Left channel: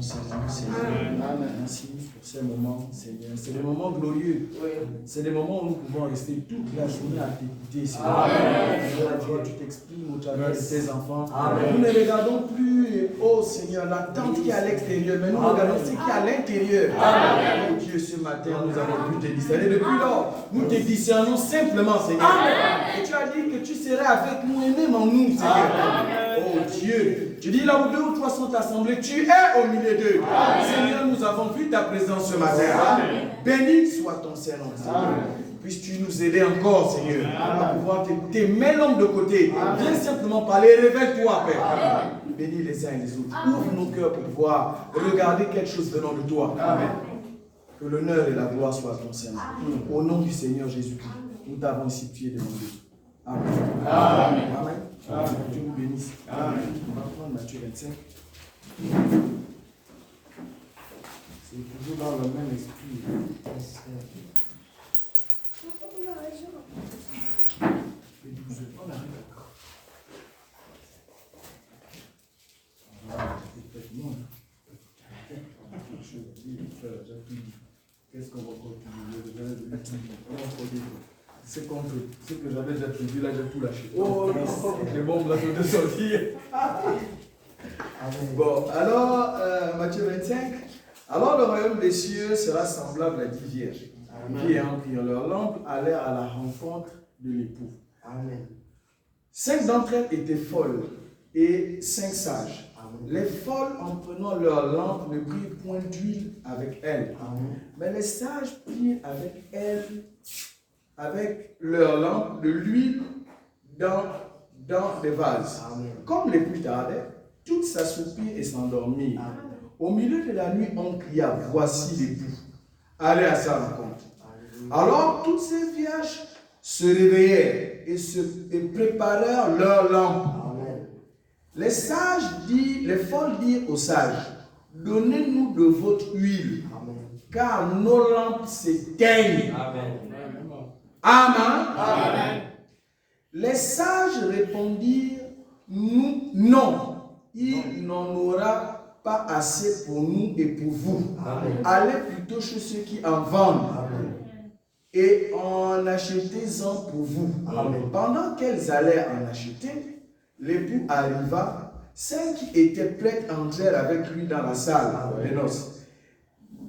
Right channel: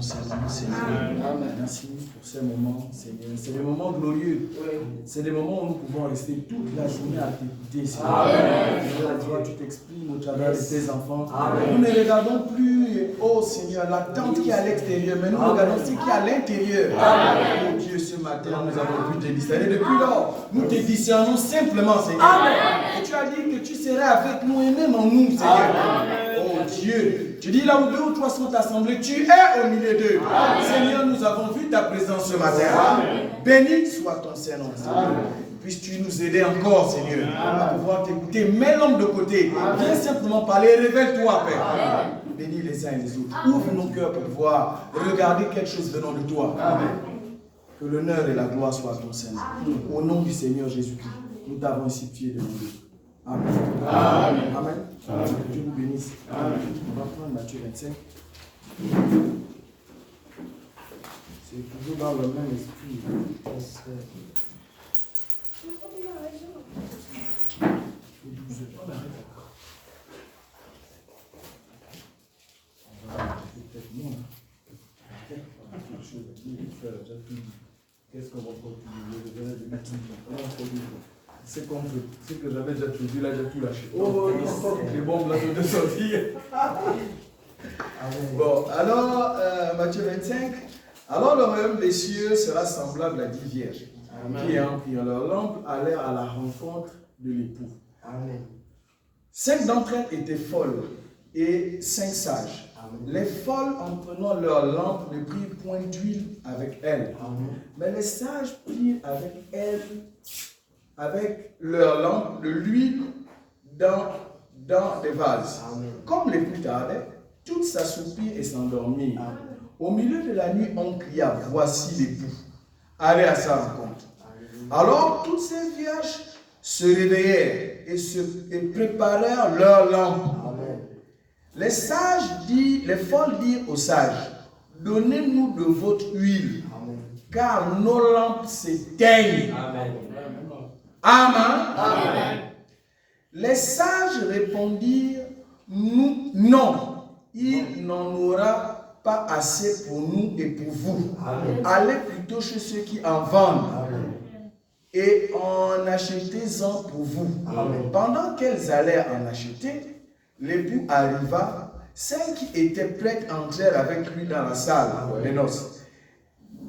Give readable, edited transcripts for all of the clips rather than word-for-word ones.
Seigneur. Merci pour ces moments, Seigneur. C'est des moments glorieux. C'est des moments où nous pouvons rester toute la journée à t'écouter, Seigneur. Toi, tu t'exprimes au travers de tes enfants. Nous ne regardons plus, oh Seigneur, l'attente qui est à l'extérieur, mais nous regardons ce qui est à l'intérieur. Oh Dieu, ce matin, nous avons pu te discerner. Depuis lors, nous te discernons simplement, Seigneur. Et tu as dit que tu serais avec nous et même en nous, Seigneur. Oh Dieu, tu dis là où 2 ou 3 sont assemblés, tu es au milieu d'eux. Seigneur, nous avons vu ta présence ce matin. Béni soit ton Seigneur. Puisses-tu nous aider encore, Seigneur, à pouvoir t'écouter. Mets l'homme de côté. Viens simplement parler. Révèle-toi, Père. Bénis les uns et les autres. Ouvre nos cœurs pour pouvoir regarder quelque chose venant de toi. Que l'honneur et la gloire soient à ton Seigneur. Au nom du Seigneur Jésus-Christ, nous t'avons ici, tu es demandé. Amen. Amen. Amen. Amen. Que Dieu vous bénisse. Amen. On va prendre Matthieu 25. C'est toujours dans le même esprit. Qu'est-ce qu'on va continuer? C'est contre ce que j'avais déjà tout dit, là j'ai tout lâché. Les bombes là sont descendues. Bon, alors, Matthieu 25. Alors le royaume des cieux sera semblable à 10 vierges qui ayant pris leur lampe allèrent à la rencontre de l'époux. 5 d'entre elles étaient folles et 5 sages. Les folles, en prenant leur lampe, ne prirent point d'huile avec elles. Mais les sages prirent avec elles, avec leur lampe, de l'huile dans des vases. Comme l'époux tardait, toutes s'assoupirent et s'endormirent. Au milieu de la nuit, on cria, voici l'époux. Allez à sa rencontre. Alors toutes ces vierges se réveillèrent et préparèrent leur lampe. Les folles dirent aux sages, donnez-nous de votre huile, car nos lampes s'éteignent. Amen. Les sages répondirent, nous, non, il n'en aura pas assez pour nous et pour vous. Allez plutôt chez ceux qui en vendent et en achetez-en pour vous. Pendant qu'elles allaient en acheter, l'époux arriva. 5 qui étaient prêtes entrèrent avec lui dans la salle des noces.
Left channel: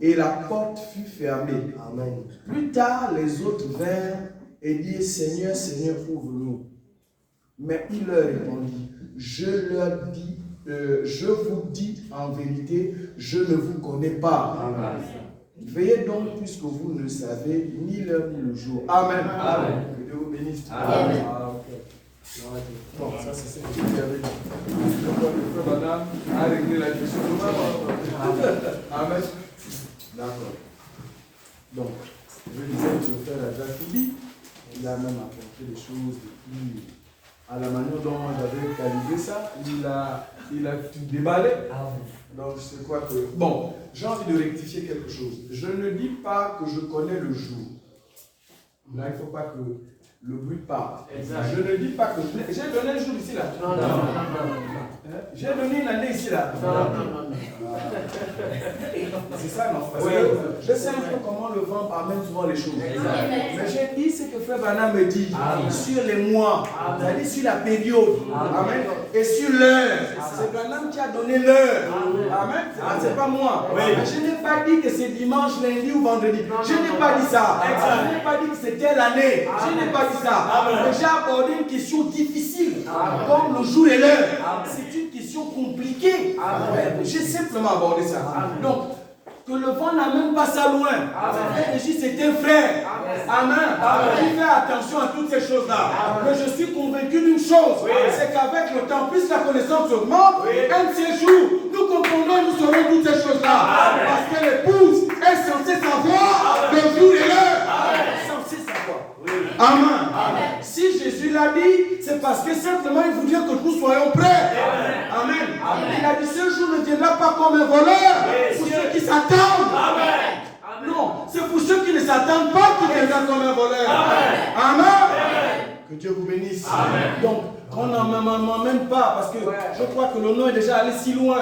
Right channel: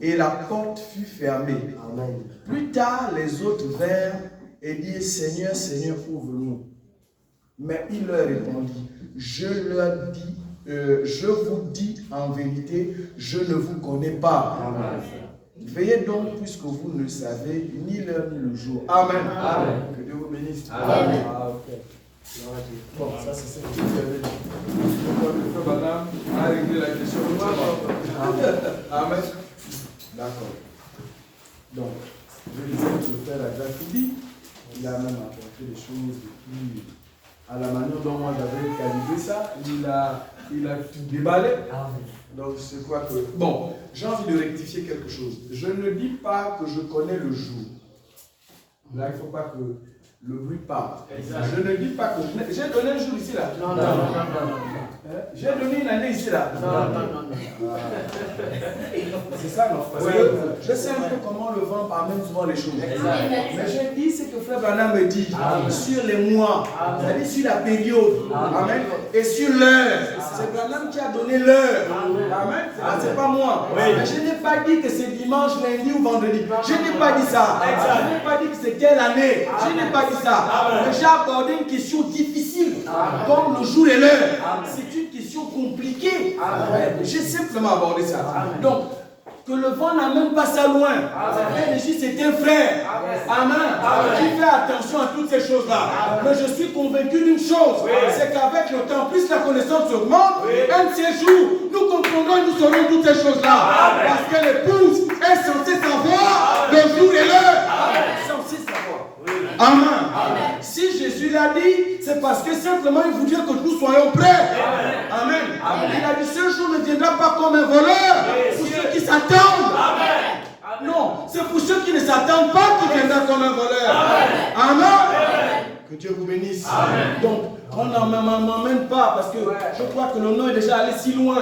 Et la porte fut fermée. Plus tard, les autres vinrent et dirent, Seigneur, Seigneur, ouvre-nous. Mais il leur répondit, je vous dis en vérité, je ne vous connais pas. Veillez donc, puisque vous ne savez ni l'heure ni le jour. Amen. Que Dieu vous bénisse. Amen. Bon, ça c'est ce que tu avais dit. Le frère Banham a réglé la question. Amen. D'accord. Donc, je disais que le frère a déjà tout dit. Il a même apporté des choses depuis, à la manière dont moi j'avais calibré ça, il a tout déballé. Donc, c'est quoi que... Bon, j'ai envie de rectifier quelque chose. Je ne dis pas que je connais le jour. Là, il ne faut pas que le bruit parte. Je ne dis pas que je... J'ai donné un jour ici, là. Non. J'ai donné une année ici, là. Non. C'est ça, non? Parce que je sais un peu comment le vent amène souvent les choses. Mais j'ai dit ce que Frère Branham me dit sur les mois, c'est-à-dire sur la période. Amen. Et sur l'heure. C'est Branham qui a donné l'heure. Amen. C'est pas moi. Mais je n'ai pas dit que c'est dimanche, lundi ou vendredi. Je n'ai pas dit ça. Je n'ai pas dit que c'est telle année. Je n'ai pas dit ça. J'ai abordé une question difficile, comme le jour et l'heure. C'est une question compliquée. J'ai simplement abordé ça. Donc, que le vent n'amène pas ça loin. C'est un frère. Amen. Qui fait attention à toutes ces choses-là. Mais je suis convaincu d'une chose. C'est qu'avec le temps, plus la connaissance augmente, un de ces jours, nous comprendrons et nous saurons toutes ces choses-là. Parce que l'épouse est censée savoir le jour et l'heure. Censée savoir. Amen. Si Jésus l'a dit, c'est parce que simplement il voudrait que nous soyons prêts. Amen. Il a dit, ce jour ne viendra pas comme un voleur pour ceux qui s'attendent. Non, c'est pour ceux qui ne s'attendent pas qu'il viendra comme un voleur. Amen. Que Dieu vous bénisse. Donc, On n'en m'emmène pas parce que je crois que le nom est déjà allé si loin.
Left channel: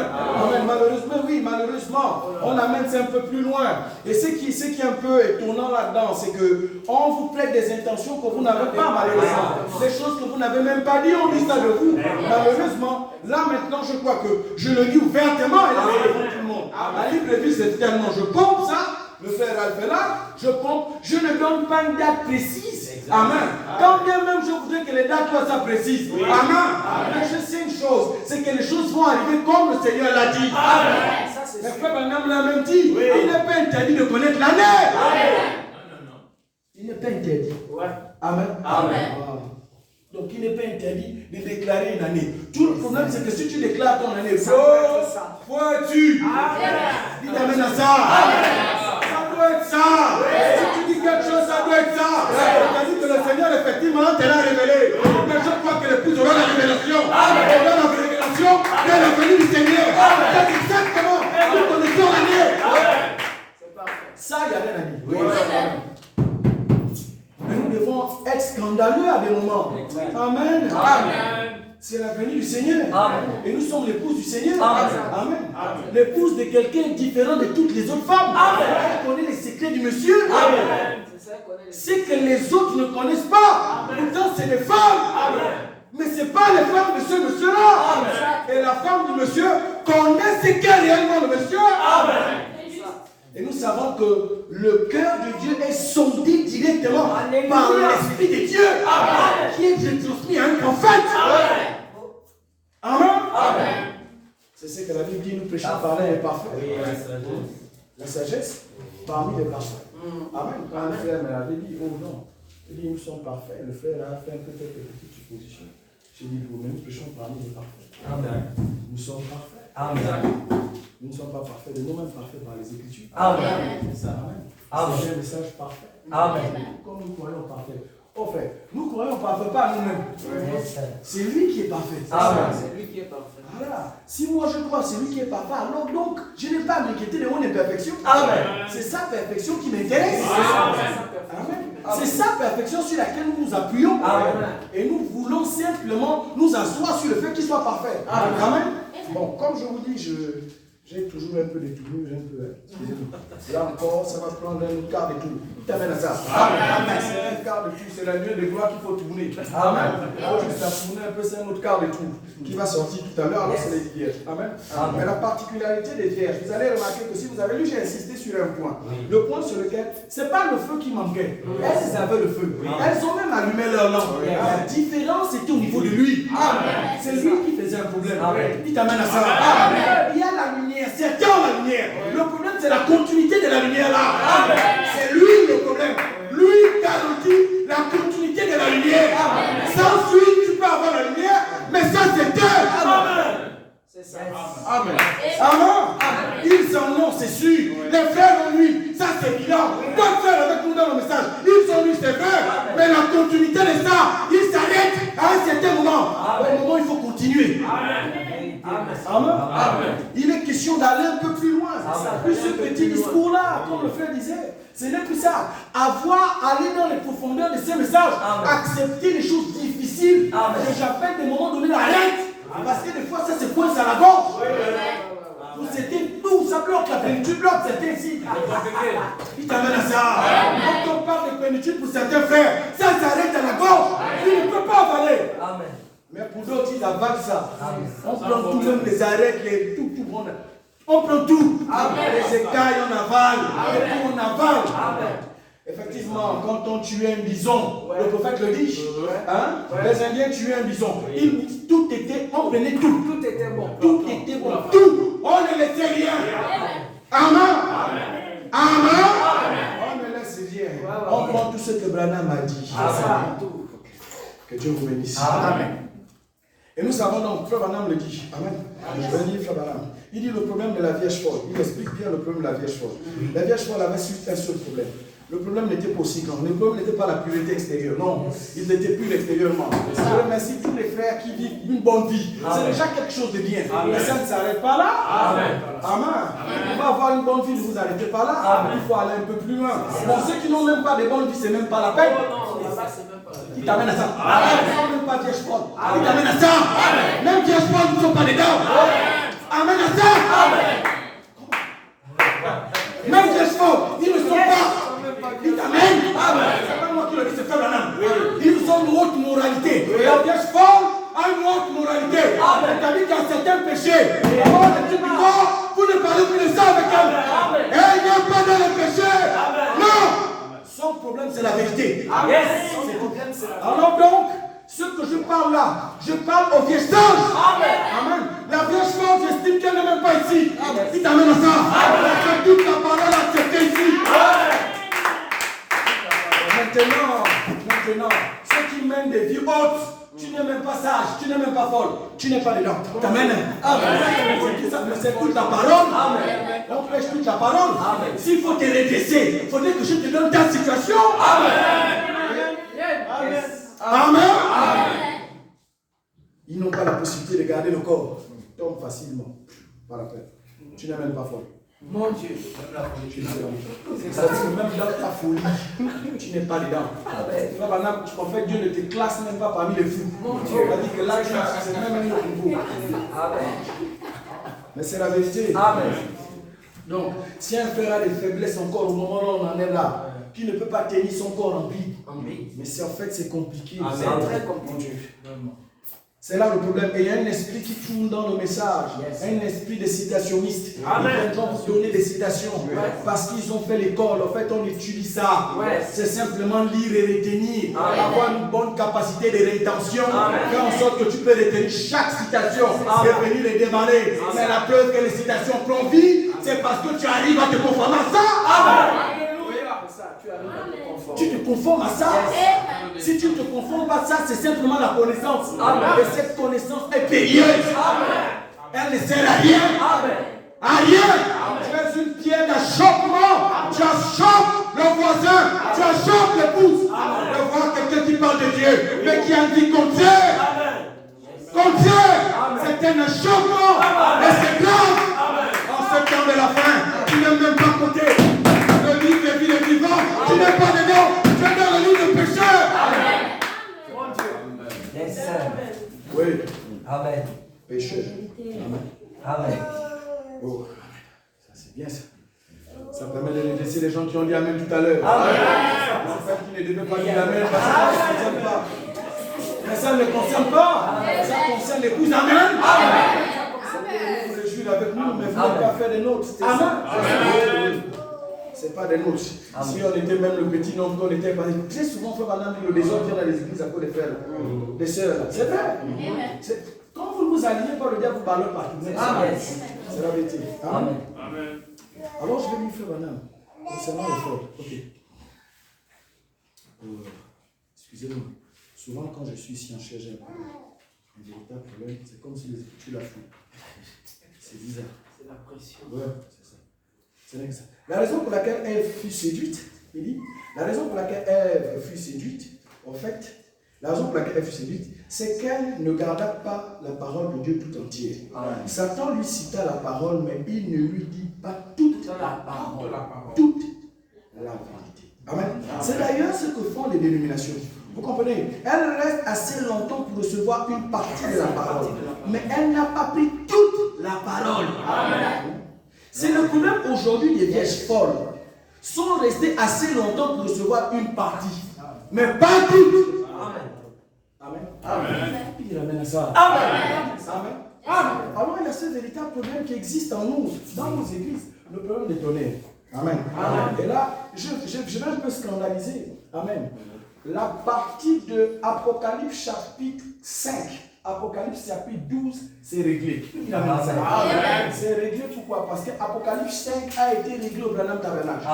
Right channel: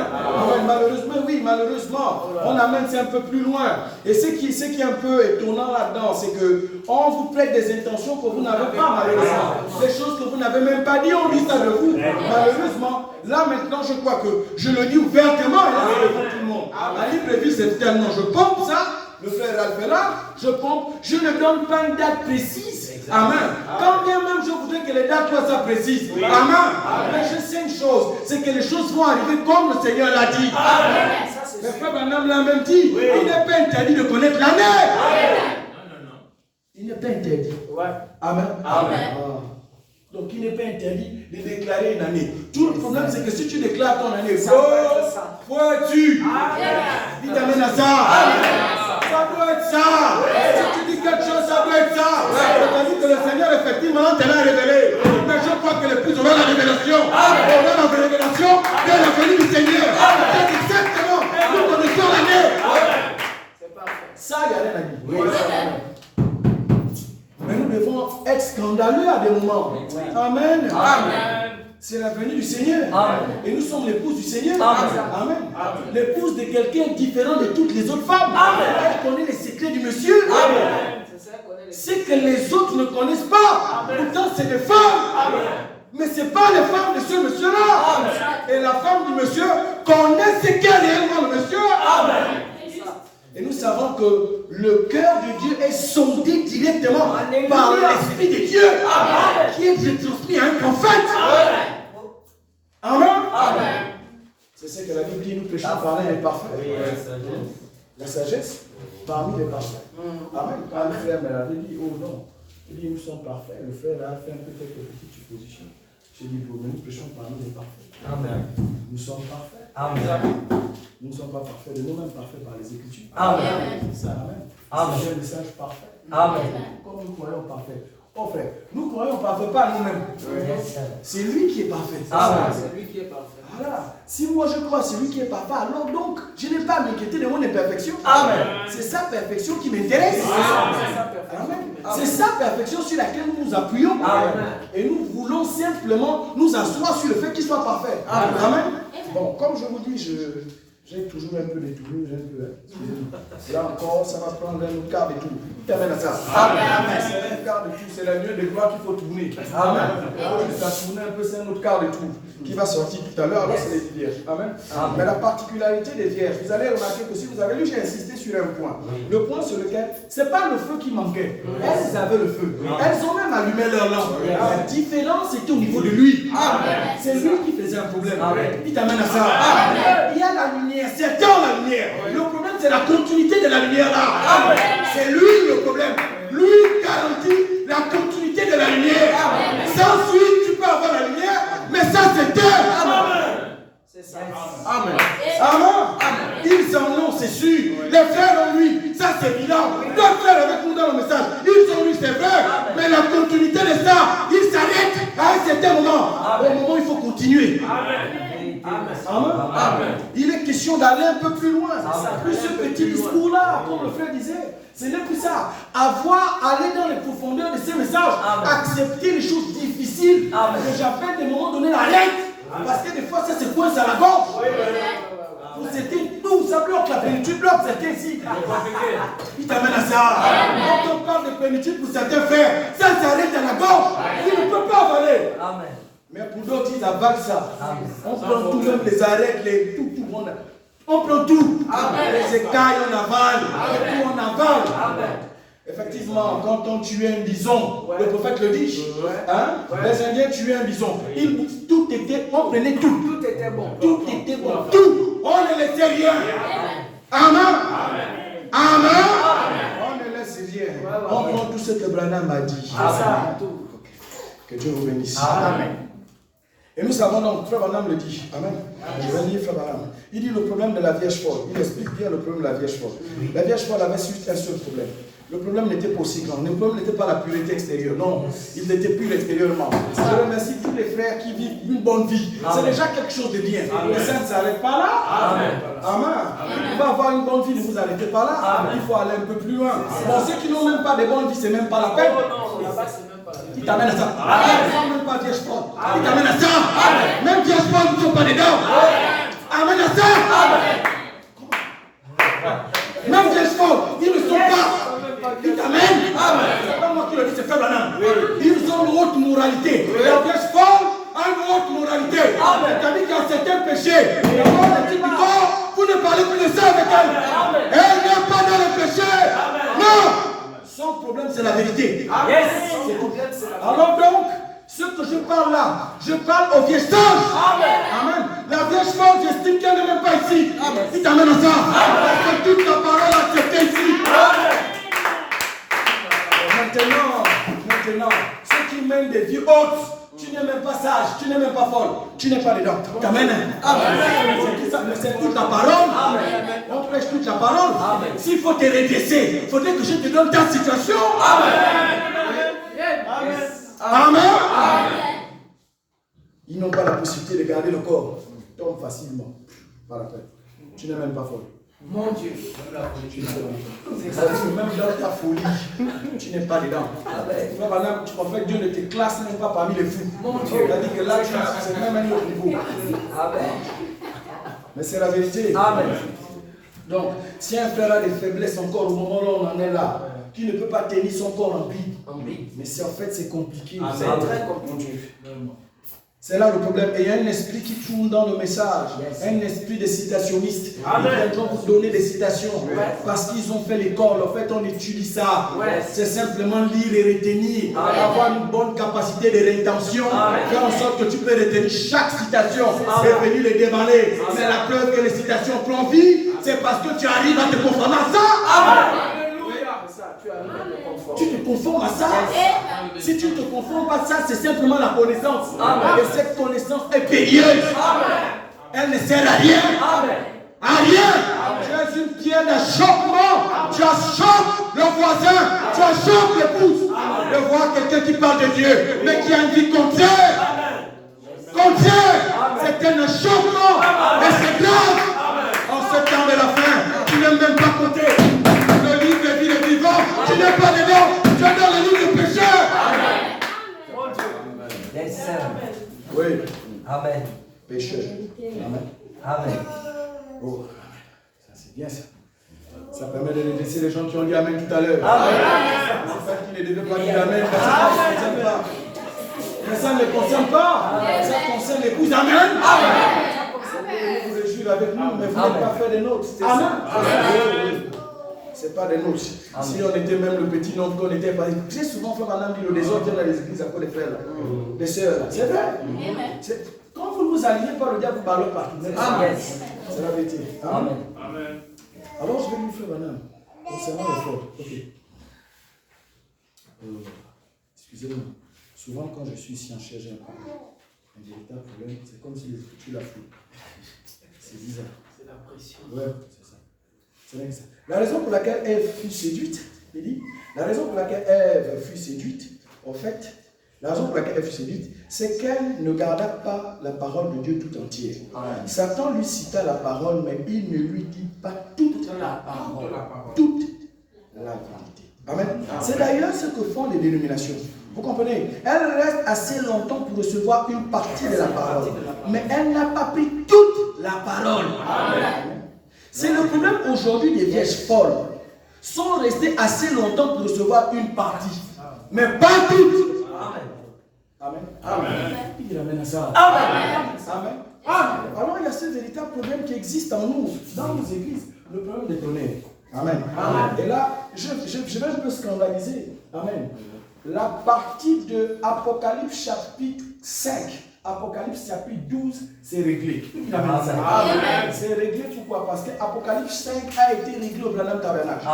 Malheureusement, oui, malheureusement, on amène c'est un peu plus loin. Et ce qui est un peu étonnant là-dedans, c'est qu'on vous prête des intentions que vous n'avez pas, malheureusement. Des choses que vous n'avez même pas dit, on dit ça de vous. Malheureusement, là maintenant, je crois que je le dis ouvertement et là, c'est devant tout le monde. La libre vie, c'est tellement, je pompe ça. Le frère Alpha là, je pompe, je ne donne pas une date précise. Amen. Quand bien même je voudrais que les dates soient précises. Amen. Mais je sais une chose, c'est que les choses vont arriver comme le Seigneur l'a dit. Amen. Mais frère Branham l'a même dit, il n'est pas interdit de connaître l'année. Il n'est pas interdit. Amen. Amen. Donc il n'est pas interdit de déclarer une année. Tout le problème c'est que si tu déclares ton année, faut-tu? Il t'amène à ça. Ça doit être ça. Si tu dis quelque chose, ça doit être ça. C'est-à-dire que le Seigneur, effectivement, te l'a révélé. Mais je crois que l'épouse aura la révélation. Aura la révélation de la venue du Seigneur. C'est exactement nous connaissons l'année. Ça, il y a rien à dire. Mais nous devons être scandaleux à des moments. Amen. Amen. C'est la venue du Seigneur. Amen. Et nous sommes l'épouse du Seigneur. Amen. L'épouse de quelqu'un différent de toutes les autres femmes. Amen. Elle connaît les secrets du monsieur. Amen. C'est que les autres ne connaissent pas. Amen. Pourtant, c'est des femmes. Amen. Mais ce n'est pas les femmes de ce monsieur-là. Et la femme du monsieur connaît ce qu'est réellement le monsieur. Amen. Et nous savons que le cœur de Dieu est sondé directement par l'Esprit de Dieu qui est transmis à un prophète. Amen. Amen. C'est ce que la Bible dit, nous prêchons parmi les parfaits. La sagesse parmi les parfaits. Amen. Quand le frère me l'avait dit, oh non, il dit nous sommes parfaits. Le frère a fait un peu quelques petites suppositions. J'ai dit, mais nous prêchons parmi les parfaits. Amen. Nous sommes parfaits. Amen. Nous ne sommes pas parfaits, de nous-mêmes parfaits par les Écritures. Amen. C'est ça. Amen. C'est un message parfait. Amen. Comme nous croyons parfait. Oh frère, nous croyons parfait pas nous-mêmes. C'est lui qui est parfait. Amen. C'est lui qui est parfait. Voilà. Si moi je crois c'est lui qui est parfait, alors donc je n'ai pas à m'inquiéter de mon imperfection. Amen. C'est sa perfection qui m'intéresse. Amen. C'est sa perfection sur laquelle nous nous appuyons. Amen. Et nous voulons simplement nous asseoir sur le fait qu'il soit parfait. Amen. Amen. Bon, comme je vous dis, j'ai toujours un peu détourné, excusez-moi. Là encore, ça va prendre un autre quart de tour. Il t'amène à ça. Amen. C'est un quart de tour, c'est la nuit de gloire qu'il faut tourner. Amen. Il faut juste tourner un peu, c'est un autre quart de tour qui va sortir tout à l'heure. Alors, c'est les vierges. Amen. Mais la particularité des vierges, vous allez remarquer que si vous avez lu, j'ai insisté sur un point. Le point sur lequel, ce n'est pas le feu qui manquait. Elles avaient le feu. Elles ont même allumé leur lampe. La différence était au niveau de lui. C'est lui qui faisait un problème. Il t'amène à ça. Il y a la lumière. C'est dans la lumière. Le problème, c'est la continuité de la lumière là. C'est lui le problème. Lui garantit la continuité de la lumière. Sans lui, tu peux avoir la lumière, mais ça, c'est Dieu. C'est ça. Amen. Amen. Ils en ont, c'est sûr. Les frères en lui, ça c'est évident. D'autres frères avec nous dans le message, ils ont lui, c'est vrai. Mais la continuité de ça, ils s'arrêtent à un certain moment. Au moment où il faut continuer. Amen. Amen. Amen. Il est question d'aller un peu plus loin. Plus ce petit discours-là, comme le frère disait, ce n'est plus ça. Aller dans les profondeurs de ces messages, accepter les choses difficiles, que j'appelle des moments donnés la règle. Parce que des fois, ça se coince à la gorge. Ça bloque la plénitude, bloque certains ici. Il t'amène à ça. Quand on parle de plénitude pour certains frères, ça s'arrête à la gorge. Il ne peut pas avaler. Amen. Mais pour d'autres, ils avalent ça. On prend tout, même les arêtes, tout. On prend tout. Les écailles, on avale. Et tout, on avale. Effectivement, quand on tuait un bison, le prophète le dit. Les Indiens tuaient un bison. On prenait tout. Tout était bon. Tout était bon. Tout. On ne laissait rien. Amen. Amen. On ne laisse rien. On prend tout ce que Branham a dit. Que Dieu vous bénisse. Amen. Et nous savons donc, Frère Branham le dit. Amen. Je vais lire Frère Branham. Il dit le problème de la Vierge folle. Il explique bien le problème de la Vierge folle. La Vierge folle avait juste un seul problème. Le problème n'était pas aussi grand. Le problème n'était pas la pureté extérieure. Non, il n'était plus extérieurement. Je remercie tous les frères qui vivent une bonne vie. C'est déjà quelque chose de bien. Mais ça ne s'arrête pas là. Amen. Vous pouvez avoir une bonne vie, ne vous arrêtez pas là. Il faut aller un peu plus loin. Pour ceux qui n'ont même pas de bonne vie, ce n'est même pas la peine. Il t'amène à ça. Amen. Même pas Vierge Paul. Il t'amène à ça. Même Vierge Paul ne sont pas dedans. Amène à ça. Même Vierge Paul, ils ne sont pas. Il t'amène. C'est pas moi qui le dis, c'est Frère Branham. Ils ont une haute moralité. La Vierge Paul a une haute moralité. C'est-à-dire qu'à certains péchés, vous ne parlez plus de ça avec elle. Elle n'est pas dans le péché. Non. Son problème, c'est la vérité. Alors donc, ce que je parle là, je parle aux vierges sages. Amen. La vierge femme, j'estime qu'elle n'est même pas ici. Il t'amène à ça. Parce que toute la parole acceptée ici. Maintenant, ceux qui mènent des vies hautes, tu n'es même pas sage, tu n'es même pas folle, tu n'es pas dedans. T'amènes. C'est toute la parole. On prêche toute la parole. S'il faut te redresser, il faudrait que je te donne ta situation. Amen. Ils n'ont pas la possibilité de garder le corps. Tombe facilement. Pas la peine. Tu n'es même pas folle. Mon Dieu. C'est-à-dire que même dans ta folie, tu n'es pas dedans. En fait, Dieu ne te classe même pas parmi les fous. C'est-à-dire que là, c'est même un autre niveau. Mais c'est la vérité. Amen. Donc, si un frère a des faiblesses encore au moment où on en est là, qui ne peut pas tenir son corps en vie, mais c'est en fait c'est compliqué. C'est très compliqué. C'est là le problème. Et il y a un esprit qui tourne dans le message. Un esprit de citationniste. Ils viendront vous donner des citations. Parce qu'ils ont fait l'école. En fait, on étudie ça. C'est simplement lire et retenir. Avoir une bonne capacité de rétention. Faire en sorte que tu peux retenir chaque citation et venir les déballer. Mais la preuve que les citations prennent vie, c'est parce que tu arrives à te conformer à ça. Tu te conformes à ça. Si tu ne te conformes pas à ça, c'est simplement la connaissance. Et cette connaissance est périlleuse. Elle ne sert à rien. À rien. Tu es une pierre d'achoppement. Tu achoppes le voisin. Tu achoppes l'épouse. De voir quelqu'un qui parle de Dieu, mais qui a une vie comme Dieu. Comme Dieu. C'est un achoppement. Et c'est grave. En ce temps de la fin, tu n'es même pas compté. Le livre de vie est vivant. Tu n'es pas dedans. Tu es dans le livre de pécheur. Oui. Amen. Pécheur. Amen. Amen. Oh, ça c'est bien ça. Ça permet de redresser les gens qui ont dit Amen tout à l'heure. C'est ça qui ne devait pas dire Amen parce que ça ne concerne pas. Mais ça ne les concerne pas. Ça concerne l'épouse. Amen. Vous vous réjouir avec nous, mais vous n'êtes pas fait des nôtres. Amen. C'est pas des nôtres. Si on était même le petit nombre qu'on était, j'ai souvent fait madame dit le désordre dans les églises à cause des frères, des sœurs. C'est vrai. Quand vous ne vous alignez pas, le diable vous parle partout. C'est la vérité. Amen. Alors je vais lui faire madame. Concernant les fautes. Ok. Excusez-moi. Souvent quand je suis ici en chair, j'ai un véritable problème. C'est comme si les écritures la foutent. C'est bizarre. C'est la pression. Ouais, c'est ça. C'est vrai que ça. La raison pour laquelle Ève fut séduite, il dit, la raison pour laquelle Ève fut séduite, en fait, la raison pour laquelle elle fut séduite, c'est qu'elle ne garda pas la parole de Dieu tout entière. Satan lui cita la parole, mais il ne lui dit pas toute la parole. Toute la vérité. Amen. C'est d'ailleurs ce que font les dénominations. Vous comprenez? Elle reste assez longtemps pour recevoir une partie de la parole, mais elle n'a pas pris toute la parole. Amen. C'est le problème aujourd'hui des vierges folles. Sont restées assez longtemps pour recevoir une partie, mais pas toutes. Amen. Amen. Il ramène à ça. Amen. Amen. Amen. Alors il y a ce véritable problème qui existe en nous, dans nos églises, le problème des tonnerres. Amen. Amen. Et là, je vais un peu scandaliser. Amen. La partie de Apocalypse chapitre 5. Apocalypse chapitre 12, c'est réglé. Il amène ça. C'est réglé pourquoi? Parce que Apocalypse 5 a été réglé au Branham Tabernacle.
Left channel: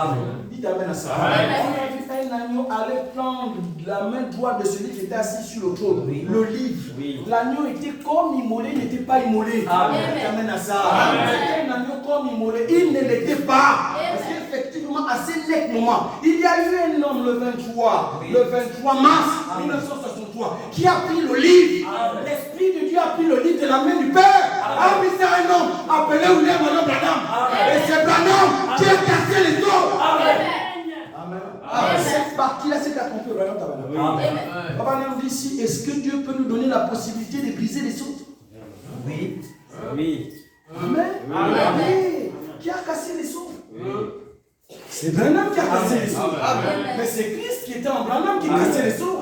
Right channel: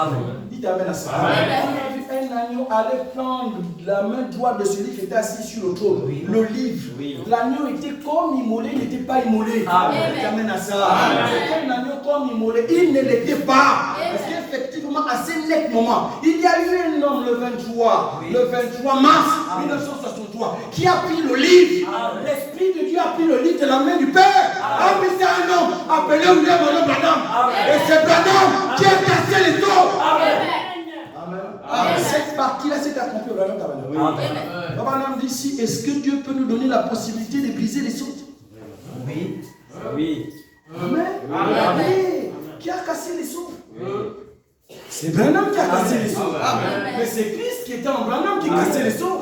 Il t'amène à ça. On a vu un agneau aller prendre la main droite de celui qui était assis sur le trône, le livre. L'agneau était comme immolé, il n'était pas immolé. Il t'amène à ça. C'était un agneau comme immolé, il ne l'était pas. Parce qu'effectivement, à ce net moment, il y a eu un homme le 23 mars 1963 qui a pris le livre. L'Esprit de Dieu a pris le livre de la main du Père. A mis ça un homme appelé William Branham. Et c'est Branham qui a cassé les os. Amen. Cette partie-là, c'est accompli au Branham Tabernacle. Frère Branham dit ici, est-ce que Dieu peut nous donner la possibilité de briser les sceaux? Oui. Oui. Amen. Oui. Qui a cassé les sceaux? C'est Branham qui a cassé les sceaux. Mais c'est Christ qui était en Branham qui cassait les sceaux.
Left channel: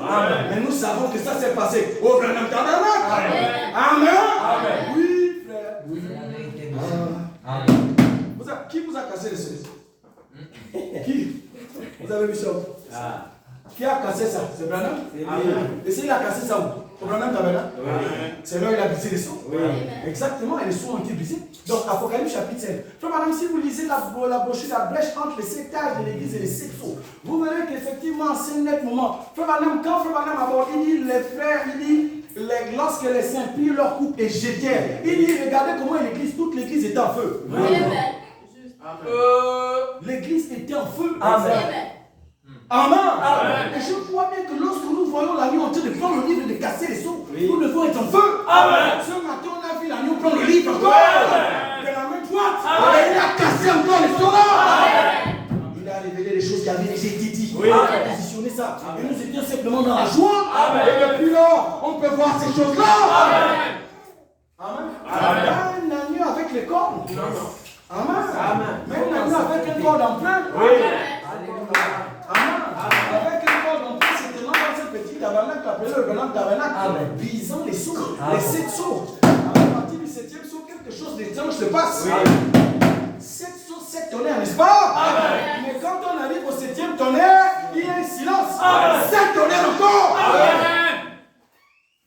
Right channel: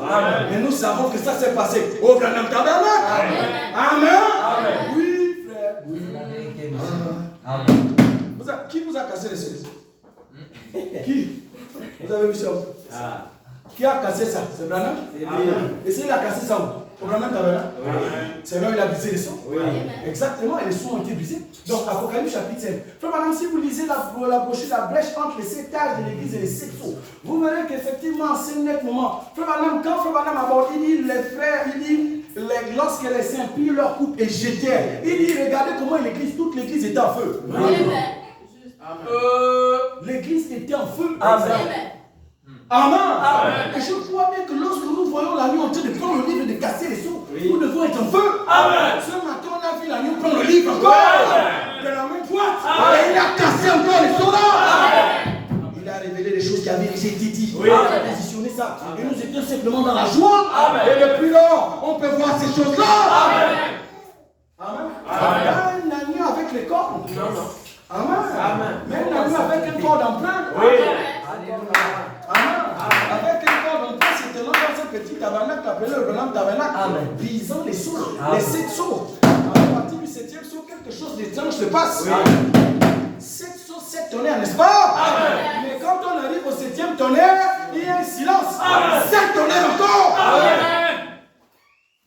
Mais nous savons que ça s'est passé au Branham Tabernacle. Amen. Oui, frère. Oui. Qui vous a cassé les sceaux? Qui? Vous avez vu ça? Qui a cassé ça? C'est Branham? Et s'il a cassé ça où? Au Branham Tabernacle? C'est là où il a brisé les sceaux? Exactement, et les sceaux ont été brisés. Donc, Apocalypse chapitre 5. Frère Branham, si vous lisez la brochure, la brèche entre les 7 âges de l'église et les 7 sceaux, vous verrez qu'effectivement, c'est un net moment. Frère Branham, quand Frère Branham aborde, il dit les frères, il dit lorsque les saints prirent leur coupe et jetèrent, il dit regardez comment l'église, toute l'église était en feu. L'église était en feu. Amen. Et je crois bien que lorsque nous voyons l'agneau en train de prendre le livre et de casser les sceaux, nous devons être en feu. Ce matin, on a vu l'agneau prendre le livre encore. De la même droite. Et il a cassé encore les sceaux là. Il a révélé les choses qui avaient déjà été dites. Il a positionné ça. Et nous étions simplement dans la joie. Et depuis là, on peut voir ces choses-là. Amen. Pas un agneau avec les cornes. Amen. Même l'agneau avec un corps d'empreinte. Amen. Avec un corps d'empreinte, c'est tenant dans ce petit tabernacle appelé le Branham Tabernacle, brisant les sceaux, les 7 sceaux. À partir du 7e sceau, quelque chose d'étrange se passe. 7 sceaux, 7 tonnerres, n'est-ce pas? Mais quand on arrive au 7e tonnerre, il y a un silence. 7 tonnerres encore.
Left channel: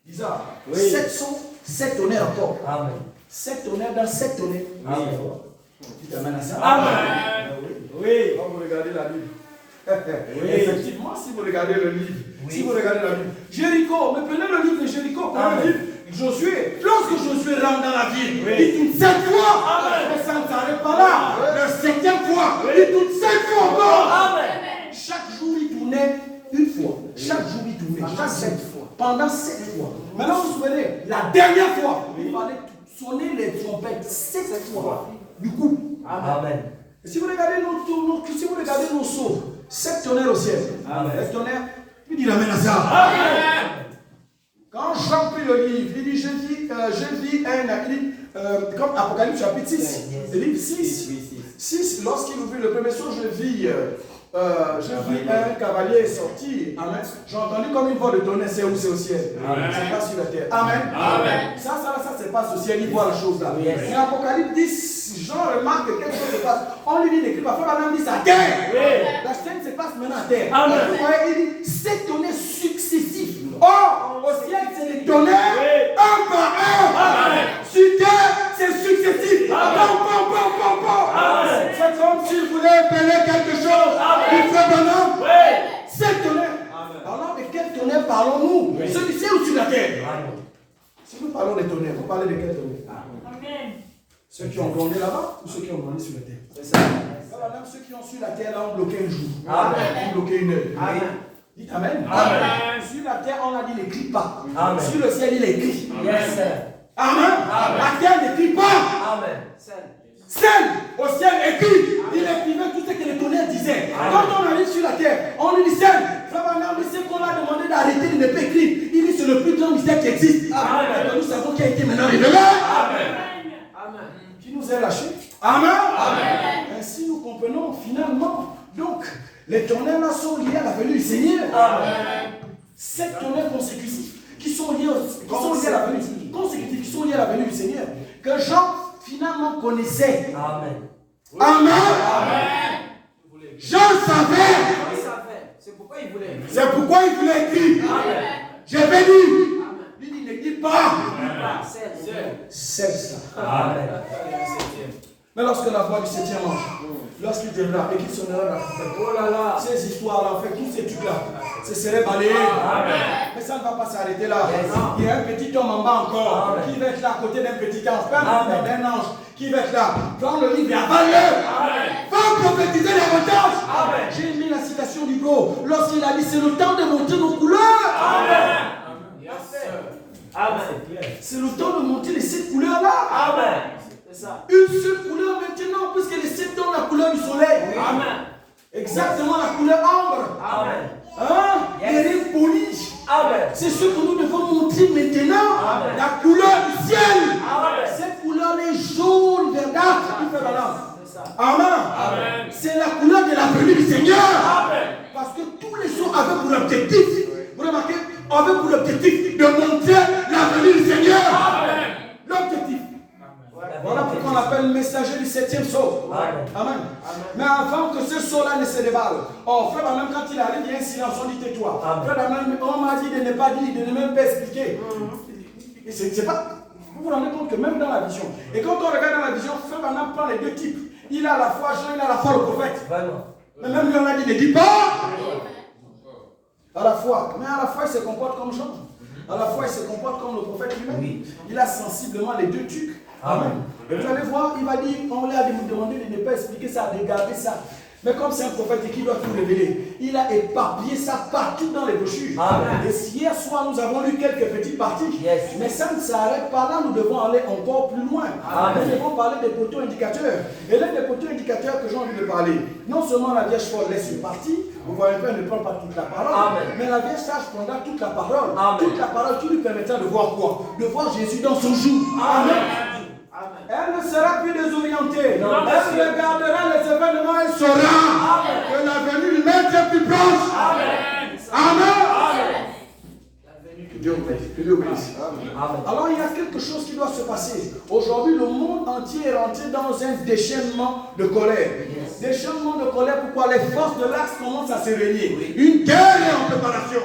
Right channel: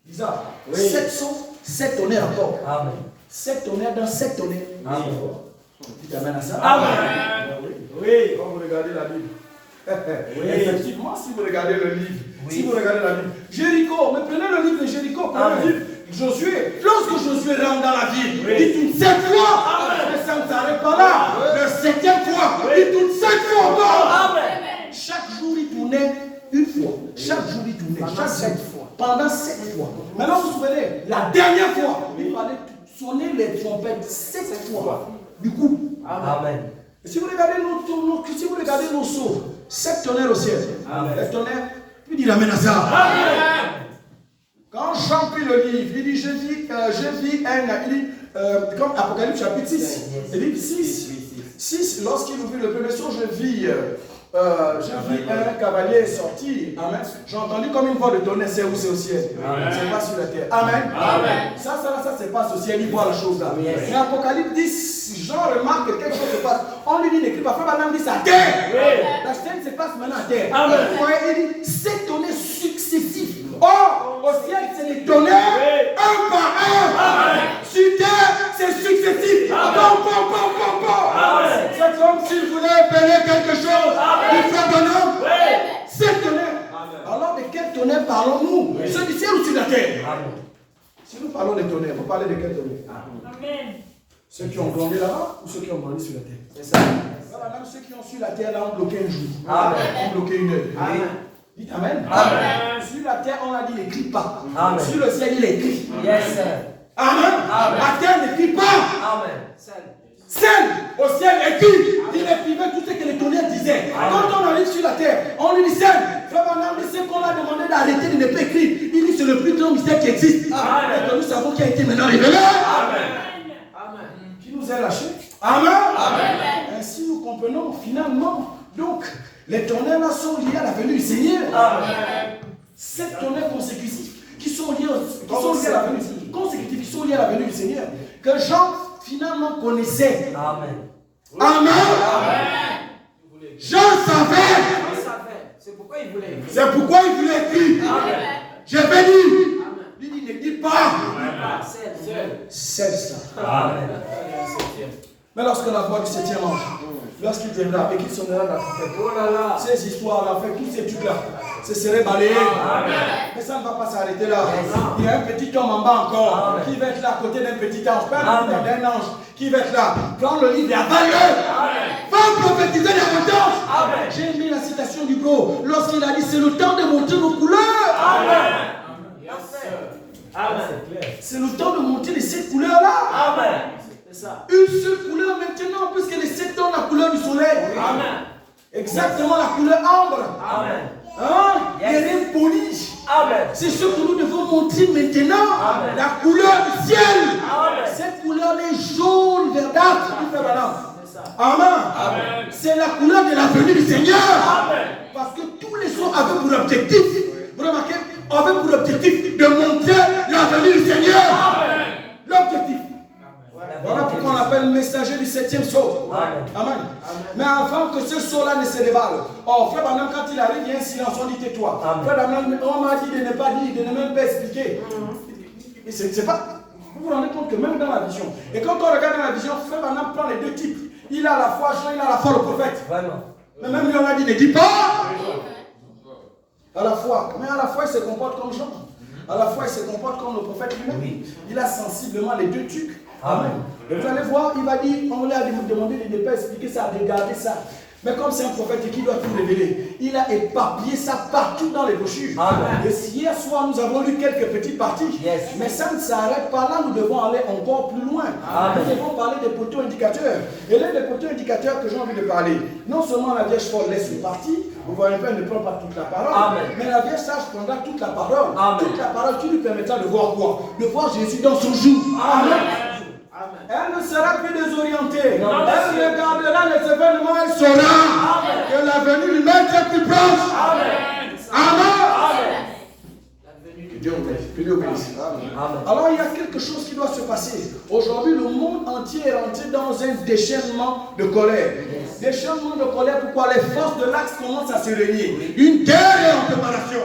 Bizarre. 7 sceaux, 7 tonnerres encore. 7 tonnerres dans 7 tonnerres. Dites amen à ça. Oui. Quand vous regardez la Bible. Effectivement, si vous regardez le livre, si vous regardez la Bible, Jéricho, mais prenez le livre de Jéricho, prenez le livre Josué. Lorsque Josué rentre dans la ville, il tourne 7 fois, mais ça ne s'arrête pas là. Le 7e fois, il tourne 7 fois encore. Chaque jour, il tournait une fois. Chaque jour, il tournait. Chaque 7 fois. Pendant 7 fois. Maintenant, vous vous souvenez, la dernière fois, il fallait sonner les trompettes 7 fois. Du coup, amen. Et si vous regardez nos sceaux, 7 tonnerres au ciel. Les tonnerres, il dit amen à ça. Amen. Quand Jean prit le livre, il dit je vis comme Apocalypse chapitre 6. Il dit 6. Lorsqu'il ouvrit le premier sceau, je vis un cavalier sortir. Amen. J'ai entendu comme une voix de tonnerre, c'est où? C'est au ciel. C'est pas sur la terre. Amen. Ça se passe au ciel. Il voit la chose là. Mais Apocalypse 10, Jean remarque que quelque chose se passe. On lui dit n'écrit pas. Frère Branham dit c'est à terre. La scène se passe maintenant à terre. Vous voyez, il dit 7 tonnerres successifs. Or, au ciel, c'est des tonnerres un par un. Sur terre, c'est successif. C'est comme s'il voulait appeler quelque chose. Il fait Branham. 7 tonnerres. Alors, de quel tonnerre parlons-nous? Ceux du ciel ou sur la terre? Si nous parlons des tonnerres, vous parlez de quel tonnerre? Amen. Ceux qui ont grondé là-bas ou ceux qui ont grandi sur la terre? C'est ça. Madame, ceux qui ont sur la terre, là, ont bloqué un jour. Ont bloqué une heure. Dites Amen. Sur la terre, on a dit n'écrit pas. Sur le ciel, il écrit. Yes. Amen. La terre n'écrit pas. Amen. Celle au ciel écrit. Il écrivait tout ce que les tonnerres disaient. Quand on arrive sur la terre, on lui dit celle. Frère Branham, c'est qu'on a demandé d'arrêter de ne pas écrire. Il dit c'est le plus grand mystère qui existe. Et que nous savons qui a été maintenant révélé. Qui nous a lâchés. Amen. Ainsi nous comprenons finalement. Donc, les tonnerres là sont liés à la venue du Seigneur. 7 tonnerres consécutifs qui sont liés à la venue consécutifs, qui sont liés à la venue du Seigneur. Que Jean finalement connaissait. Amen. Jean savait. C'est pourquoi il voulait écrire. Je vais dire. Il dit ne dis pas. C'est ça. Mais lorsque la voix du 7e ange, lorsqu'il viendra et qu'il sonnera la trompette, ces histoires-là, en fait, tous ces trucs-là, ce serait balayé. Mais ça ne va pas s'arrêter là. Il y a un petit homme en bas encore qui va être là à côté d'un petit ange, pas d'un ange, qui va être là. Prends le livre et avale-le. Va prophétiser davantage. J'ai aimé la citation du pro lorsqu'il a dit c'est le temps de montrer nos couleurs. C'est le temps de montrer les 7 couleurs-là. Une seule couleur maintenant, puisque les 7 ont la couleur du soleil. Exactement la couleur ambre. Les reins polis. C'est ce que nous devons montrer maintenant. La couleur du ciel. Cette couleur est jaune, verdâtre, qui fait balance. Amen. C'est la couleur de la venue du Seigneur. Parce que tous les sons avaient pour objectif, vous remarquez, avaient pour objectif de montrer la venue du Seigneur. L'objectif. Voilà pourquoi on appelle le messager du 7e sceau. Amen. Mais avant que ce sceau-là ne se déballe, frère Branham, quand il arrive, il y a un silence, on dit tais-toi. Frère Branham, on m'a dit de ne pas dire, de ne même pas expliquer. C'est pas. Vous vous rendez compte que même dans la vision, et quand on regarde dans la vision, frère Branham prend les deux types. Il a la foi Jean, il a la foi le prophète. Mais même lui, on a dit, ne dis pas. À la fois, mais à la fois, il se comporte comme Jean. À la fois, il se comporte comme le prophète lui-même. Il a sensiblement les deux trucs. Amen. Et vous allez voir, il va dire, on lui a demandé de ne pas expliquer ça, de garder ça. Mais comme c'est un prophète qui doit tout révéler, il a éparpillé ça partout dans les brochures. Amen. Et hier soir, nous avons lu quelques petites parties. Mais ça ne s'arrête pas là, nous devons aller encore plus loin. Amen. Nous devons parler des poteaux indicateurs. Et l'un des poteaux indicateurs que j'ai envie de parler, non seulement la Vierge folle laisse une partie, vous voyez pas, elle ne prend pas toute la parole. Amen. Mais la Vierge sage prendra toute la parole. Amen. Toute la parole qui lui permettra de voir quoi? De voir Jésus dans son jour. Amen. Elle ne sera plus désorientée. Non, elle regardera les événements, elle saura que la venue du Maître est plus proche. Amen. Amen. Que Dieu obéisse. Alors il y a quelque chose qui doit se passer. Aujourd'hui, le monde entier est rentré dans un déchaînement de colère. Déchaînement de colère, pourquoi les forces de l'axe commencent à se réunir. Une guerre est en préparation.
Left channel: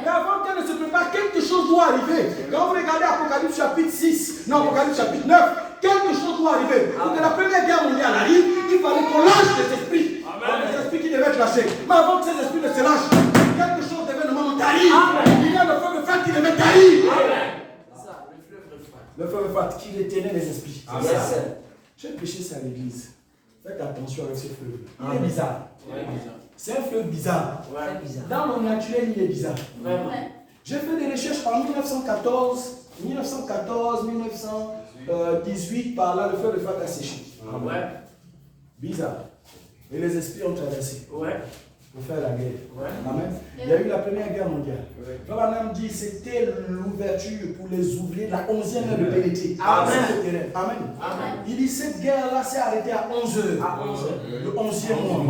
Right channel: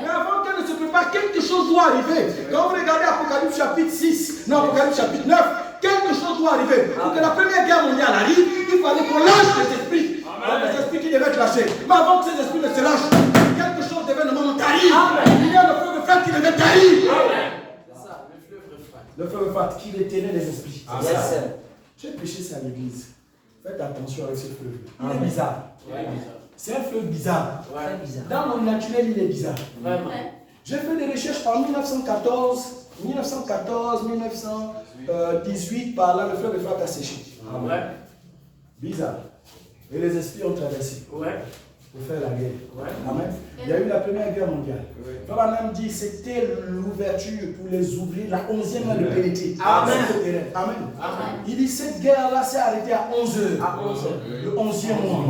Mais avant qu'elle ne se prépare, quelque chose doit arriver. Quand vous regardez Apocalypse chapitre 6, non, Apocalypse chapitre 9, quelque chose doit arriver. Pour que la première guerre mondiale arrive, il fallait qu'on lâche les esprits. Donc les esprits qui devaient être lâchés. Mais avant que ces esprits ne se lâchent, quelque chose devait nous tarir. Il y a le feu de fête qui devait tarir. Le feu de fête qui détenait les esprits. J'ai prêché ça à l'église. Faites attention avec ce fleuve. Il est bizarre. C'est un fleuve bizarre. Dans mon naturel, il est bizarre. J'ai fait des recherches en 1918, par là, le fleuve de Frat a séché. Bizarre. Et les esprits ont traversé pour faire la guerre. Amen. Il y a eu la première guerre mondiale. Abraham dit c'était l'ouverture pour les ouvriers de la 11e heure de pénétrer. Amen. Amen. Il dit cette guerre-là s'est arrêtée à 11 heures. Le 11e mois.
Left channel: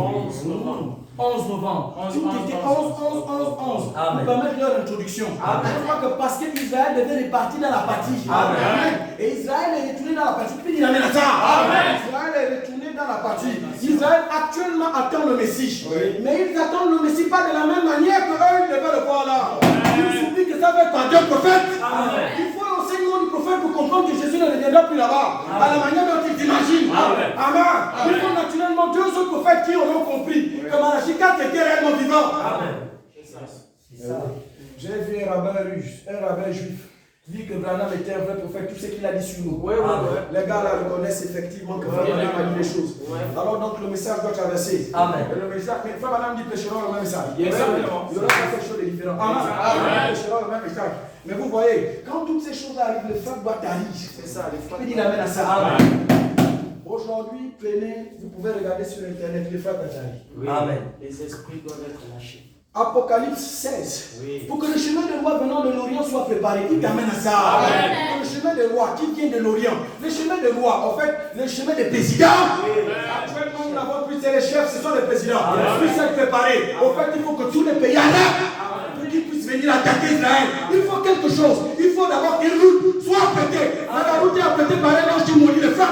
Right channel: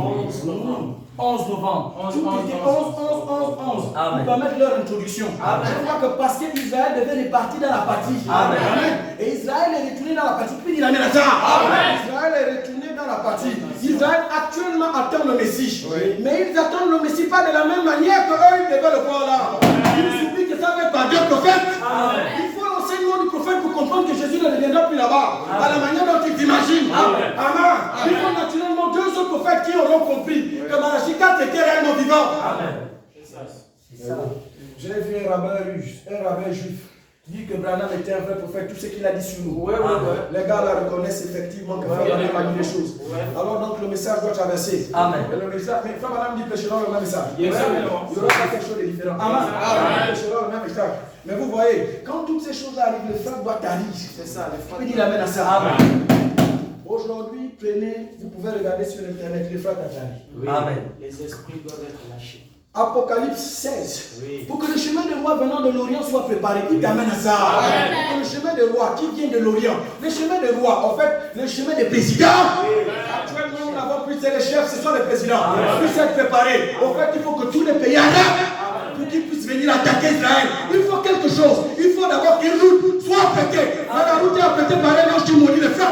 11 novembre. Tout était 11. Pour permettre leur introduction. Je crois que parce qu'Israël devait repartir dans la partie. Amen. Et Israël est retourné dans la partie. Puis il amène à ça. Israël est retourné dans la partie. Israël actuellement attend le Messie. Mais ils attendent le Messie pas de la même manière que eux ils devaient le voir là. Ils oublient que ça va être par Dieu prophète. Il faut l'enseignement du prophète pour comprendre que Jésus ne reviendra plus là-bas. À la manière dont ils imaginent. Amen. Il faut naturellement deux autres prophètes qui auront compris que Malachie 4 était réellement vivant. J'ai vu un rabbin juif, dit que Branham était un vrai prophète, tout ce qu'il a dit sur nous. Les gars là reconnaissent effectivement que Frère Branham a dit les choses. Alors donc le message doit traverser. Et le message, mais Frère Branham dit prêchera le même message. Il y aura pas quelque chose de différent. Il prêchera le même message. Mais vous voyez, quand toutes ces choses arrivent, le frère doit tarir. C'est ça. Il dit amène à ça. Aujourd'hui, vous pouvez regarder sur internet les frères Tatari. Amen. Les esprits doivent être lâchés. Apocalypse 16. Pour que le chemin de roi venant de l'Orient soit préparé, il t'amène à ça. Pour le chemin de roi qui vient de l'Orient, le chemin de roi, en fait, le chemin des présidents. Actuellement, nous n'avons plus les chefs, ce sont les présidents. Ils puissent être préparés. En fait, il faut que tous les pays arabes, pour qu'ils puissent venir attaquer Israël, il faut quelque chose. Il faut d'abord qu'une route soit pétée. La route est pétée par un ange qui mourit le feu.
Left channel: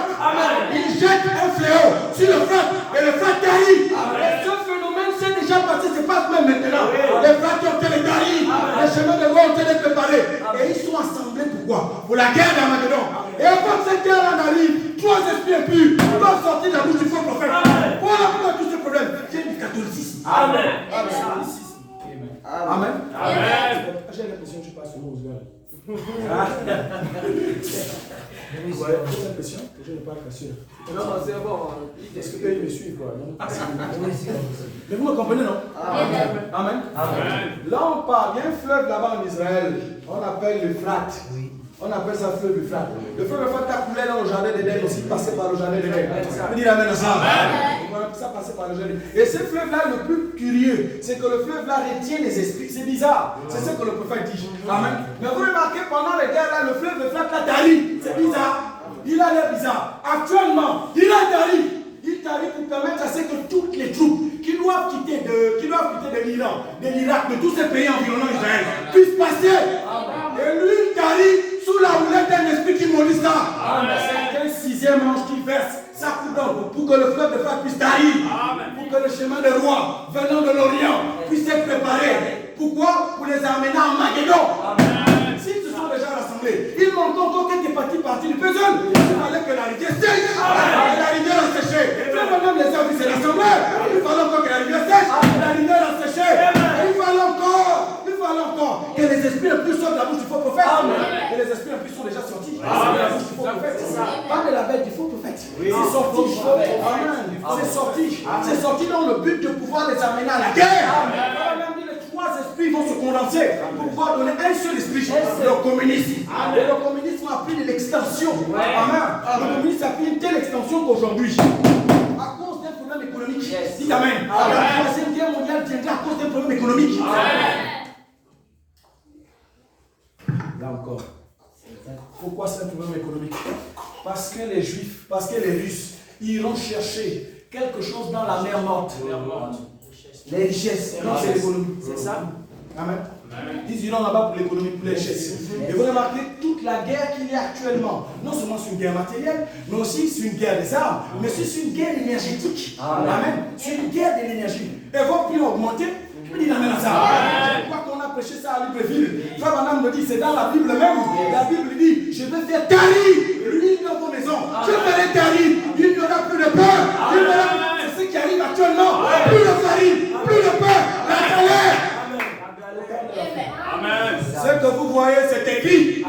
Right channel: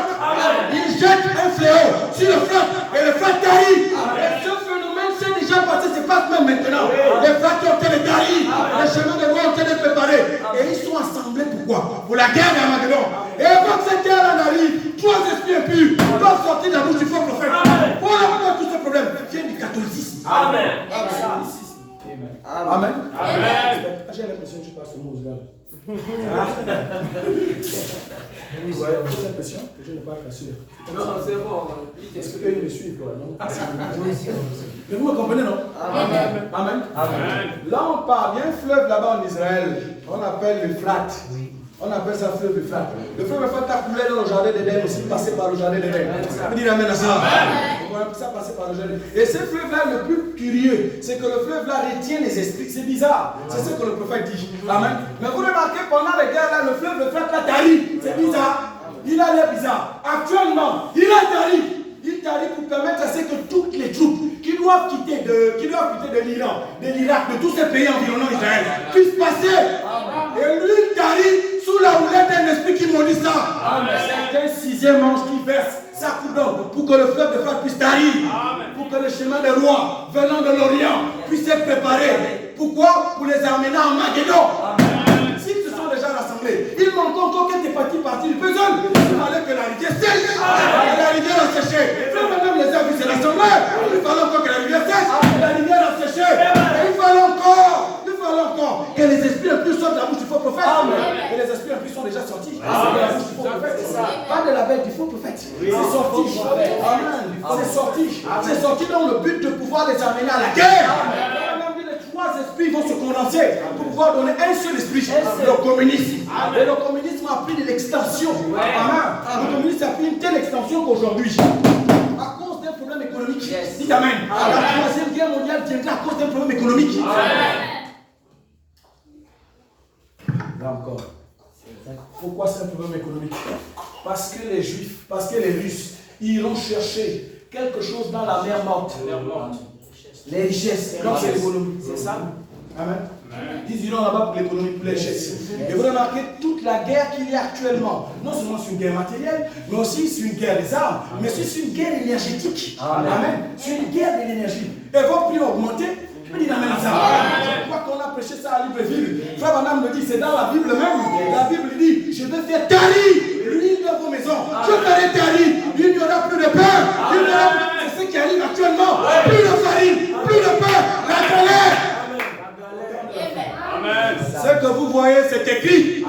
Il jette un fléau sur le feu et le feu arrive. Et ce phénomène s'est déjà passé, c'est pas même maintenant. Les frères qui ont été les taris, les chemins de roi ont été préparés. Et ils sont assemblés pourquoi? Pour la guerre d'Armageddon. Et quand cette guerre-là arrive, trois esprits impurs doivent sortir de la bouche du faux prophète. Voilà pourquoi tout ce problème vient du catholicisme. Amen. J'ai l'impression que je passe au mot aux gars. Vous avez l'impression que je ne parle pas sûr. Non, c'est bon. Est-ce que eux me suivent quoi? Mais vous me comprenez, non? Amen. Là, on parle, il y a un fleuve là-bas en Israël, on appelle le Frat. On appelle ça le fleuve du Frat. Le fleuve du Frat a coulé dans le jardin d'Éden, aussi passé par le jardin d'Éden. Il dit amène à ça. Ça passer par le jardin. Et ce fleuve-là, le plus curieux, c'est que le fleuve-là retient les esprits. C'est bizarre. C'est ce que le prophète dit. Amen. Mais vous remarquez, pendant les guerres, là, le fleuve là, tarit. C'est bizarre. Il a l'air bizarre. Actuellement, il a tari. Il tarit pour permettre à ce que toutes les troupes qui doivent quitter de l'Iran, de l'Irak, de tous ces pays environnants d'Israël, puissent passer. Et lui, il tarit sous la houlette d'un esprit qui maudit ça. C'est un sixième ange qui verse sa coupe d'or pour que le fleuve de feu puisse tarir. Pour que le chemin des rois venant de l'Orient puisse être préparé. Pourquoi? Pour les amener en Maghédon. S'ils se sont déjà rassemblés, il manque encore quelques petites parties du puzzle. Il fallait que la rivière sèche. La rivière a séché. Frère Branham les a vus se rassembler. Il fallait encore que la rivière sèche. La rivière a séché. Il fallait encore que les esprits impurs sortent de la bouche du faux prophète. Et les esprits impurs sont déjà sortis de la bouche du faux prophète. Pas de la bête du faux prophète. C'est sorti. Amen. C'est sorti dans le but de pouvoir les amener à la guerre. Les trois esprits vont se condenser pour pouvoir donner un seul esprit, le communisme. Et le communisme a pris de l'extension. Amen. Le communisme a pris une telle extension qu'aujourd'hui, à cause d'un problème économique, dites Amen. La troisième guerre mondiale viendra à cause d'un problème économique. Là encore. Pourquoi c'est un problème économique? Parce que les Juifs, parce que les Russes iront chercher quelque chose dans la mer morte. Les richesses. Non, c'est l'économie. C'est ça? Amen. Ils iront là-bas pour l'économie, pour les richesses. Et vous remarquez toute la guerre qu'il y a actuellement. Non seulement c'est une guerre matérielle, mais aussi c'est une guerre des armes, mais aussi c'est une guerre énergétique. Amen. C'est une guerre de l'énergie. Et vos prix ont augmenté. Je peux dire amen à ça. Je crois qu'on a prêché ça à Libreville. Frère Branham me dit, c'est dans la Bible même. La Bible dit, je vais faire tarir l'huile dans vos maisons. Je ferai tarir. Il n'y aura plus de peur. C'est ce qui arrive actuellement. Plus de farine, plus de peur. La galère. Ce que vous voyez, c'est écrit.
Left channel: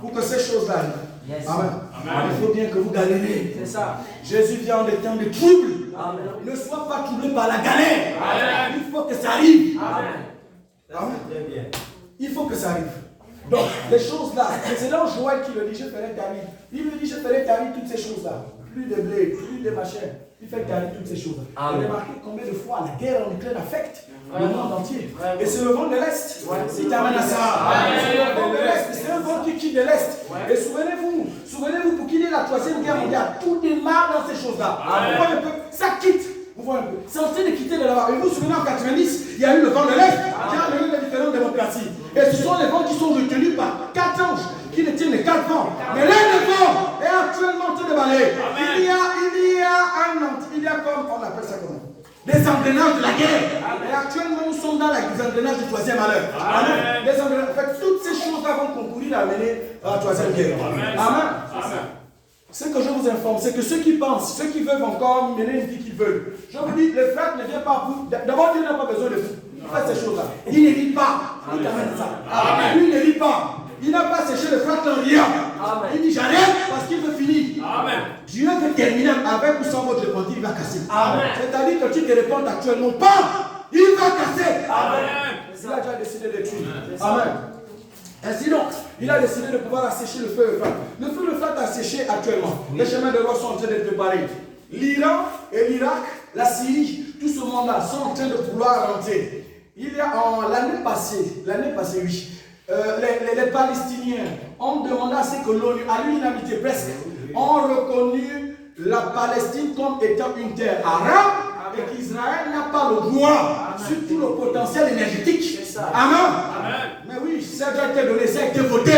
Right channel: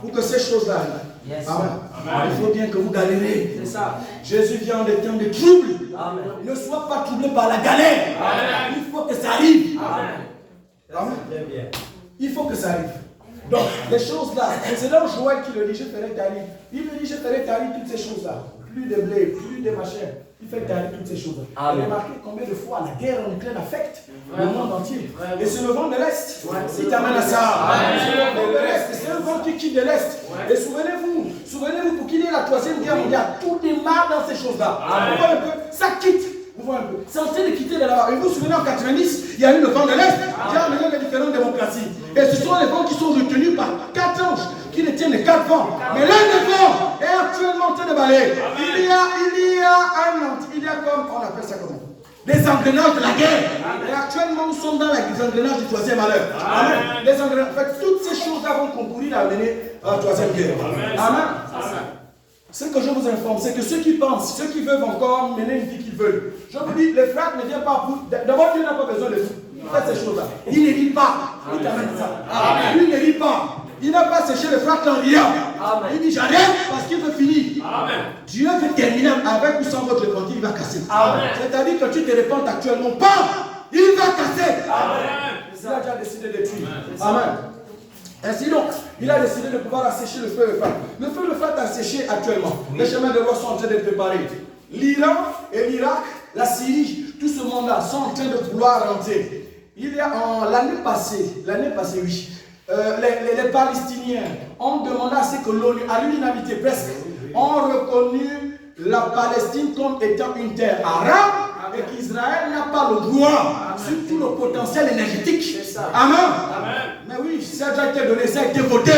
Pour que ces choses-là arrivent. Amen. Il faut bien que vous galérez. C'est ça. Jésus vient en des temps de trouble. Ne sois pas troublé par la galère. Il faut que ça arrive. Amen. Il faut que ça arrive. Donc, les choses-là, c'est dans Joël qui le dit, je ferai tarir. Il me dit, je ferai tarir toutes ces choses-là. Plus de blé, plus de machin. Il fait tarir toutes ces choses. Et remarquez combien de fois la guerre en Ukraine affecte le monde entier. Et c'est le vent de l'Est qui t'amène à ça. C'est le vent de l'Est. C'est le vent qui quitte de l'Est. Et souvenez-vous, pour qu'il y ait la troisième guerre mondiale, tout démarre dans ces choses-là. Vous voyez un peu, ça quitte. Vous voyez un peu, c'est en train de quitter de là-bas. Et vous vous souvenez en 90, il y a eu le vent de l'Est qui a amené les différentes démocraties. Et ce sont les vents qui sont retenus par 4 anges qui détiennent les 4 vents. Mais l'un des vents est actuellement en train de balayer. Il y a comme, on appelle ça comment? Des engrenages de la guerre. Et actuellement, nous sommes dans les engrenages du troisième malheur. Amen. Les engrenages, en fait, toutes ces choses-là vont concourir à mener à la troisième guerre. Amen. Ce que je vous informe, c'est que ceux qui pensent, ceux qui veulent encore mener une vie qu'ils veulent, je vous dis, le frère ne vient pas pour. D'abord, Dieu n'a pas besoin de vous. Faites ces choses-là. Il ne lit pas. Il t'amène ça. Lui, il ne lit pas. Il n'a pas séché le frère en riant. Il dit j'arrête parce qu'il veut finir. Amen. Dieu veut terminer avec ou sans votre repentir, il va casser. C'est-à-dire que tu te repentes actuellement pas, il va casser. Amen. Il a déjà décidé de tuer. Amen. Ainsi donc, il a décidé de pouvoir assécher le feu de feu. Le feu de feu est asséché actuellement. Les chemins de roi sont en train d'être préparés. L'Iran et l'Irak, la Syrie, tout ce monde-là sont en train de vouloir rentrer. Il y a l'année passée, oui. Les Palestiniens ont demandé à ce que l'ONU, à l'unanimité presque, ont reconnu la Palestine comme étant une terre arabe et qu'Israël n'a pas le droit sur tout le potentiel énergétique. Amen. Mais oui, ça a déjà été donné, ça a été voté.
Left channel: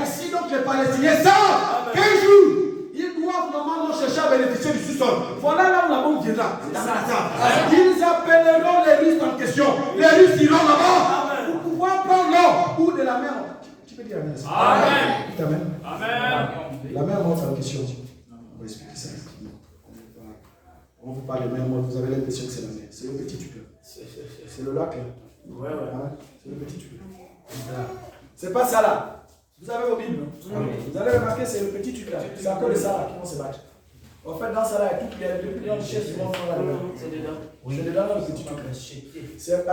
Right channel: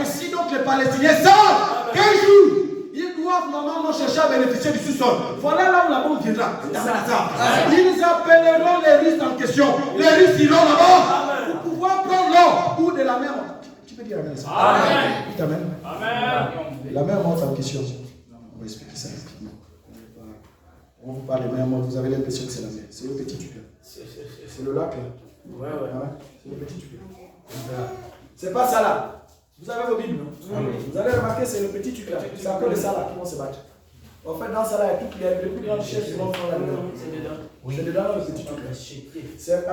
Ainsi donc les Palestiniens savent qu'un jour, ils doivent normalement chercher à bénéficier du sous-sol. Voilà là où la bombe viendra. Ils appelleront les Russes en question. Les Russes iront là-bas pour pouvoir prendre l'or ou de la mer. Tu peux dire Amen. Amen. Amen. La mer morte en question. On va expliquer ça. On vous parle de mer morte, vous avez l'impression que c'est la mer. C'est le petit tuteur. C'est le lac là. Ouais. C'est le petit tuteur. C'est pas ça là. Vous avez vos Bibles, non? Vous allez remarquer, c'est le petit tuteur. C'est après les salades qui vont se battre. En fait, dans ça là, il y a toutes les plus grandes richesses du monde sont là-dedans. C'est dedans dans le petit truc là. C'est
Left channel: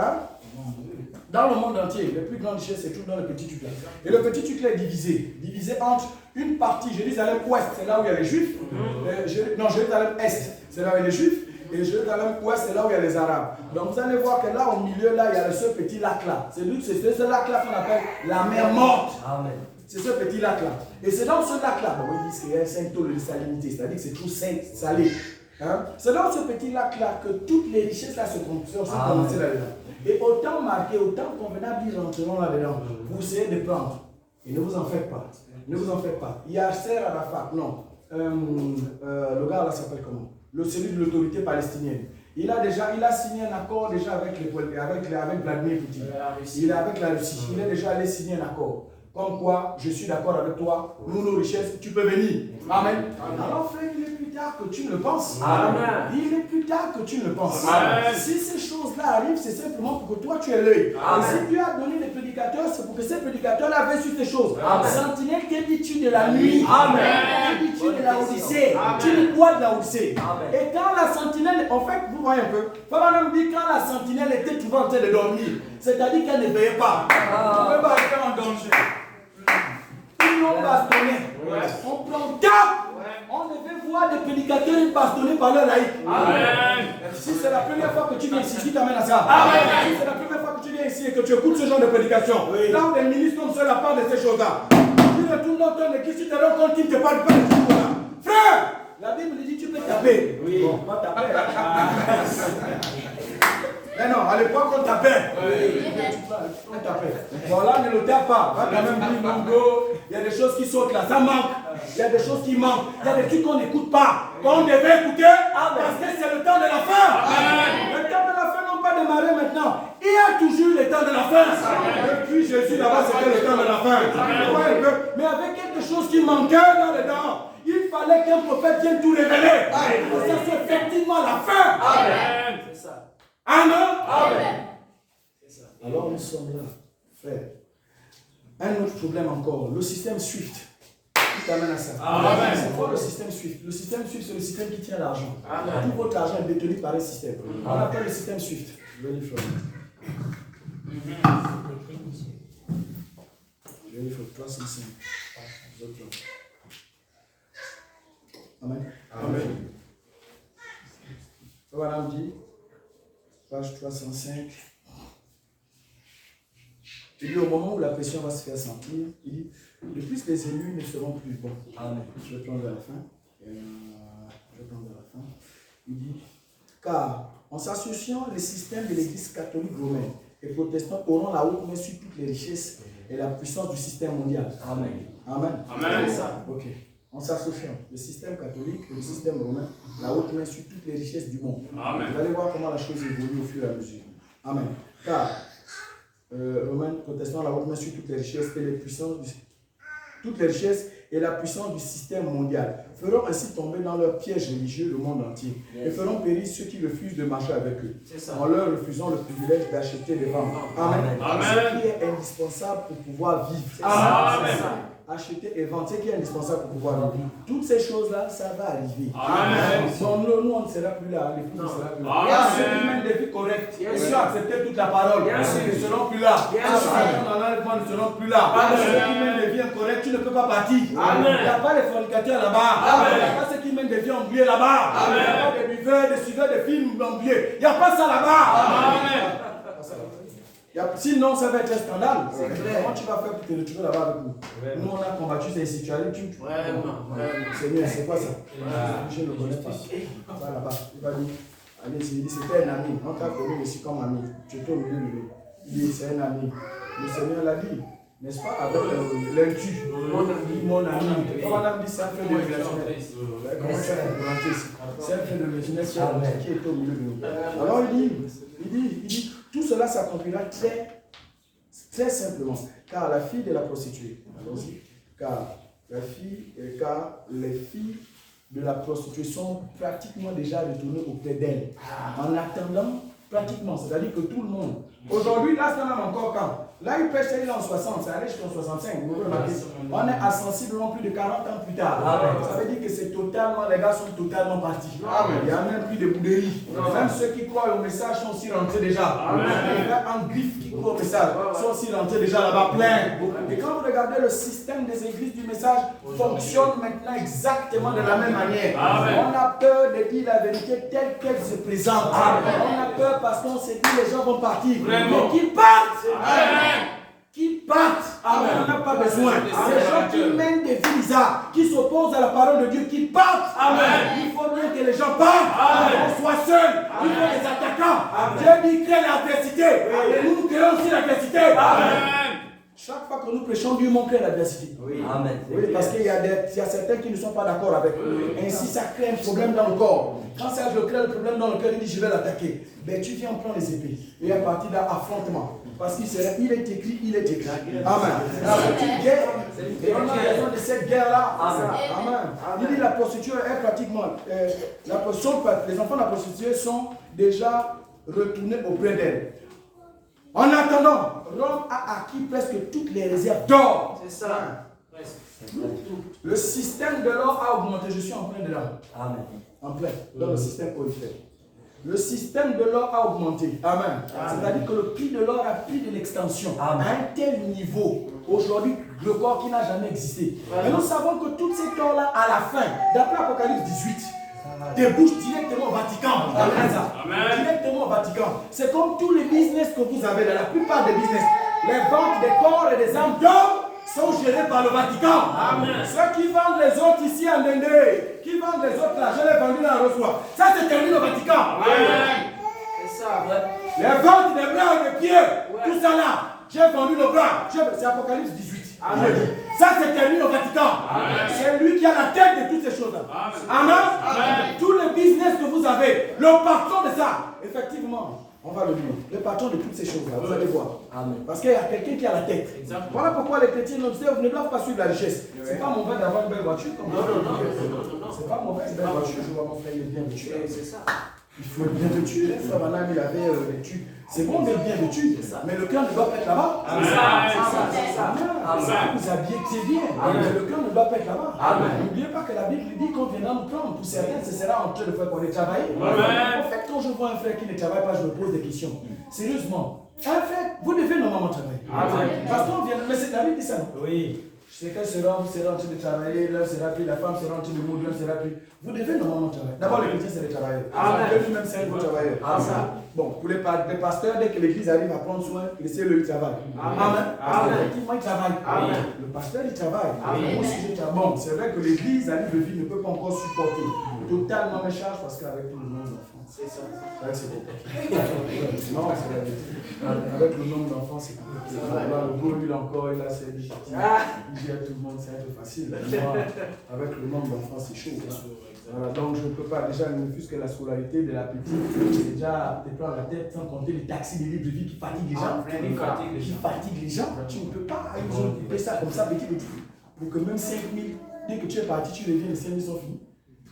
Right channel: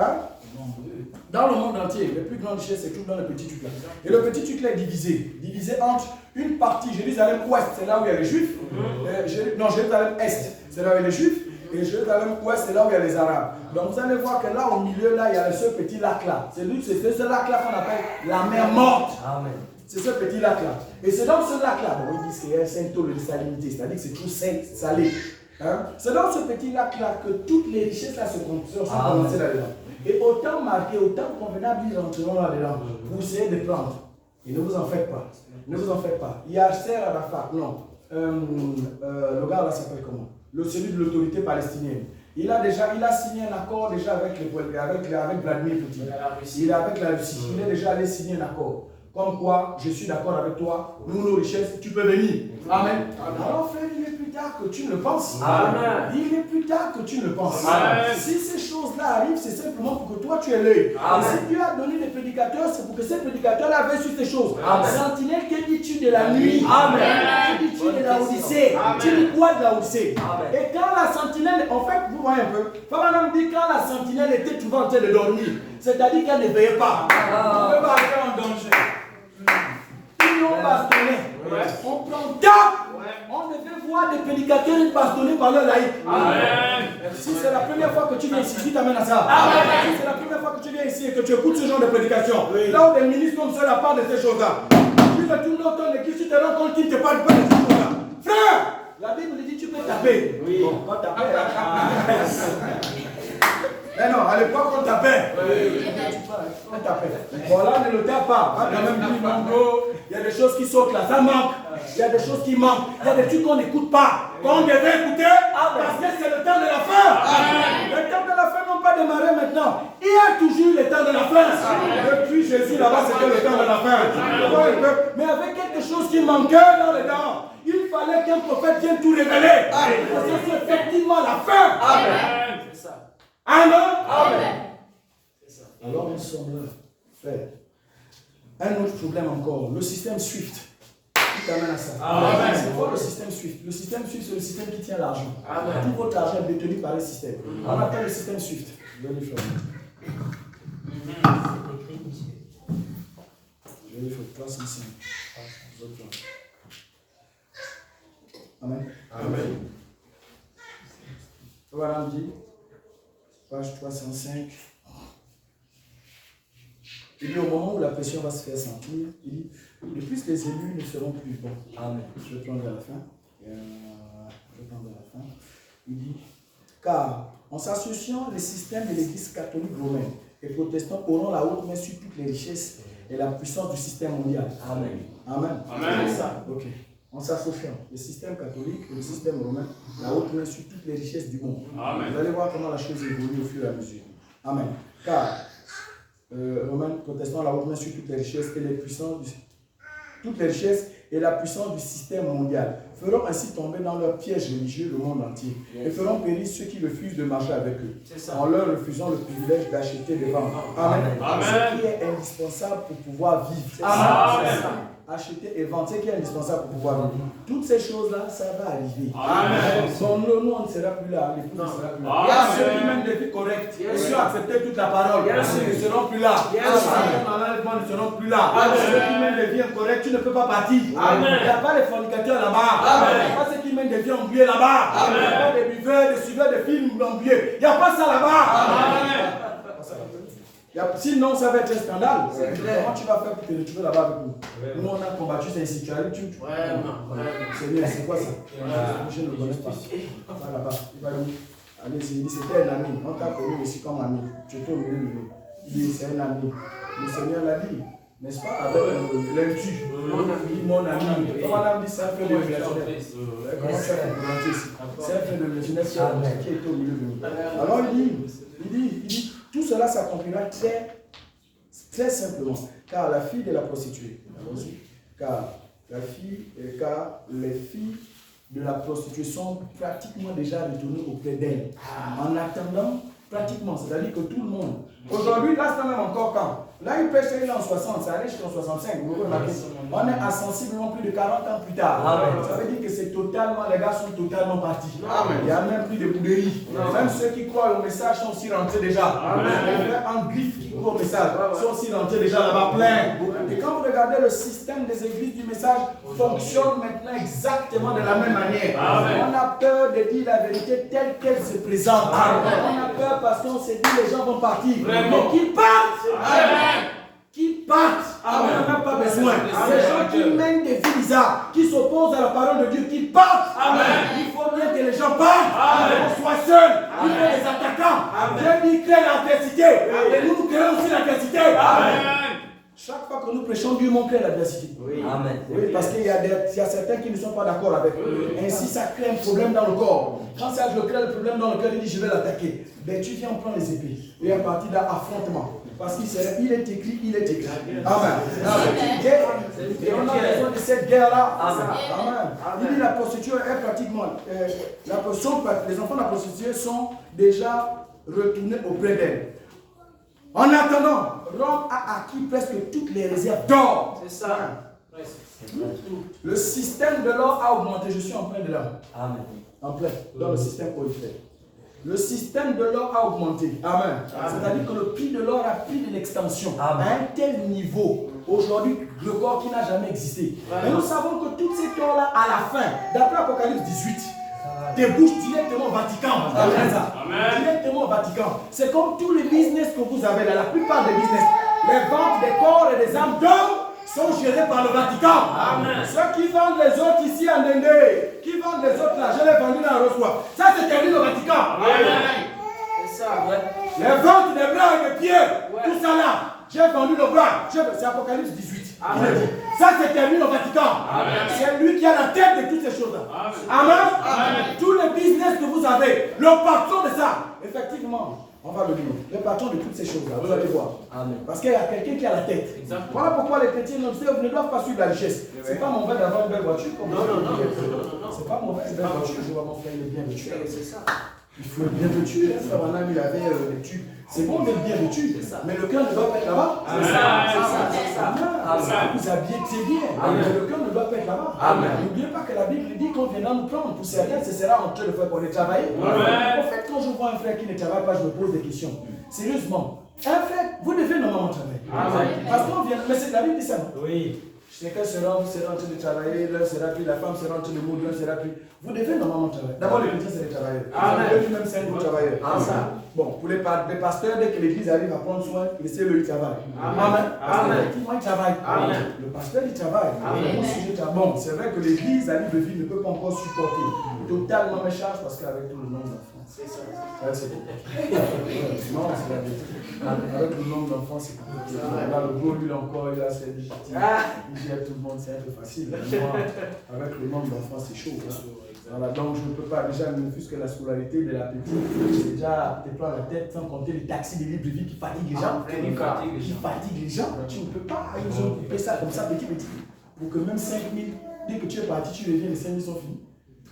dans le monde entier, les plus grandes richesses, c'est tout dans le petit truc là. Et le petit truc là est divisé entre une partie, Jérusalem ouest, c'est là où il y a les Juifs. Jérusalem est, c'est là où il y a les Juifs. Et Jérusalem ouest, c'est là où il y a les Arabes. Donc vous allez voir que là, au milieu, là, il y a ce petit lac-là. C'est ce lac-là qu'on appelle la mer morte. Amen. C'est ce petit lac-là. Et c'est dans ce lac-là, bon, il dit que c'est un saint taux de salinité, c'est-à-dire que c'est tout salé. Hein? C'est dans ce petit lac-là que toutes les richesses là sont condensées là-dedans. Et autant marqué, autant convenable, ils rentreront là-dedans. Vous essayez de prendre. Et ne vous en faites pas. Ne vous en faites pas. Yasser Arafat, non. Le gars là s'appelle comment? Celui de l'autorité palestinienne. Il a signé un accord déjà avec Vladimir Poutine. Il est avec la Russie. Il est déjà allé signer un accord. Comme quoi, je suis d'accord avec toi, nous, nos richesses, tu peux venir. Amen. Alors, frère, il est plus tard que tu ne le penses. Amen. Il est plus tard que tu ne le penses. Amen. Si ces choses-là arrivent, c'est simplement pour que toi, tu aies l'œil. Et si Dieu a donné des prédicateurs, c'est pour que ces prédicateurs-là veillent sur ces choses. Amen. Sentinelle, que dis-tu de la nuit? Amen. Que dis-tu de la Odyssée? Tu dis quoi de la Odyssée? Et quand la sentinelle, en fait, vous voyez un peu, Papa nous dit quand la sentinelle était toujours en train de dormir, c'est-à-dire qu'elle ne veillait pas. On ne peut pas être en danger. Ils l'ont bastonné. On prend cap. On devait voir des prédicateurs être bastonnés par leur laïc. Si c'est la première fois que tu viens ici, qui t'amène à ça? Si c'est la première fois que tu viens ici et que tu écoutes ce genre de prédication, là où des ministres comme ça la parlent de ces choses-là, tu retournes dans ton église, tu te rends compte qu'ils ne te parlent pas de ces choses-là. Frère, la Bible dit tu peux taper. Oui. Bon, pas taper. Mais non, à l'époque on tapait. On tapait. Bon là, ne le tape pas. On va quand même dire non, il y a des choses qui sautent là, ça manque. Il y a des choses qui manquent. Il y a des trucs qu'on n'écoute pas. Qu'on devait écouter parce que c'est le temps de la fin. Le temps de la fin n'ont pas démarré maintenant. Il y a toujours le temps de la fin. Depuis Jésus là-bas, c'était le temps de la fin. Mais avec quelque chose qui manquait dans les dents. Il fallait qu'un prophète vienne tout révéler. C'est effectivement la fin. Amen. C'est ça. Amen. Amen. Alors nous sommes là, frère. Un autre problème encore, le système SWIFT. Qui t'amène à ça? C'est quoi le système SWIFT? Le système SWIFT, c'est le système qui tient l'argent. Tout votre argent est détenu par un système. On appelle le système SWIFT. Je vais lui faire 305. Amen. Amen. Voilà, on dit, page 305. Il dit au moment où la pression va se faire sentir, il dit, de plus les élus ne seront plus bons. Amen. Je vais prendre à la fin. Il dit, car en s'associant, les systèmes de l'église catholique romaine et protestants auront la haute main sur toutes les richesses et la puissance du système mondial. Amen. Amen. Amen. C'est ça. Ok. En s'associant, le système catholique et le système romain, la haute main sur toutes les richesses du monde. Amen. Vous allez voir comment la chose évolue au fur et à mesure. Amen. Car Romains, protestants, la haute main sur toutes les richesses et les puissances toutes les richesses et la puissance du système mondial feront ainsi tomber dans leur piège religieux le monde entier et feront périr ceux qui refusent de marcher avec eux en leur refusant le privilège d'acheter des ventes. Amen. Amen. Ce qui est indispensable pour pouvoir vivre. Amen. Acheter et vendre, ce qui est indispensable pour pouvoir vivre. Toutes ces choses-là, ça va arriver. Amen. Nous, on ne sera plus là, l'époux ne sera plus là. Il y a ceux qui mènent des vies correctes, qui ont accepté toute la parole, ils ne seront plus là. Ceux qui ne seront plus là. Ceux qui mènent des vies incorrectes, tu ne peux pas partir. Il n'y a pas de fornicateurs là-bas. Il n'y a pas ceux qui mènent des vies embuées là-bas. Il n'y a pas des buveurs, des suiveurs de films embués. Il n'y a pas ça là-bas. Sinon, ça va être un scandale. Comment tu vas faire pour te retrouver là-bas avec nous? Nous, on a combattu ces situations. Seigneur, c'est quoi ça? Je ne le connais pas. Va là-bas. Il va dire, allez, il dit, c'était un ami. On t'a connu aussi comme ami. Tu étais au milieu de nous. Il dit, c'est un ami. Le Seigneur l'a dit, n'est-ce pas? Avec l'intu. Mon ami. Comme on a dit, c'est un frère de relationnel. Comment tu as compris ici? C'est un frère de relationnel qui est au milieu de nous. Alors il dit, tout cela s'accomplira très simplement, car la fille de la prostituée, car les filles de la prostituée sont pratiquement déjà retournées auprès d'elle. En attendant, pratiquement, c'est-à-dire que tout le monde. Aujourd'hui, là, c'est même encore quand Là, il prêche, il est en 60, ça allait jusqu'en 65. Vous remarquez, on est à sensiblement plus de 40 ans plus tard. Amen. Ça veut dire que c'est totalement, les gars sont totalement partis. Amen. Il n'y a même plus de bouderie. Même ceux qui croient au message sont aussi rentrés déjà. Les gars en griffe qui croient au message sont aussi rentrés déjà là-bas plein. Et quand vous regardez le système des églises du message, fonctionne maintenant exactement de la même manière. Amen. On a peur de dire la vérité telle qu'elle se présente. Amen. On a peur parce qu'on s'est dit les gens vont partir. Mais qu'ils partent. Amen. Qui partent, on n'a pas besoin. Ces gens qui mènent des vies bizarres, qui s'opposent à la parole de Dieu, qui partent. Amen. Il faut bien que les gens partent. On soit seuls. Il faut des attaquants. Dieu dit crée l'adversité. Et nous créons aussi l'adversité. Chaque fois que nous prêchons, Dieu montre l'adversité. Oui. Amen. Oui, parce qu'il y a certains qui ne sont pas d'accord avec. Ainsi, ça crée un problème dans le corps. Quand ça crée le problème dans le cœur, il dit je vais l'attaquer. Ben, tu viens prendre les épées. Et à partir d'un affrontement. Parce qu'il est écrit, il est écrit. Amen. C'est une guerre. Et on a besoin de cette guerre-là. Amen. Il dit la prostituée est pratiquement. Les enfants de la prostituée sont déjà retournés auprès d'elle. En attendant, Rome a acquis presque toutes les réserves d'or. C'est ça. Le système de l'or a augmenté. Je suis en plein dedans. Amen. En plein. Dans le système orifère. Le système de l'or a augmenté. Amen. C'est-à-dire que le prix de l'or a pris de l'extension à un tel niveau. Aujourd'hui, le corps qui n'a jamais existé. Mais nous savons que toutes ces or-là, à la fin, d'après Apocalypse 18, débouchent directement au Vatican. Amen. Directement au Vatican. C'est comme tous les business que vous avez là, la plupart des business. Les ventes des corps et des âmes d'or sont gérés par le Vatican. Amen. Ceux qui vendent les autres ici en Inde, qui vendent les autres là, je l'ai vendu dans le reçoit. Ça c'est terminé au Vatican. Amen. C'est ça. Les ventes des bras et des pieds, tout ça là, j'ai vendu le bras. C'est Apocalypse 18. Amen. Ça c'est terminé au Vatican. C'est lui qui a la tête de toutes ces choses-là. Amen. Amen. Tous les business que vous avez, le patron de ça, effectivement, on va le dire, le patron de toutes ces choses-là, vous allez voir. Amen. Parce qu'il y a quelqu'un qui a la tête. Exactement. Voilà pourquoi les chrétiens ne doivent pas suivre la richesse. C'est pas mauvais d'avoir une belle voiture. C'est pas mauvais une belle voiture. Je vois mon frère, il est bien vêtu. C'est ça. Il faut être bien vêtu. Frère Manam, il avait des tubes. C'est bon d'être bien vêtu, mais le cœur ne doit pas être là-bas. Vous habillez, c'est bien, mais le cœur ne doit pas être là-bas. N'oubliez pas que la Bible dit qu'on viendra nous prendre. Pour certains, ce sera en train de faire pour aller travailler. En fait, quand je vois un frère qui ne travaille pas, je me pose des questions. Sérieusement, un frère, vous devez normalement travailler. Parce qu'on vient, mais c'est la Bible dit ça. Oui. C'est qu'un sera en train de travailler, l'un sera plus, la femme sera en train de mourir, l'un sera plus. Vous devez normalement travailler. D'abord, les chrétiens, c'est les travailleurs. Eux-mêmes, c'est un gros travailleur. Bon, pour les pasteurs, dès que l'église arrive à prendre soin, laissez-le, il travaille. Amen. Parce qu'effectivement, il travaille. Le pasteur, il travaille. Bon, c'est vrai que l'église à Libreville ne peut pas encore supporter totalement mes charges parce qu'avec tout le nombre d'enfants. C'est ça. C'est compliqué. Non, c'est la vérité. Avec le nombre d'enfants, c'est compliqué. Là, le gros, lui, encore, il a ses légitimes. Il gère tout le monde, c'est un peu facile. Moi, avec le nombre d'enfants, c'est chaud. Voilà, donc je ne peux pas, déjà, ne fût-ce que la scolarité de la petite, j'ai déjà te prends la tête sans compter les taxis de Libreville qui fatiguent les gens. Qui fatiguent les gens. Tu ne peux pas, ils ont coupé ça comme ça, petit. Pour que même 5 000, dès que tu es parti, tu reviens, les 5 000 sont finis.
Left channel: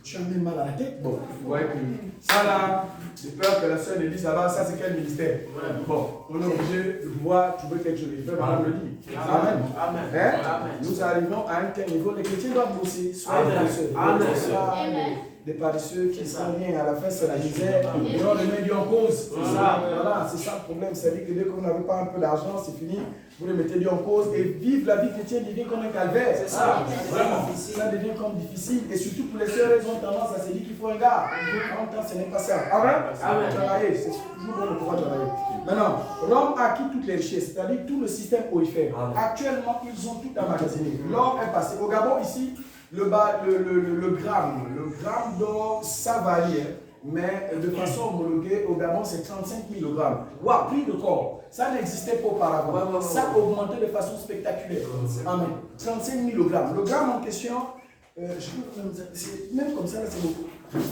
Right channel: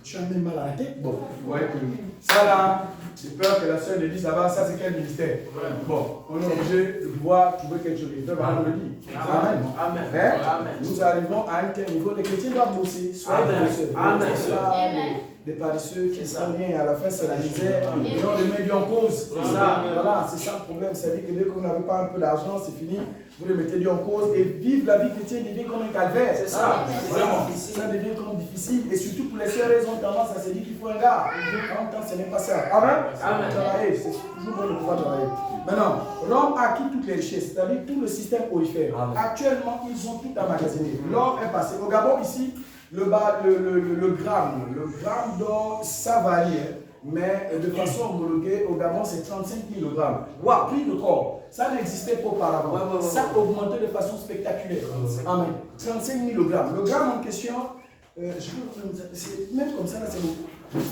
Tu as même mal à la tête. Bon, vous voyez que ça là, j'ai peur que la soeur ne dise ça va, ça c'est quel ministère. Bon, on est obligé de pouvoir trouver quelque chose. Le frère va le dire. Amen. Nous arrivons à un tel niveau. Les chrétiens doivent bosser. Soyez paresseux. Des paresseux qui sont rien. À la fin, c'est la misère. Et on les met en cause. C'est ça. Voilà, c'est ça le problème. C'est-à-dire que dès que vous n'avez pas un peu d'argent, c'est fini. Vous les mettez Dieu en cause et vivre la vie chrétienne devient comme un calvaire. C'est ça. Ça devient comme difficile. Et surtout pour les sœurs, elles ont tendance à se dire qu'il faut un gars. En même temps, ce n'est pas ça. Amen. Travailler, c'est toujours bon de pouvoir travailler. Maintenant, Rome a acquis toutes les richesses, c'est-à-dire tout le système orifère. Actuellement, ils ont tout emmagasiné. L'or est passé. Au Gabon, ici, le gramme d'or, ça varie. Mais de façon homologuée, au Gabon, c'est 35 000 grammes. Wow, prix de corps. Ça n'existait pas auparavant. Ça a augmenté de façon spectaculaire. Amen. 35 000 grammes. Le gramme en question, même comme ça,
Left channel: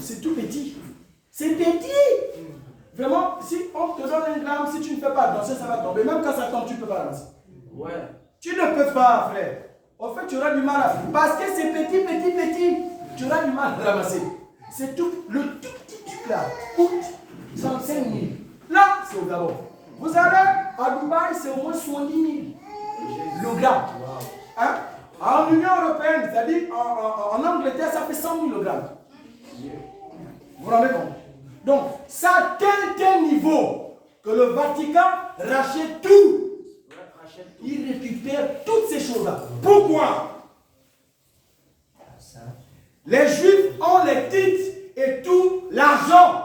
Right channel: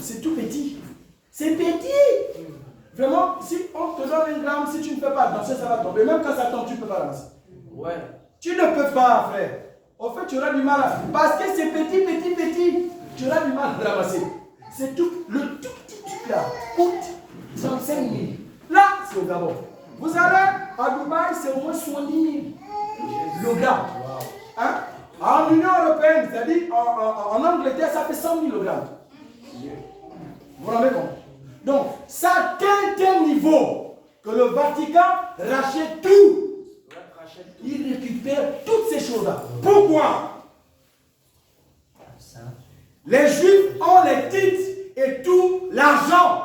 c'est tout petit. C'est petit. Vraiment, si on te donne un gramme, si tu ne peux pas danser, ça va tomber. Même quand ça tombe, tu ne peux pas ramasser. Ouais. Tu ne peux pas, frère. En fait, tu auras du mal à... Parce que c'est petit. Tu auras du mal à ramasser. C'est tout. Le tout petit truc là coûte 35 000. Là, c'est au Gabon. Vous allez À Dubaï, c'est au moins 70 000 le gramme. Hein? En Union européenne, c'est-à-dire en Angleterre, ça fait 100 000 le gramme. Vous vous rendez compte? Donc, ça atteint tel niveau que le Vatican rachète tout. Il récupère toutes ces choses-là. Pourquoi? Les Juifs ont les titres et tout l'argent.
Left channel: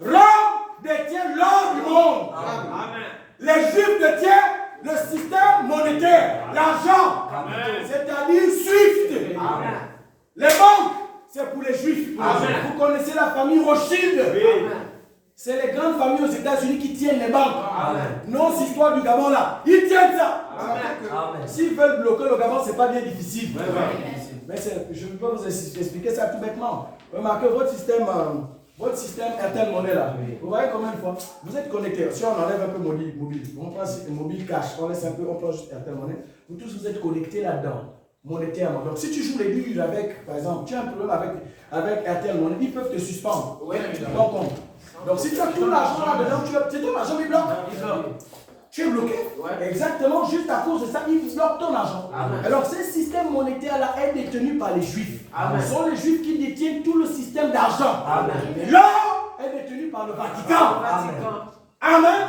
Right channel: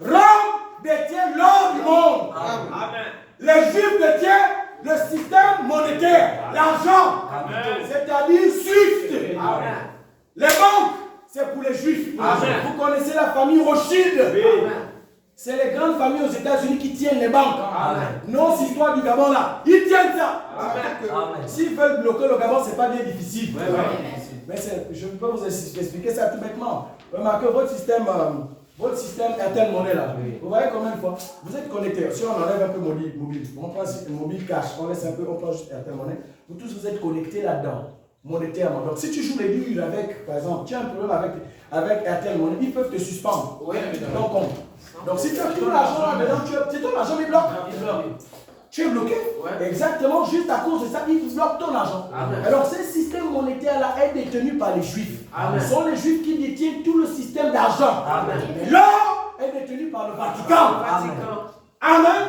Rome détient l'or du monde. Amen. Les Juifs détiennent le système monétaire, l'argent, c'est-à-dire SWIFT. Amen. Les banques, c'est pour les Juifs. Amen. Vous connaissez la famille Rothschild. C'est les grandes familles aux États-Unis qui tiennent les banques. Amen. Non, cette histoire du Gabon là, ils tiennent ça. S'ils veulent bloquer le Gabon, ce n'est pas bien difficile. Mais je peux vous expliquer ça tout bêtement. Remarquez votre système Airtel Money là. Vous voyez combien de fois vous êtes connectés. Si on enlève un peu mobile, on prend mobile cash, on laisse un peu, on prend juste Airtel Money. Vous tous vous êtes connectés là-dedans, monétairement. Donc si tu joues les durs avec, par exemple, tu as un problème avec Airtel Money, ils peuvent te suspendre. Ton compte. Donc si tu as tout l'argent là-dedans, c'est ton argent qui bloque. Tu es bloqué. Exactement, juste à cause de ça, ils bloquent ton argent. Alors ce système monétaire-là est détenu par les Juifs. Ce sont les Juifs qui détiennent tout le système d'argent. L'or est détenu par le Vatican. Amen.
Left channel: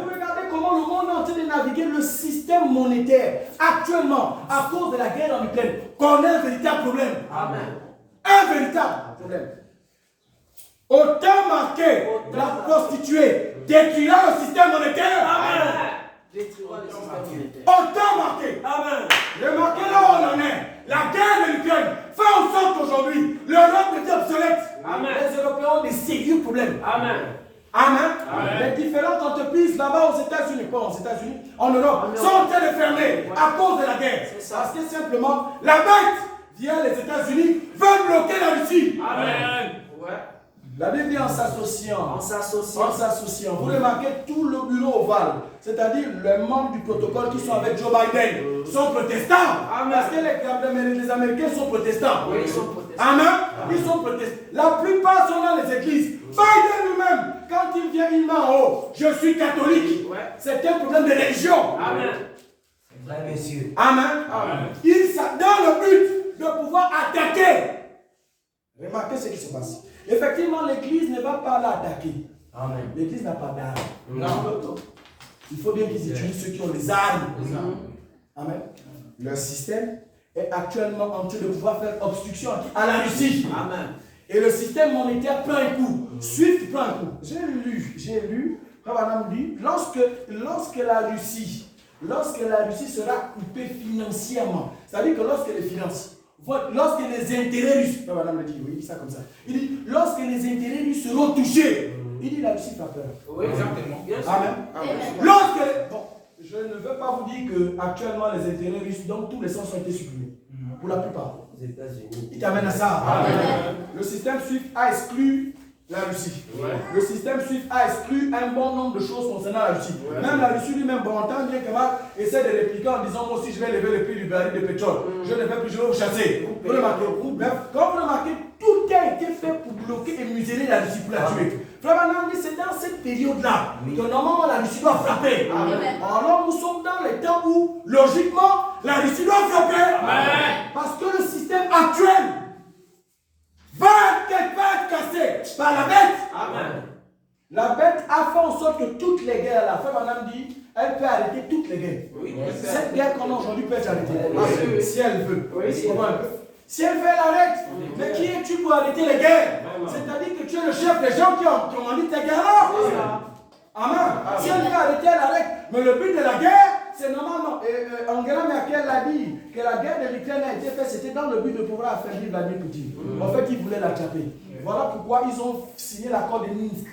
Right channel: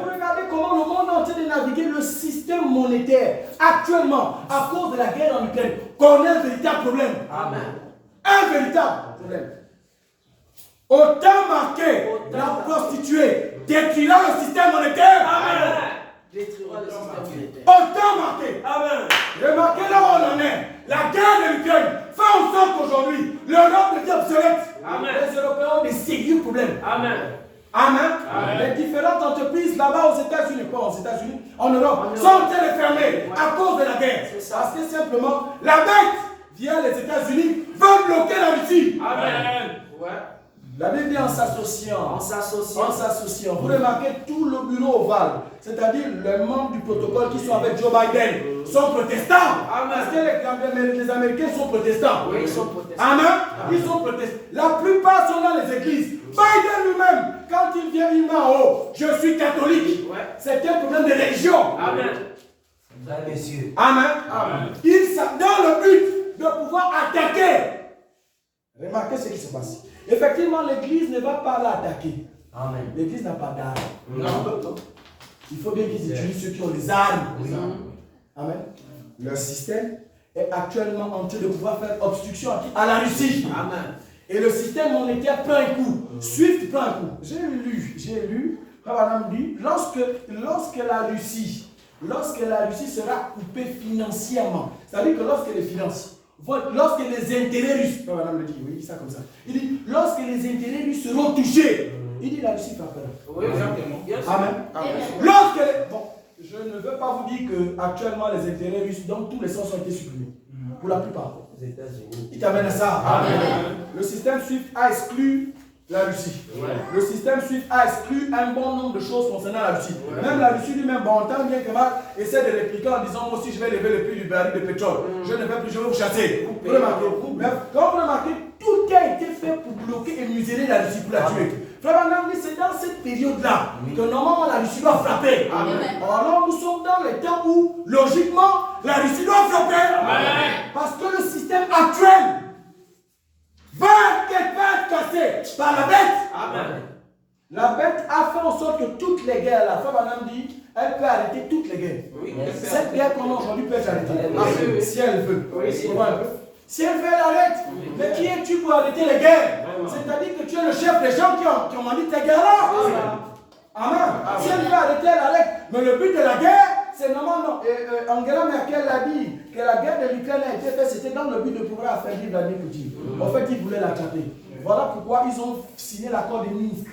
Vous regardez comment le monde est en train de naviguer le système monétaire actuellement à cause de la guerre en Ukraine. Qu'on a un véritable problème. Un véritable problème. Autant marqué la prostituée détruira le système monétaire. Autant marqué. Remarquez là où on en est. La guerre de l'Ukraine fait en sorte qu'aujourd'hui, l'Europe est obsolète. Les Européens ont des sérieux problèmes. Amen. Les différentes entreprises là-bas aux États-Unis, pas aux États-Unis, en Europe, sont en train de fermer à cause de la guerre. Parce que simplement, la bête, via les États-Unis, veut bloquer la Russie. La Bible dit en s'associant. Vous remarquez tout le bureau ovale, c'est-à-dire les membres du protocole qui sont avec Joe Biden, sont protestants. Parce que les Américains sont protestants. Oui, ils sont protestants. Amen. Ils sont protestants. La plupart sont dans les églises. Biden lui-même, quand il vient, il met en haut, je suis catholique. C'est un problème de religion. Amen. Il s'est dans le but de pouvoir attaquer. Remarquez ce qui se passe. Effectivement, l'église ne va pas l'attaquer. L'église n'a pas d'armes. Il faut bien qu'ils utilisent ceux qui ont les armes. Amen. Le système est actuellement en train de pouvoir faire obstruction à la Russie. Et le système monétaire prend un coup. SWIFT prend un coup. J'ai lu, Madame dit, lorsque la Russie sera coupée financièrement, c'est-à-dire que lorsque les finances, lorsque les intérêts russes, Madame le dit, oui, il dit ça comme ça. Il dit, lorsque les intérêts russes seront touchés, il dit la Russie fait peur. Oui, exactement. Lorsque, bon, je ne veux pas vous dire que actuellement les intérêts russes, donc tous les sens ont été supprimés. Pour la plupart. Il t'amène à ça. Le système SWIFT a exclu la Russie. Le système SWIFT a exclu un bon nombre de choses concernant la Russie. Même la Russie lui-même, bon temps bien que Marc essaie de répliquer en disant moi aussi je vais lever le prix du baril de pétrole. Je ne vais plus, je vais vous chasser. Vous remarquez. Quand vous remarquez, tout a été fait pour bloquer et museler la Russie pour la tuer. Frère Banam, c'est dans cette période-là que normalement la Russie doit frapper. Alors nous sommes dans les temps où, logiquement, la Russie doit frapper. Parce que le système actuel va être cassé par la bête. La bête a fait en sorte que toutes les guerres, la femme Banam dit, elle peut arrêter toutes les guerres. Cette guerre qu'on a aujourd'hui peut être arrêtée. Si elle veut. Si elle veut, elle arrête. Mais qui es-tu pour arrêter les guerres? C'est-à-dire que tu es le chef des gens qui ont commandé ces guerres-là. Amen. Si elle veut arrêter, elle arrête. Mais le but de la guerre, c'est normalement, Angela Merkel l'a dit, que la guerre de l'Ukraine a été faite, c'était dans le but de pouvoir affaiblir Vladimir Poutine. En fait, ils voulaient l'attraper. Voilà pourquoi ils ont signé l'accord de Minsk.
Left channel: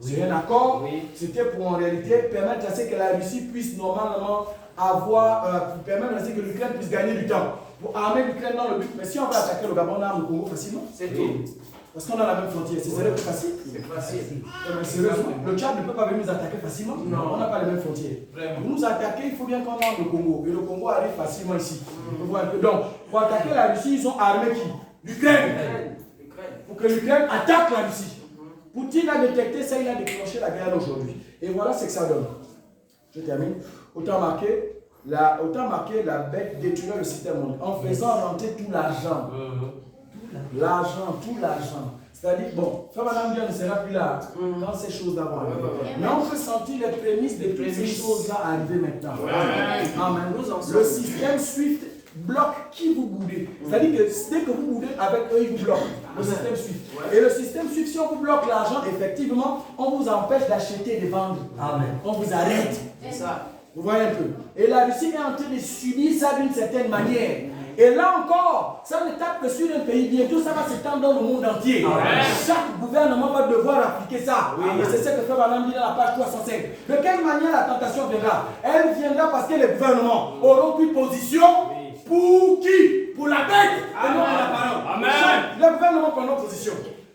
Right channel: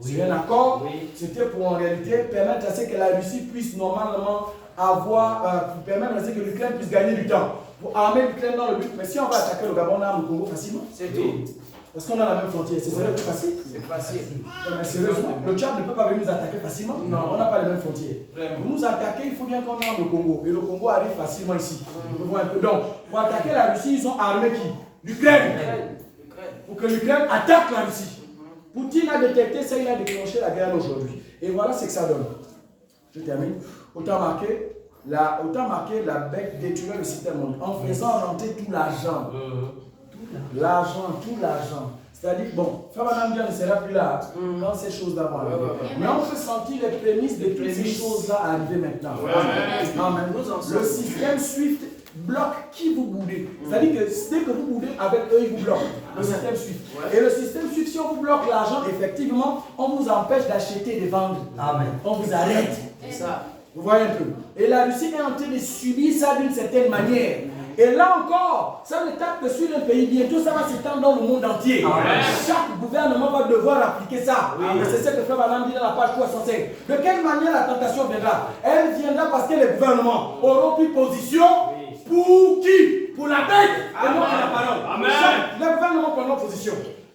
C'est un accord, c'était pour en réalité permettre à ce que la Russie puisse normalement permettre à ce que l'Ukraine puisse gagner du temps. Pour armer l'Ukraine dans le but, mais si on va attaquer le Gabon, on arme le Congo facilement. C'est tout. Parce qu'on a la même frontière. C'est plus facile. C'est facile. Mais sérieusement, le Tchad ne peut pas venir nous attaquer facilement. Non, on n'a pas les mêmes frontières. Pour nous attaquer, il faut bien qu'on arme le Congo. Et le Congo arrive facilement ici. Donc, pour attaquer la Russie, ils ont armé qui? L'Ukraine. Pour que l'Ukraine attaque la Russie. Poutine a détecté ça, il a déclenché la guerre aujourd'hui. Et voilà ce que ça donne. Je termine. Autant marqué, la bête détruisait le système mondial en faisant rentrer tout l'argent. Tout l'argent. C'est-à-dire, bon, Frère Madame Dieu ne sera plus là quand ces choses-là vont arriver. Mais on peut sentir les prémices de toutes ces choses-là arriver maintenant. Amen. Le système Swift bloque qui vous boudez. C'est-à-dire que dès que vous boudez avec eux, ils vous bloquent. Le système Swift. Et le système Swift, si on vous bloque l'argent, effectivement, on vous empêche d'acheter et de vendre. Amen. On vous arrête. C'est ça. Vous voyez un peu. Et la Russie est en train de subir ça d'une certaine manière. Et là encore, ça ne tape que sur un pays. Bientôt, ça va s'étendre dans le monde entier. Amen. Chaque gouvernement va devoir appliquer ça. Oui. Et c'est ce que fait Madame dit dans la page 305. De quelle manière la tentation viendra? Elle viendra parce que les gouvernements auront pris position pour qui? Pour la bête et non pour la parole. Amen. Les gouvernements prendront position.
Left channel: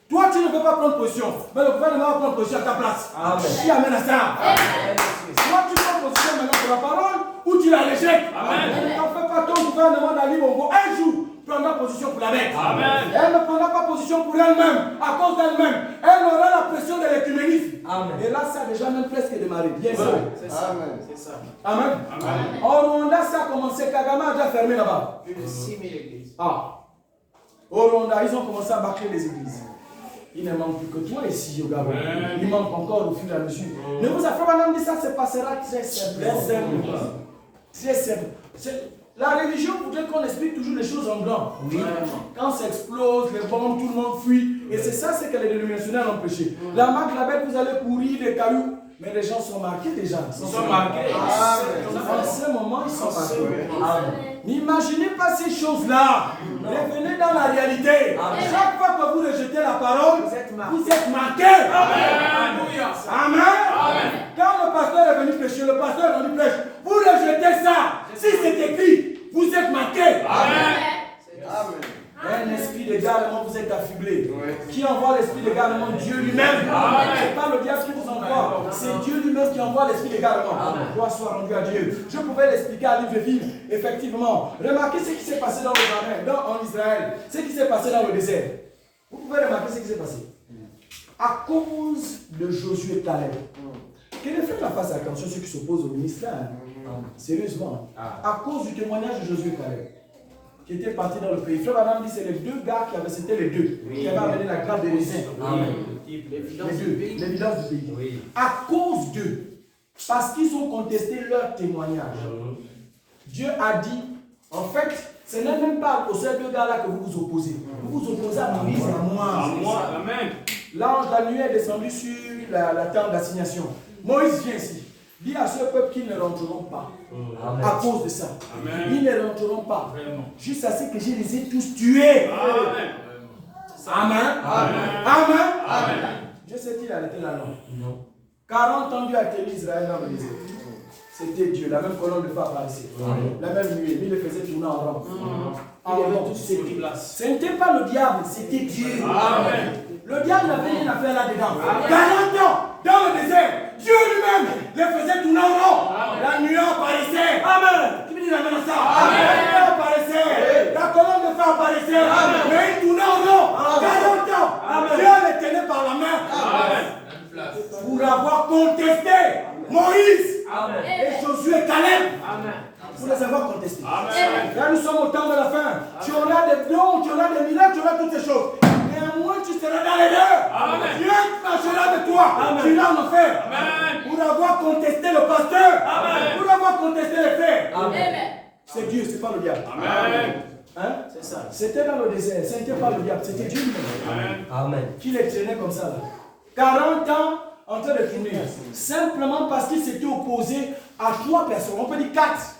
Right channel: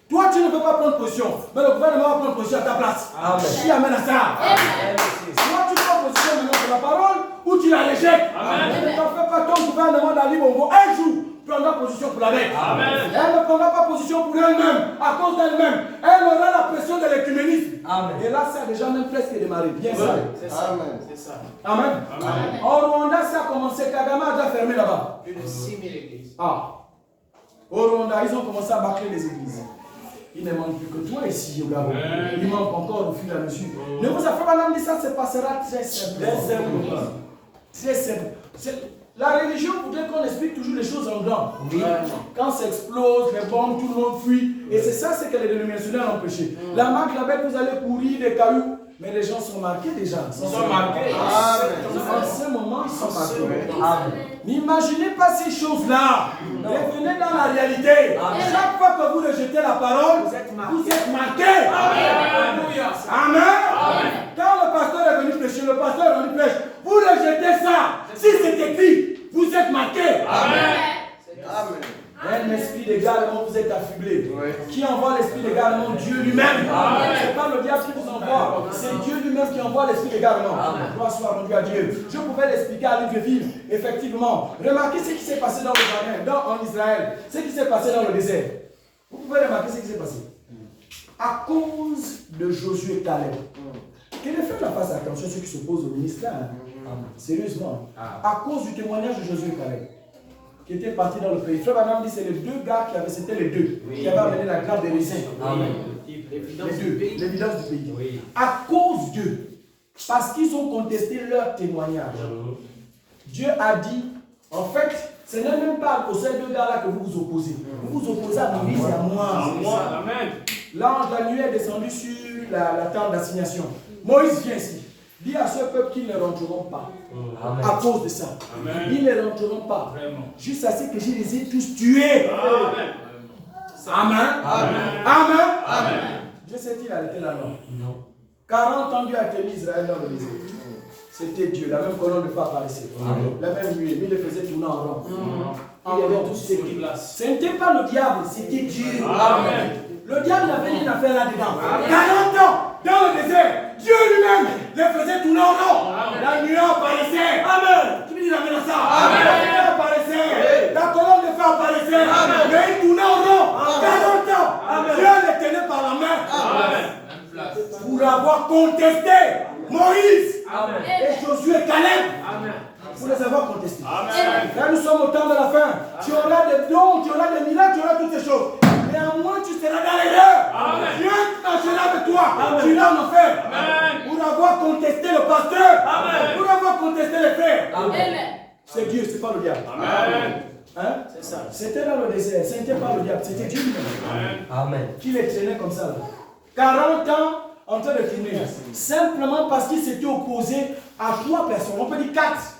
Toi, tu ne peux pas prendre position, mais le gouvernement va prendre position à ta place. Amen. Qui amène à ça? Amen. Toi, tu prends position maintenant pour la parole ou tu la rejettes. Ne t'en fais pas, ton gouvernement d'Ali Bongo, un jour, prendra position pour la bête. Amen. Elle ne prendra pas position pour elle-même, à cause d'elle-même. Elle aura la pression de l'écuménisme. Et là, ça a déjà même presque démarré. Bien sûr. C'est ça. C'est ça. Amen. Amen. Au Rwanda, ça a commencé. Kagame a déjà fermé là-bas. Plus de 6 000 églises. Au Rwanda, ils ont commencé à bâcler les églises. Il ne manque plus que toi ici au Gabon. Il manque encore au fur et à mesure. Ne vous affaire madame dit ça se passera très simplement. Très simple. La religion voudrait qu'on explique toujours les choses en blanc. Oui. Quand ça explose, les bombes, tout le monde fuit. Et c'est ça ce que les dénominationnaires ont prêché. La marque, la bête, vous allez courir les cailloux. Mais les gens sont marqués déjà. Ils sont marqués. En ce moment, ils sont marqués. N'imaginez pas ces choses-là. Revenez dans la réalité. Chaque fois que vous rejetez la parole, vous êtes marqués. Amen. Quand le pasteur est venu prêcher, le pasteur est venu prêcher. Vous rejetez ça. Si c'est écrit, vous êtes marqués. Amen. Un esprit d'égarement, vous êtes affublé. Qui envoie l'esprit d'égarement? Dieu lui-même. Ce n'est pas le diable qui vous envoie. C'est Dieu lui-même qui envoie l'esprit d'égarement. Gloire soit rendue à Dieu. Je pouvais l'expliquer à Libreville. Effectivement. Remarquez ce qui s'est passé dans le jardin, en Israël. Ce qui s'est passé dans le désert. Vous pouvez remarquer ce qui s'est passé. À cause de Josué et Caleb. Que les frères fassent attention à ceux qui s'opposent au ministère. Sérieusement. À cause du témoignage de Josué et Caleb. Qui étaient partis dans le pays. Frère Madame dit c'est les deux gars qui avaient, c'était les deux, qui avaient amené la grappe des raisins. L'évidence du pays. Oui. À cause d'eux, parce qu'ils ont contesté leur témoignage, Dieu a dit, en fait, ce n'est même pas aux seuls deux gars-là que vous vous opposez. Vous vous opposez à Moïse et à moi. L'ange de la nuit est descendu sur la tente d'assignation. Moïse vient ici. Dit à ce peuple qu'ils ne rentreront pas. Amen. À cause de ça. Amen. Ils ne rentreront pas. Vraiment. Juste à ce que je les ai tous tués. Amen. Amen. Amen. Amen. Dieu sait-il arrêté la langue? Non. 40 ans Dieu a tenu Israël dans le désert. C'était Dieu. La même colonne de feu apparaissait. La même nuée. Mais il les faisait tourner en rond. En rond. Ce n'était pas le diable, c'était Dieu. Amen. Le diable n'avait rien à faire là-dedans. 40 ans dans le désert. Dieu lui-même les faisait tourner en rond. La nuée apparaissait. Amen. Qui me dit amen à ça? Amen. La nuée apparaissait. La colonne de feu apparaissait. Amen. Mais il tournait en rond. 40 ans. Amen. Dieu les tenait par la main. Amen. Pour avoir contesté Moïse. Amen. Et Josué et Caleb. Amen. Pour les avoir contestés. Amen. Là, nous sommes au temps de la fin. Tu auras des dons, tu auras des miracles, tu auras toutes ces choses. Néanmoins, tu seras dans les deux. Dieu marchera avec toi. Tu iras en enfer. Pour avoir contesté le pasteur. Amen. Pour avoir contesté les frères. C'est Dieu, ce n'est pas le diable. Amen. Hein? C'est ça. C'était dans le désert. Ce n'était pas le diable, c'était Dieu lui-même. Amen. Qui les traînait comme ça. Là. 40 ans en train de tourner. Simplement parce qu'ils s'étaient opposés à 3 personnes. On peut dire 4.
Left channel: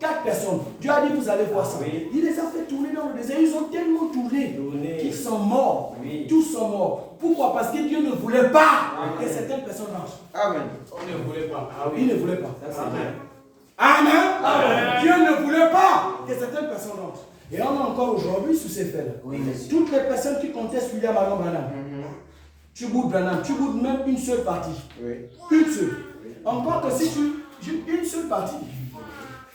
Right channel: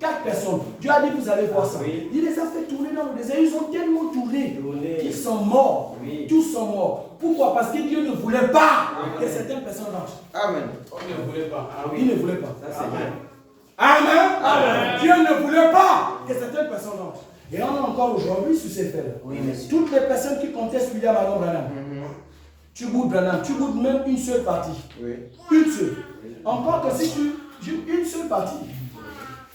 4 personnes. Dieu a dit, vous allez voir ça. Oui. Il les a fait tourner dans le désert. Ils ont tellement tourné qu'ils sont morts. Oui. Tous sont morts. Pourquoi? Parce que Dieu ne voulait pas que certaines personnes marchent. Amen. Il ne voulait pas. Ah, oui. Il ne voulait pas. Amen. Amen. Amen. Dieu ne voulait pas que certaines personnes entrent. Et on est encore aujourd'hui sous ces faits-là. Oui. Toutes les personnes qui contestent William Alon Branham, tu goûtes Branham, tu goûtes même une seule partie. Oui. Une seule. Oui. Encore que si tu goûtes une seule partie.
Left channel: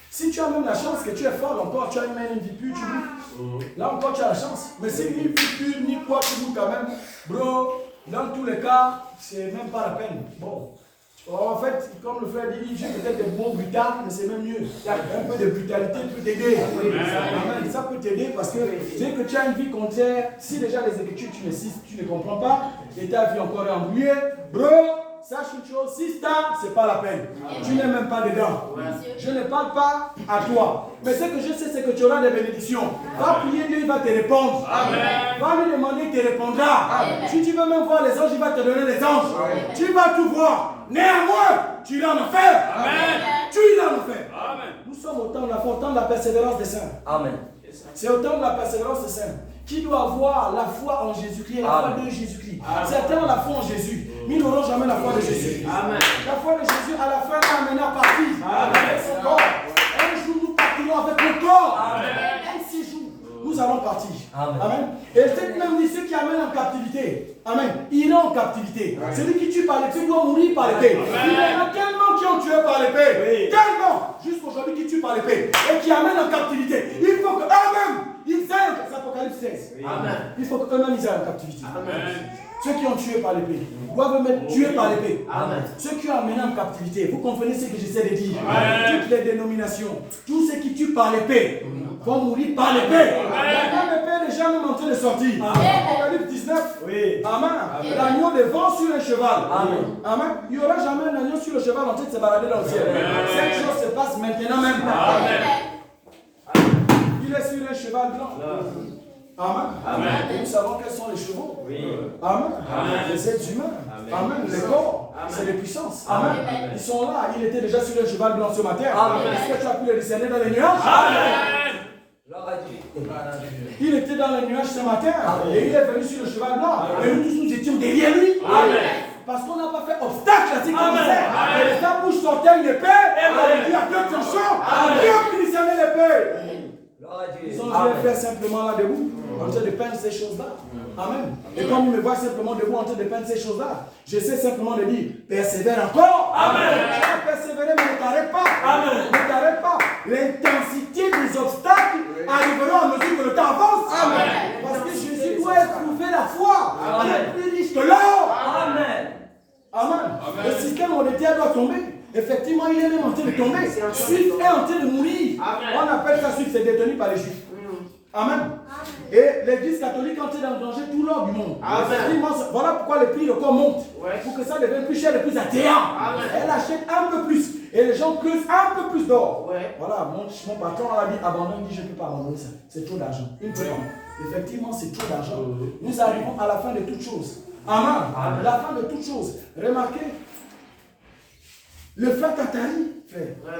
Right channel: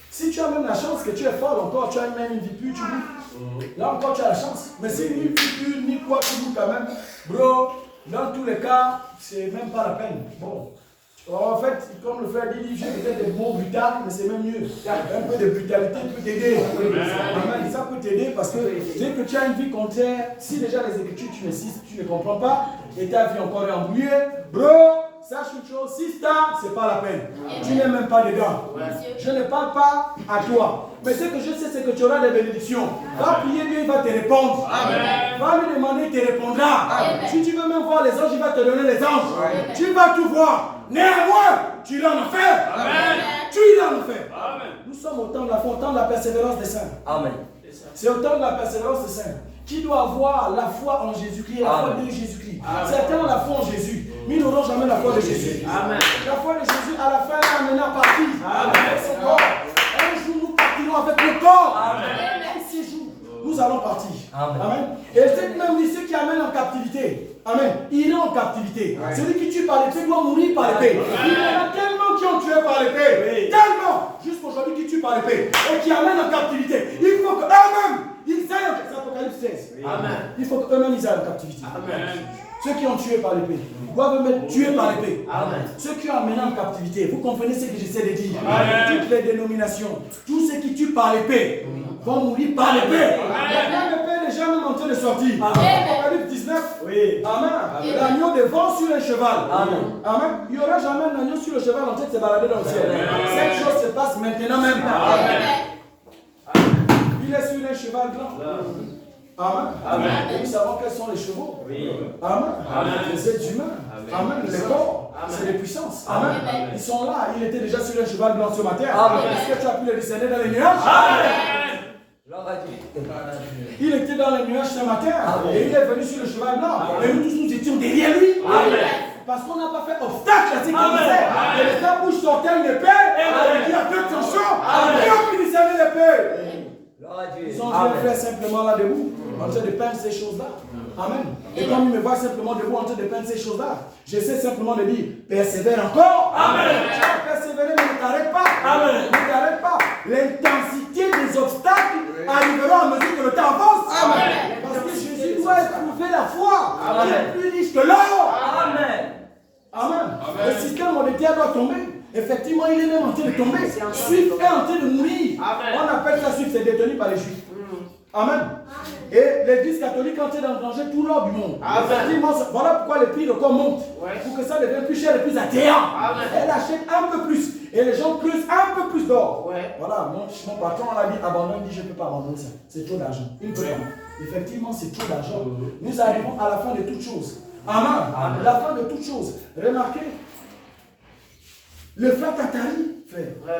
Si tu as même la chance que tu es fort encore, tu as même une vie pure, tu goûtes. Là encore, tu as la chance. Mais si ni vie pure, ni quoi, tu goûtes quand même. Bro, dans tous les cas, c'est même pas la peine. Bon, En fait, comme le frère dit, j'ai peut-être des mots brutaux, mais c'est même mieux. Un peu de brutalité peut t'aider. Amen. Ça peut t'aider parce que dès que tu as une vie contraire, si déjà les Écritures tu ne comprends pas, et ta vie encore est embrouillée, bro, sache une chose, si c'est pas la peine. Tu n'es même pas dedans. Je ne parle pas à toi. Mais ce que je sais, c'est que tu auras des bénédictions. Va prier, Dieu, il va te répondre. Va lui demander, il te répondra. Si tu veux même voir les anges, il va te donner les anges. Tu vas tout voir. Néanmoins, tu iras en enfer. Tu iras en enfer. Nous sommes au temps de la foi, au temps de la persévérance des saints. Amen. C'est au temps de la persévérance des saints. Qui doit avoir la foi en Jésus-Christ et la foi de Jésus-Christ. Certains ont la foi en Jésus, mais ils n'auront jamais la foi de Jésus. La foi de Jésus, à la fin, t'amènera à partir avec son corps. Un jour, nous partirons avec le corps. Un séjour, nous allons partir. Amen. Et c'est même dit ceux qui amènent en captivité. Amen. Iront en captivité. Celui qui tue par l'épée doit mourir par l'épée. Il y en a tellement qui ont tué par l'épée. Tellement. Jusqu'aujourd'hui qui tuent par l'épée. Et qui amènent en captivité. Il faut qu'eux-mêmes, ils aillent. C'est Apocalypse 16. Amen. Il faut qu'eux-mêmes, ils aillent en captivité. Amen. Ceux qui ont tué par l'épée doivent être tués par l'épée. Ceux qui ont amené en captivité, vous comprenez ce que j'essaie de dire. Toutes les dénominations, tous ceux qui tuent par l'épée vont mourir par l'épée. La même épée est déjà même en train de sortir. Apocalypse 19. Amen. L'agneau devant sur un cheval. Amen. Il n'y aura jamais un agneau sur le cheval en train de se balader dans le ciel. Cette chose se passe maintenant même. Il est sur un cheval blanc. Amen. Et nous savons quels sont les chevaux. Amen. Les êtres humains. Amen. Les corps, c'est les puissances. Amen. Ils sont là. Il était déjà sur un cheval blanc ce matin. Est-ce que tu as pu le discerner dans les nuages? Il était dans les nuages ce matin. Et il est venu sur le cheval blanc. Et nous tous, nous étions derrière lui. Parce qu'on n'a pas fait obstacle à ce qu'il disait. Et de sa bouche sortait une épée. Et il dit à deux de son champ. Qui a pu discerner l'épée? Ils ont vu un frère simplement là debout, en train de peindre ces choses-là. Amen. Et comme il me voit simplement debout en train de peindre ces choses-là, j'essaie simplement de dire, persévère encore. Amen. Tu vas persévérer, mais ne t'arrête pas. Amen. Ne t'arrête pas. L'intensité des obstacles arrivera à mesure que le temps avance. Amen. Parce que Jésus doit éprouver la foi, qui est plus riche que l'or. Amen. Amen. Le système monétaire doit tomber. Effectivement, il est même en train de tomber. Suif est en train de mourir. On appelle ça Suif, c'est détenu par les Juifs. Amen. Et l'église catholique est en train d'engranger tout l'or du monde. Effectivement, voilà pourquoi les prix de corps montent. Pour que ça devienne plus cher et plus attrayant. Elle achète un peu plus. Et les gens creusent un peu plus d'or. Voilà, mon patron a dit abandonne, il dit je ne peux pas abandonner ça. C'est trop d'argent. Il ne peut pas. Effectivement, c'est trop d'argent. Nous arrivons à la fin de toutes choses. Amen. La fin de toutes choses. Remarquez. Le frère Tatari,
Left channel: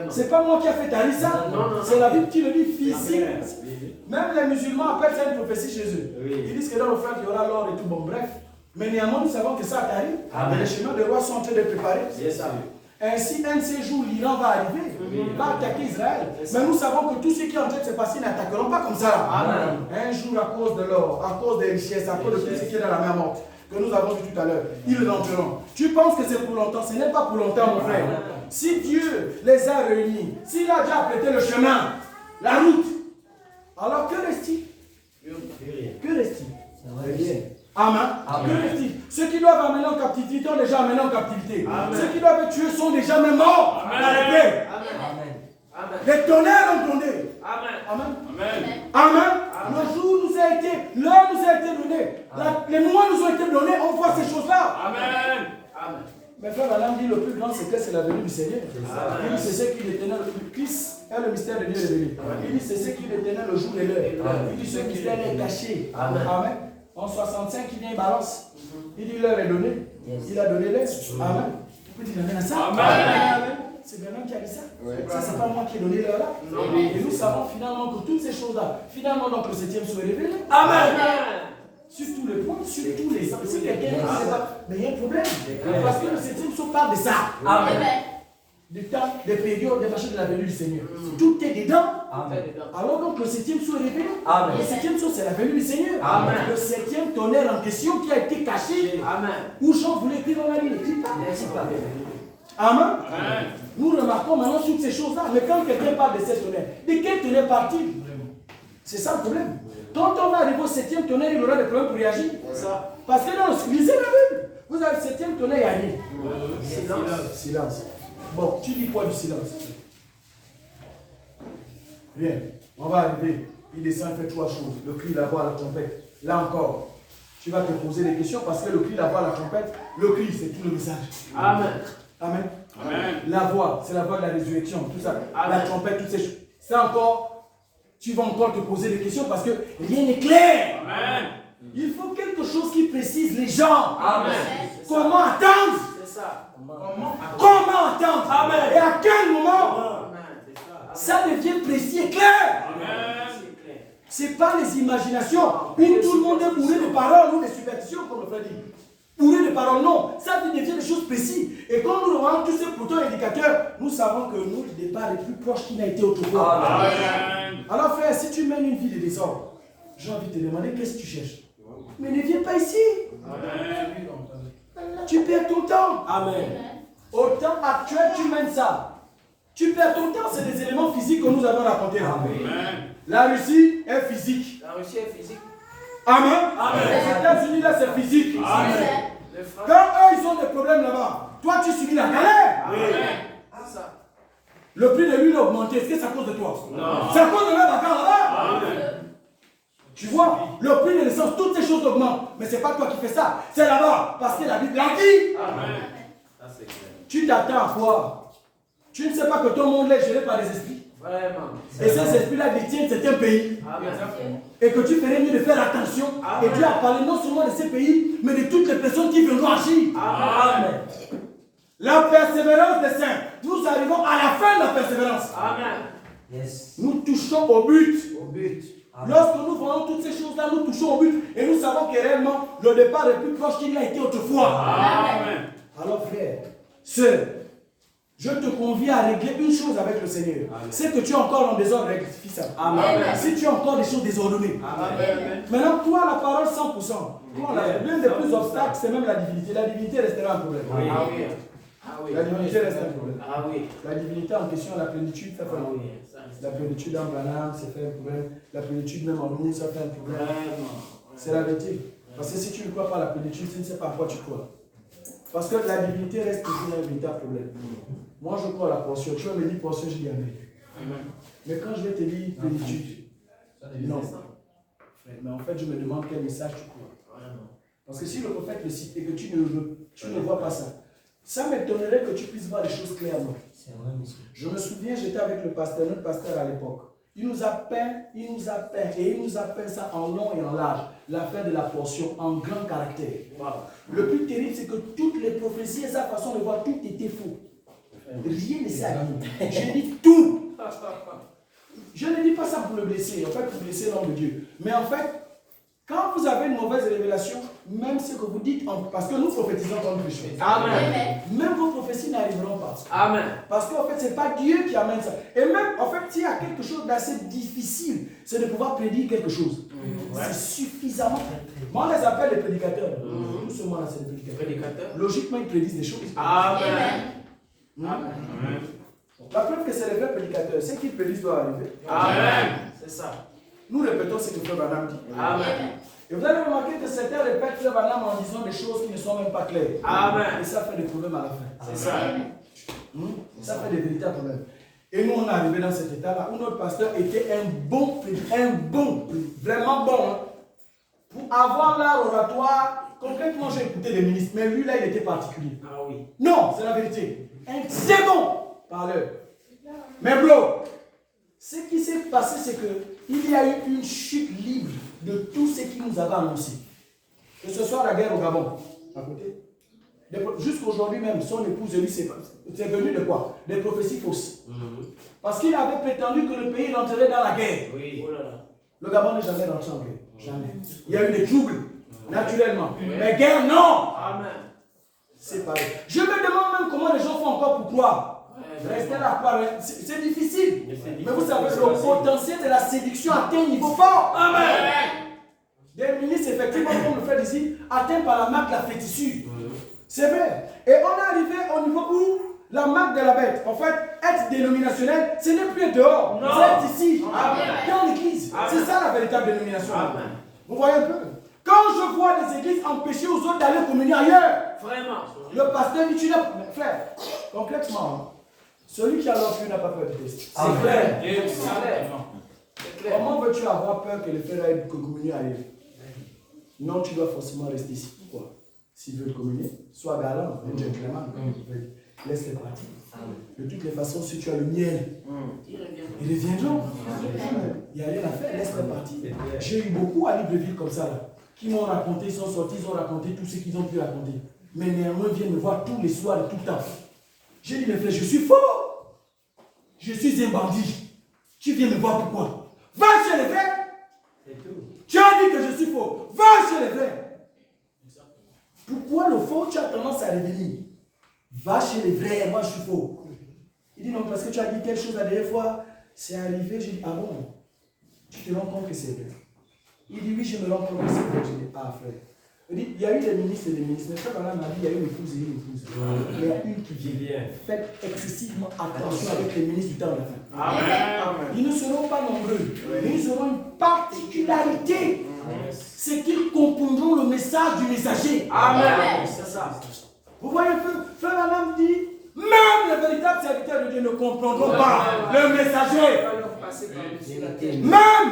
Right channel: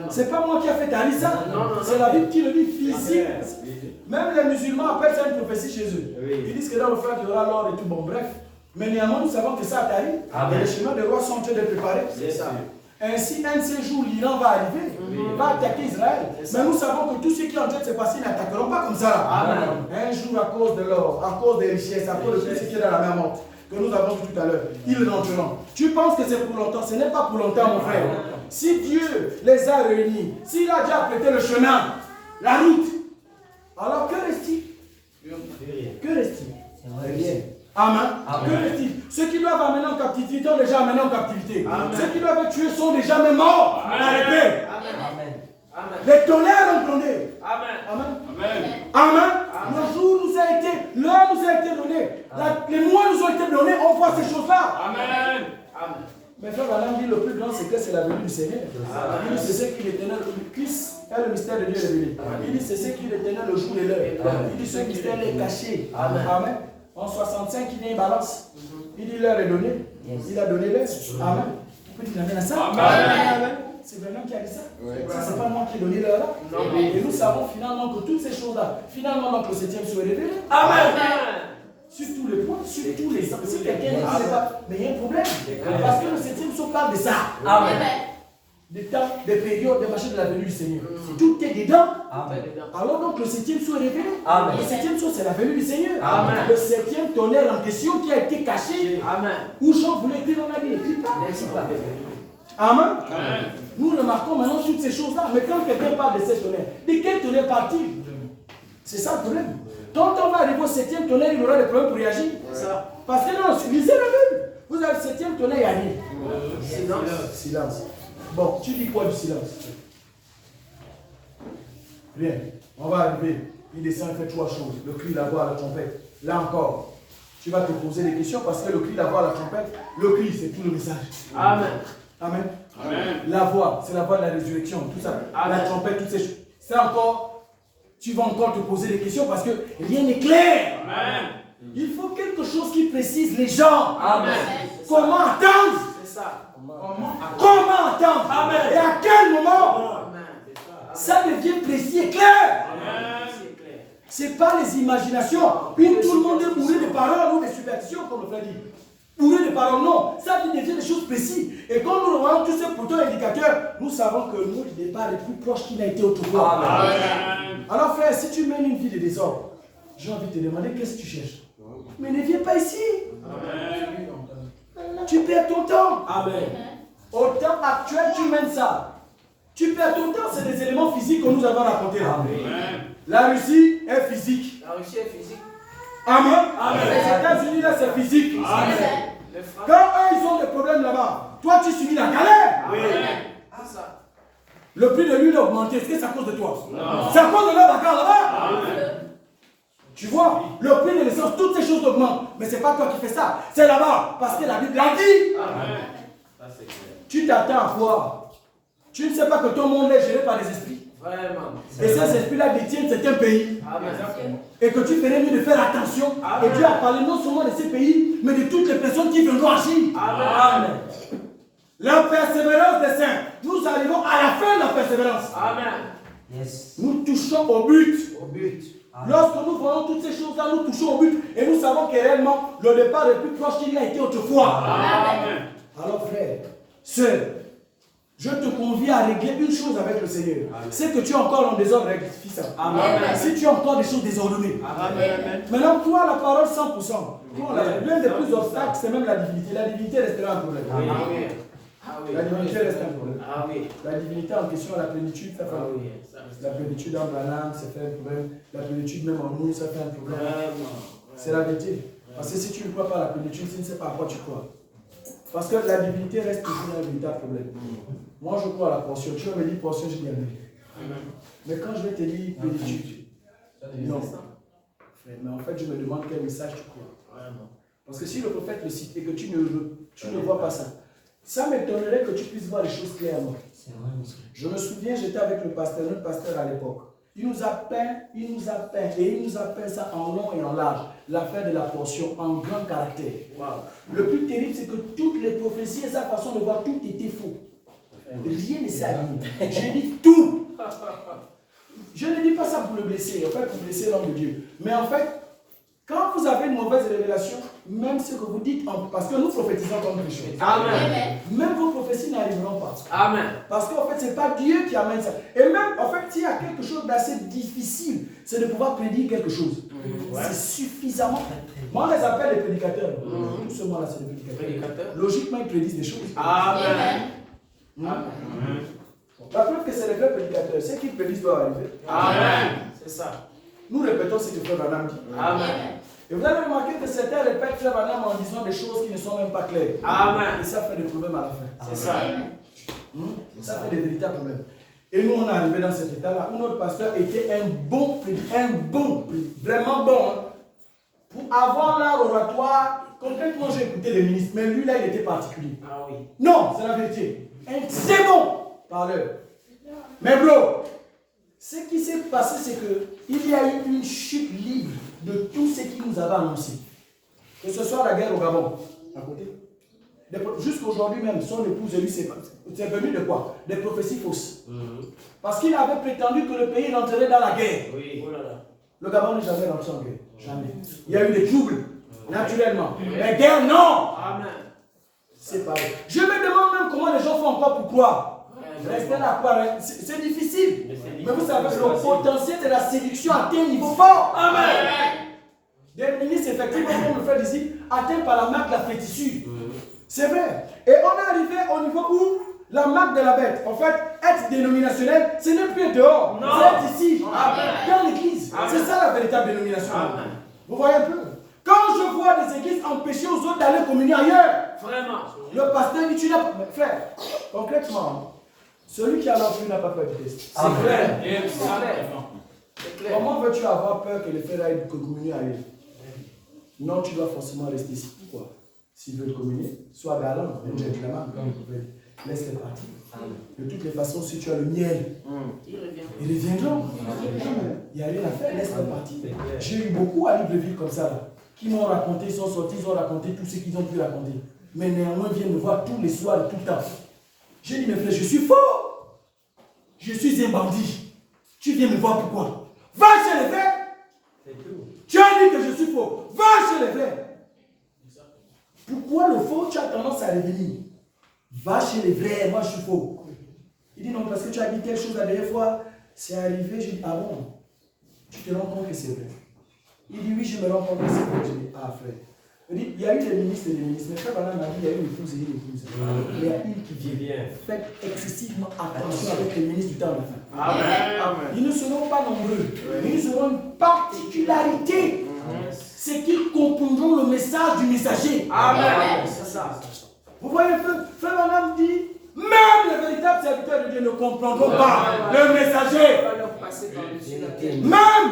c'est pas moi qui a fait Tari ça, c'est la Bible qui le dit physique. Même les musulmans appellent ça une prophétie chez eux. Ils disent que dans le frère il y aura l'or et tout, bon bref. Mais néanmoins nous savons que ça arrive, et les chemins de roi sont en train de préparer. Ainsi, un de ces jours, l'Iran va arriver, il va attaquer Israël. Mais nous savons que tous ceux qui ont en train de se passer n'attaqueront pas comme ça. Un jour, à cause de l'or, à cause des richesses, à cause de tout ce qui est dans la mer morte, que nous avons vu tout à l'heure, ils rentreront. Tu penses que c'est pour longtemps? Ce n'est pas pour longtemps, mon frère. Si Dieu les a réunis, s'il a déjà prêté le chemin, la route, alors que reste-t-il? Que reste-t-il? Rien. Amen. Que reste-t-il? Ceux qui doivent amener en captivité ont déjà amené en captivité. Ceux qui doivent être tués sont déjà même morts par l'épée. Les tonnerres ont grondé. Amen. Le jour nous a été, l'heure nous a été donnée, les mois nous ont été donnés, on voit ces choses-là. Amen. Mais frère Alain dit le plus grand secret c'est la venue du Seigneur. Il dit c'est ce qui détenait le Christ et le mystère de Dieu révélé. Il dit c'est ce qui détenait le jour et l'heure. Il dit ce mystère est caché. Amen. En 65 il vient une balance. Il dit l'heure est donnée. Il a donné l'heure. Amen. On peut dire amen à ça. Amen. C'est vraiment qui a dit ça. Ça c'est pas moi qui ai donné l'heure là. Et nous savons finalement que toutes ces choses là, finalement donc le 7e soit révélé. Amen. Sur tous les points, sur tous les ans. Si quelqu'un ne sait pas, mais il y a un problème. Parce que le 7e saut parle de ça. Amen. Des temps, des périodes, des machins de la venue du Seigneur. Tout est dedans. Amen. Alors donc le 7e saut est révélé. Amen. Le 7e saut c'est la venue du Seigneur. Amen. Le 7e tonnerre en question qui a été caché. Amen. Où Jean voulait écrire dans la vie, n'écrit pas. Amen. Amen. Nous remarquons maintenant toutes ces choses-là. Mais quand quelqu'un parle de cette tonnerre, de quel tonnerre parle-t-il? C'est ça le problème. Quand on va arriver au 7e tonnerre, il aura des problèmes pour réagir. Parce que non, lisez la Bible. Vous avez le 7e tonnerre, il y a rien. Silence. Silence. Bon, tu dis quoi du silence? Bien, on va arriver. Il descend, il fait 3 choses. Le cri, la voix, la trompette. Là encore, tu vas te poser des questions parce que le cri, la voix, la trompette, le cri, c'est tout le message. Amen. Amen. Amen. La voix, c'est la voix de la résurrection, tout ça. Amen. La trompette, toutes ces choses. Ça encore, tu vas encore te poser des questions parce que rien n'est clair. Amen. Il faut quelque chose qui précise les gens. Amen. Comment attendre? C'est ça. Comment attendre? Amen. Et à quel moment? Amen. C'est ça. Ça devient précis et clair. Amen. C'est clair. Ce n'est pas les imaginations où tout le monde est bourré de paroles ou des superstitions, comme le frère dit. Bourré de paroles, non. Ça devient des choses précises. Et quand nous voyons tous ces boutons indicateurs, nous savons que notre départ est plus proche qu'il n'a été autrefois. Amen. Alors frère, si tu mènes une vie de désordre, j'ai envie de te demander qu'est-ce que tu cherches. Mais ne viens pas ici. Amen. Tu perds ton temps. Amen. Au temps actuel, tu mènes ça. Tu perds ton temps, c'est des éléments physiques que nous avons racontés là. Amen. La Russie est physique. La Russie est physique. Amen. Amen. Les États-Unis là, c'est physique. Amen. Les frères. Quand eux, ils ont des problèmes là-bas, toi, tu subis la galère. Amen. C'est ça. Le prix de l'huile a augmenté. Est-ce que c'est à cause de toi? Non. C'est à cause de leur bagarre là-bas. Amen. Tu vois, le prix de l'essence, toutes ces choses augmentent. Mais ce n'est pas toi qui fais ça. C'est là-bas. Parce que la Bible l'a dit. Amen. Ça c'est clair. Tu t'attends à quoi? Tu ne sais pas que ton monde est géré par des esprits. Vraiment. Et ces esprits-là détiennent certains pays. Amen. Et que tu ferais mieux de faire attention. Amen. Et Dieu a parlé non seulement de ces pays, mais de toutes les personnes qui viendront agir. Amen. La persévérance des saints. Nous arrivons à la fin de la persévérance. Amen. Yes. Nous touchons au but. Au but. Lorsque nous voyons toutes ces choses-là, nous touchons au but. Et nous savons que réellement, le départ est plus proche qu'il n'a été autrefois. Amen. Alors frère, sœur, je te convie à régler une chose avec le Seigneur. C'est que tu es encore en désordre, rectifie ça. Amen. Si tu as encore des choses désordonnées. Amen. Maintenant, toi, la parole 100%. L'un des plus obstacles, c'est même la divinité. La divinité restera un problème. Ah oui. Ah oui. La divinité reste un problème. Ah oui. La divinité en question, la plénitude, ça fait un Ah problème. oui. Ça, La plénitude en Branham, ça fait un problème. La plénitude même en nous, ça fait un problème. Vraiment. C'est la vérité. Parce que si tu ne crois pas à la plénitude, tu ne sais pas à quoi tu crois. Parce que la divinité reste toujours un véritable problème. Moi, je crois à la portion. Tu vas me dire portion, je dis amen. Mais quand je vais te dire plénitude, non. Mais en fait, je me demande quel message tu crois. Parce que si le prophète le cite et que tu ne vois pas ça, ça m'étonnerait que tu puisses voir les choses clairement. C'est vrai, monsieur. Je me souviens, j'étais avec le pasteur, notre pasteur à l'époque. Il nous a peint, et il nous a peint ça en long et en large, l'affaire de la portion en grand caractère. Wow. Le plus terrible, c'est que toutes les prophéties et sa façon de voir, tout était faux. Rien ne s'est aligné. Je dis tout. Je ne dis pas ça pour le blesser, en fait, pour blesser l'homme de Dieu. Mais en fait, quand vous avez une mauvaise révélation, même ce que vous dites, parce que nous prophétisons comme des choses. Amen. Même vos prophéties n'arriveront pas. Amen. Parce qu'en fait, ce n'est pas Dieu qui amène ça. Et même, en fait, s'il y a quelque chose d'assez difficile, c'est de pouvoir prédire quelque chose. C'est suffisamment. Moi, on les appelle les prédicateurs. Tout ce monde-là, c'est des prédicateurs. Prédicateurs. Logiquement, ils prédisent des choses. Amen. La preuve que c'est les vrais prédicateurs. Ce qu'ils prédisent doit arriver. Amen. C'est ça. Nous répétons ce que Frère Branham dit. Amen. Et vous allez remarquer que certains répètent Frère Branham en disant des choses qui ne sont même pas claires. Amen. Et ça fait des problèmes à la fin. C'est ça. Ça fait des véritables problèmes. Et nous, on est arrivé dans cet état-là où notre pasteur était un bon prédicateur, vraiment bon. Hein. Pour avoir l'art oratoire, concrètement, j'ai écouté les ministres, mais lui, là, il était particulier. Ah oui. Non, c'est la vérité. Un très bon parleur. Mais bro, ce qui s'est passé, c'est qu'il y a eu une chute libre de tout ce qu'il nous avait annoncé. Que ce soit la guerre au Gabon, à côté. Jusqu'aujourd'hui même, son épouse et lui, c'est venu de quoi? Des prophéties fausses. Parce qu'il avait prétendu que le pays rentrerait dans la guerre. Oui. Oh là là. Le Gabon n'est jamais rentré en guerre. Jamais. Il y a eu des troubles, naturellement. Mais guerre, non! Amen. C'est pareil. Je me demande même comment les gens font encore pour croire. Rester là, croire, c'est difficile. Mais vous savez, le potentiel de la séduction atteint un niveau fort. Amen. Des ministres, effectivement, comme le frère ici, atteints par la marque de la fétissure. C'est vrai. Et on est arrivé au niveau où la marque de la bête, en fait, être dénominationnel, ce n'est plus dehors. C'est être ici, dans l'église. C'est ça la véritable dénomination. Amen. Vous voyez un peu? Quand je vois des églises empêcher aux autres d'aller communier ailleurs, Vraiment. le pasteur dit tu n'as pas. Frère, concrètement, celui qui a l'enfant n'a pas peur du test. C'est clair. C'est clair. Comment veux-tu avoir peur que les frères aillent communier ailleurs? Non, tu dois forcément rester ici. Pourquoi? S'ils veulent communier, sois galant, un gentleman, comme on peut. Laisse-les partir. De toutes les façons, si tu as le miel, ils reviendront. Il n'y a rien à faire, laisse-les partir. J'ai eu beaucoup à Libreville comme ça, là, qui m'ont raconté, ils sont sortis, ils ont raconté tout ce qu'ils ont pu raconter. Mais néanmoins, ils viennent me voir tous les soirs, tout le temps. J'ai dit, mes frères, je suis fort. Je suis un bandit. Tu viens me voir pourquoi? Va chez les frères. Tu as dit que je suis faux. Va chez les frères. Pourquoi le faux, tu as tendance à revenir? Va chez les vrais, moi je suis faux. Il dit non, parce que tu as dit telle chose la dernière fois, c'est arrivé. J'ai dit, ah bon, tu te rends compte que c'est vrai? Il dit, oui, je me rends compte que c'est vrai. Je dis, ah frère. Il dit, il y a eu des ministres et des ministres. Mais frère, madame m'a dit, il y a eu une épouse et une épouse. Il y a une qui vient. Faites excessivement attention avec les ministres du temps de la fin. Amen. Ils ne seront pas nombreux, mais ils auront une particularité. C'est qu'ils comprendront le message du messager. Amen. C'est ça. Vous voyez, frère Madame dit, même les véritables serviteurs de Dieu ne comprendront pas le messager. Même.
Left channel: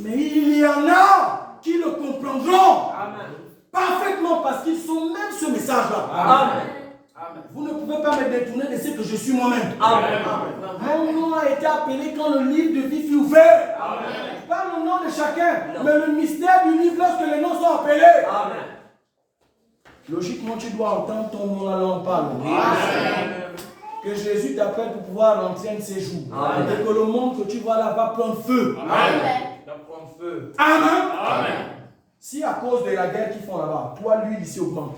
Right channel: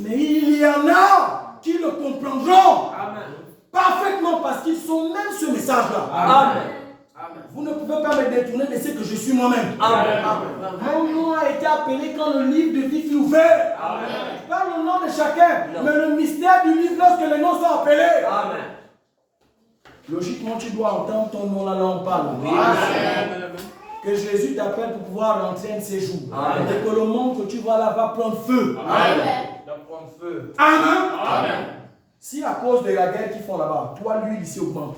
Mais il y en a qui le comprendront parfaitement parce qu'ils sont même ce message-là. Amen. Vous ne pouvez pas me détourner de ce que je suis moi-même. Mon nom a été appelé quand le livre de vie fut ouvert. Amen. Pas le nom de chacun, mais le mystère du livre lorsque les noms sont appelés. Amen. Logiquement, tu dois entendre ton nom là, on parle. Amen. Que Jésus t'appelle pour pouvoir rentrer un de ces jours. Amen. Et que le monde que tu vois là va prendre feu. Amen. Va prendre feu. Amen. Amen. Si à cause de la guerre qu'ils font là-bas, toi, l'huile ici augmente.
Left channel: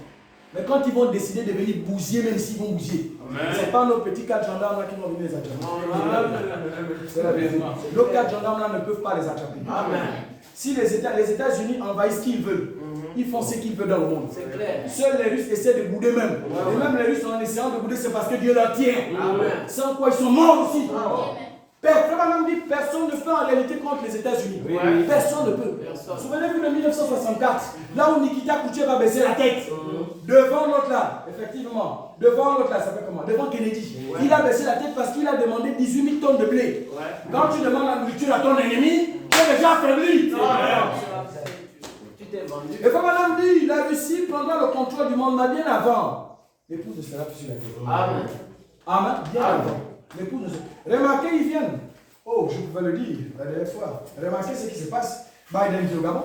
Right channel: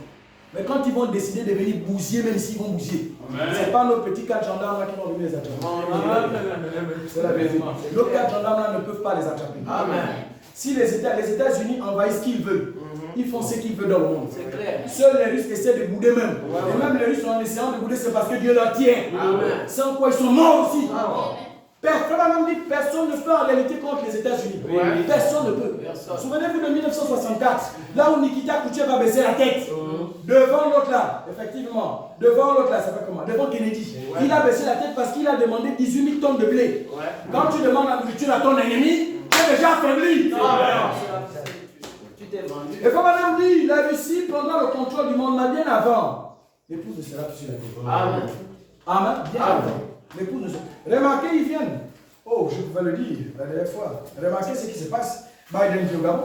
Mais quand ils vont décider de venir bousiller, même s'ils vont bousiller, ce n'est pas nos petits 4 gendarmes là qui vont venir les attraper. C'est la vérité. Nos 4 gendarmes là ne peuvent pas les attraper. Amen. Si les États-Unis envahissent ce qu'ils veulent, ils font ce qu'ils veulent dans le monde. Seuls les Russes essaient de bouder même. Et même les Russes, en essayant de bouder, c'est parce que Dieu leur tient. Amen. Sans quoi ils sont morts aussi. Personne ne peut en réalité contre les États-Unis. Personne ne peut. Souvenez-vous de 1964, là où Nikita Khrouchtchev a baissé la tête. Devant l'autre là, effectivement. Devant l'autre là, ça fait comment? Devant Kennedy. Il a baissé la tête parce qu'il a demandé 18 000 tonnes de blé. Quand tu demandes la nourriture à ton ennemi, tu es déjà affaibli. Et comme madame dit, la Russie prendra le contrôle du monde, mais bien avant. L'épouse ne sera plus sur la terre. Amen. Amen. Bien avant. L'épouse ne sera. Remarquez, ils viennent. Oh, je pouvais le dire la dernière fois. Remarquez ce qui se passe. Biden dit au Gabon.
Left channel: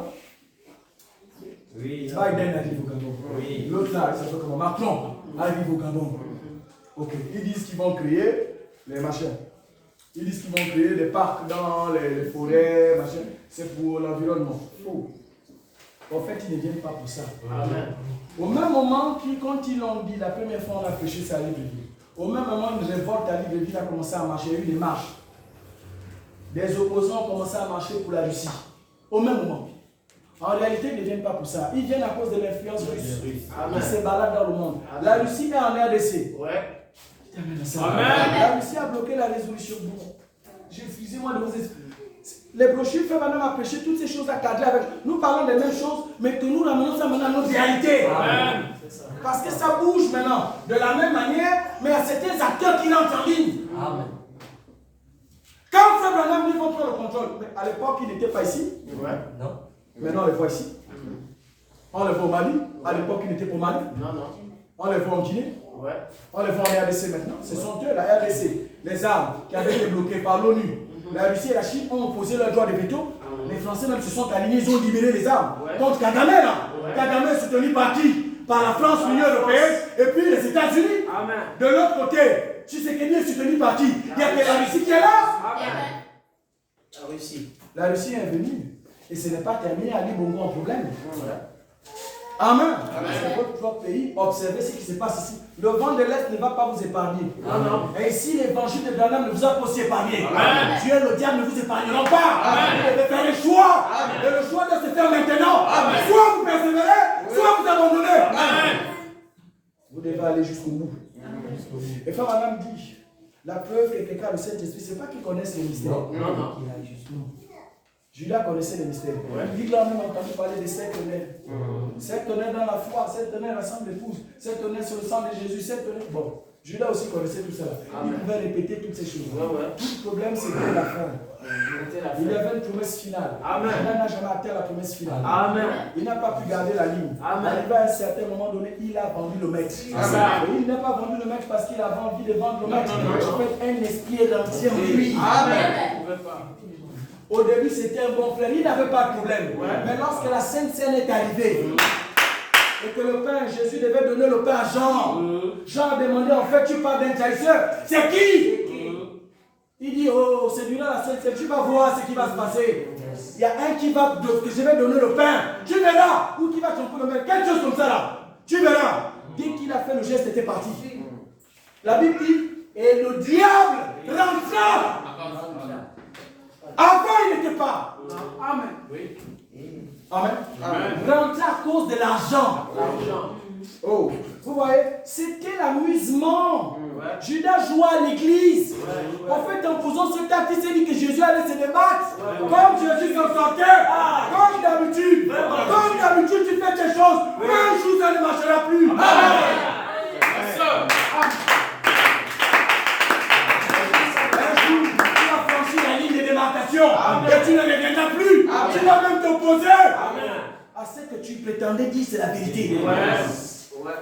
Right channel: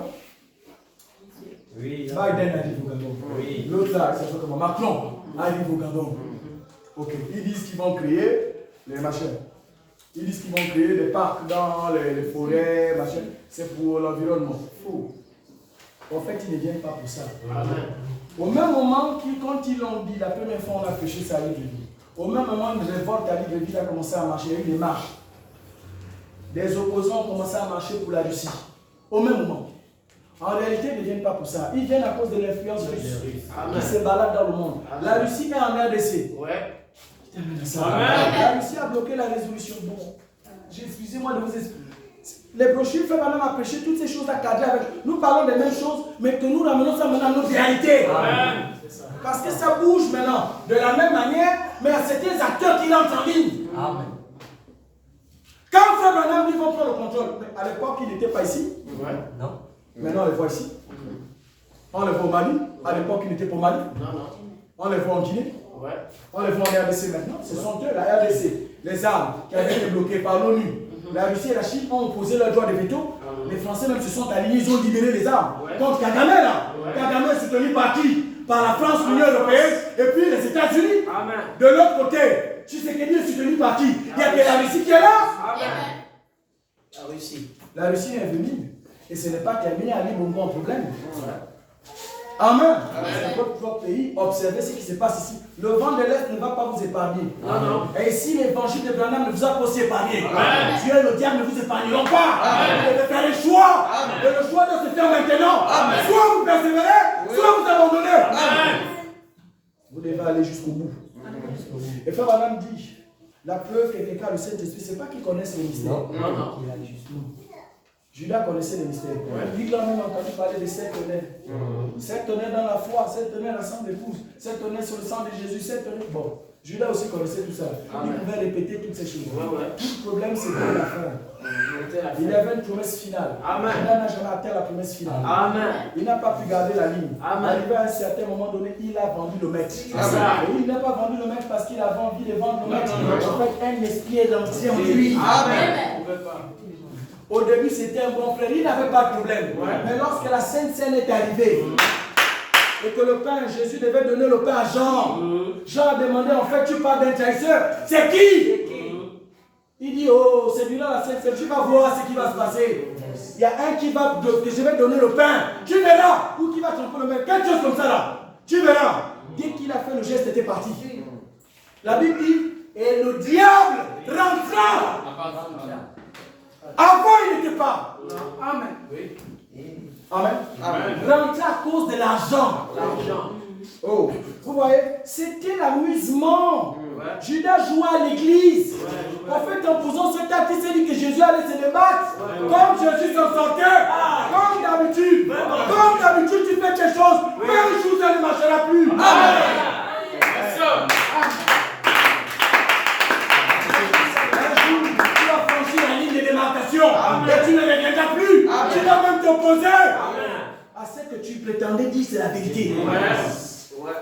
Oui. Biden arrive au Gabon. Oui. L'autre là, il s'appelle comment? Macron arrive au Gabon. Ok. Ils disent qu'ils vont créer les machins. Ils disent qu'ils vont créer des parcs dans les forêts, machin. C'est pour l'environnement. Faux. En fait, ils ne viennent pas pour ça. Amen. Au même moment, quand ils l'ont dit, la première fois, on a prêché ça à Libreville. Au même moment, une révolte à Libreville a commencé à marcher. Il y a eu des marches. Des opposants ont commencé à marcher pour la Russie. Au même moment. En réalité, ils ne viennent pas pour ça. Ils viennent à cause de l'influence russe qui se balade dans le monde. Amen. La Russie est en RDC. Ouais. La Russie a bloqué la résolution. Bon, excusez-moi de vous expliquer. Les brochures fait maintenant à prêcher toutes ces choses à cadrer avec. Nous parlons des mêmes choses, mais que nous ramenons ça maintenant à notre réalité. Amen. Parce que ça bouge maintenant de la même manière, mais il y a certains acteurs qui rentrent en ligne. Amen. Quand Frère Branham dit qu'on prend le contrôle, mais à l'époque il n'était pas ici. Ouais. Non. Maintenant on les voit ici. On les voit au Mali. À l'époque il n'était pas au Mali. Non, non. On les voit en Guinée. Ouais. On les voit en RDC maintenant. Ce sont eux, la RDC, les armes qui avaient été bloquées par l'ONU. La Russie et la Chine ont opposé leur droit de veto. Les Français même se sont alignés, ils ont libéré les armes. Contre Kagame là. Kagame est soutenu par qui? Par la France, l'Union européenne et puis les États-Unis. De l'autre côté, Tshisekedi est soutenu par qui? Il n'y a que la Russie qui est là. Amen. La Russie est venue. Et ce n'est pas terminé à Libongo en problème. Amen. C'est votre propre pays. Observez ce qui se passe ici. Le vent de l'Est ne va pas vous épargner. Amen. Et ici, l'évangile de Branham ne vous a pas aussi épargné. Amen. Dieu et le diable ne vous épargneront pas. Amen. Vous devez faire le choix. Amen. Et le choix doit se faire maintenant. Amen. Soit vous persévérez, soit vous abandonnez. Amen. Vous devez aller jusqu'au bout. Amen. Et Frère Branham dit, la preuve que quelqu'un a le Saint-Esprit, ce n'est pas qu'il connaisse les mystères. Non. Judas connaissait les mystères. Il a même entendu parler des 7 tonnerres. 7 tonnerres dans la foi, 7 tonnerres ensemble d'épouse, 7 tonnerres sur le sang de Jésus, 7 tonnerres. Bon, Judas aussi connaissait tout ça. Il pouvait répéter toutes ces choses. Tout le problème, c'était la fin. Il avait une promesse finale. Il n'a jamais atteint la promesse finale. Il n'a pas pu garder la ligne. Arrivé à un certain moment donné, il a vendu le maître. Et il n'a pas vendu le maître parce qu'il avait envie de vendre le maître. En fait, un esprit est dans lui. Au début, c'était un bon frère, il n'avait pas de problème. Mais lorsque la Sainte Seine est arrivée, et que le pain, Jésus devait donner le pain à Jean, Jean a demandé, en fait, tu parles d'un trahisseur, c'est qui? Il dit, oh, c'est lui là la Sainte Seine, tu vas voir ce qui va se passer. Il y a un qui va, que je vais donner le pain, tu verras, ou qui va tromper le maître, quelque chose comme ça là, tu verras. Dès qu'il a fait le geste, c'était parti. La Bible dit, et le diable rentra. Avant, il n'était pas. Amen. Amen. Rentrer à cause de l'argent. Oh, vous voyez, c'était l'amusement. Judas jouait à l'église. En fait, en posant ce acte, il s'est dit que Jésus allait se débattre. Comme Jésus s'en sortait. Comme d'habitude. Comme d'habitude, tu fais quelque chose. Mais un jour, ça ne marchera plus. Amen. Et tu ne reviendras plus. Tu vas même t'opposer à ce que tu prétendais dire, c'est la vérité.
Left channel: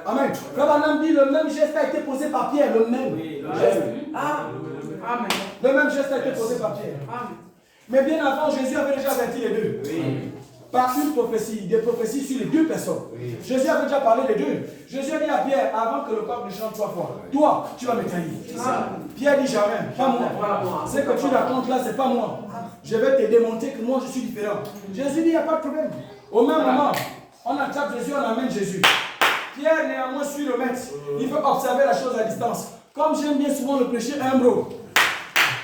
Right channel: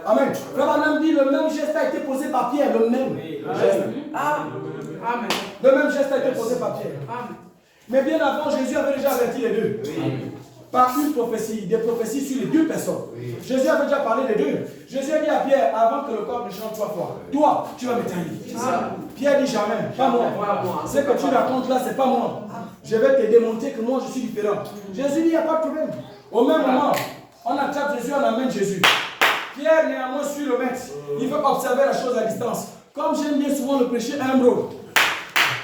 Amen. Frère Branham dit, le même geste a été posé par Pierre. Le même geste. Amen. Le même geste a été posé par Pierre. Mais bien avant, Jésus avait déjà averti les deux. Par une prophétie, des prophéties sur les deux personnes. Jésus avait déjà parlé des deux. Jésus a dit à Pierre, avant que le coq ne chante 3 fois, toi, tu vas me trahir. Pierre dit jamais, pas moi. Ce que tu racontes là, c'est pas moi. Je vais te démontrer que moi, je suis différent. Jésus dit, il n'y a pas de problème. Au même moment, on attrape Jésus, on amène Jésus. Pierre, néanmoins, suit le maître. Il veut observer la chose à distance. Comme j'aime bien souvent le prêcher humble.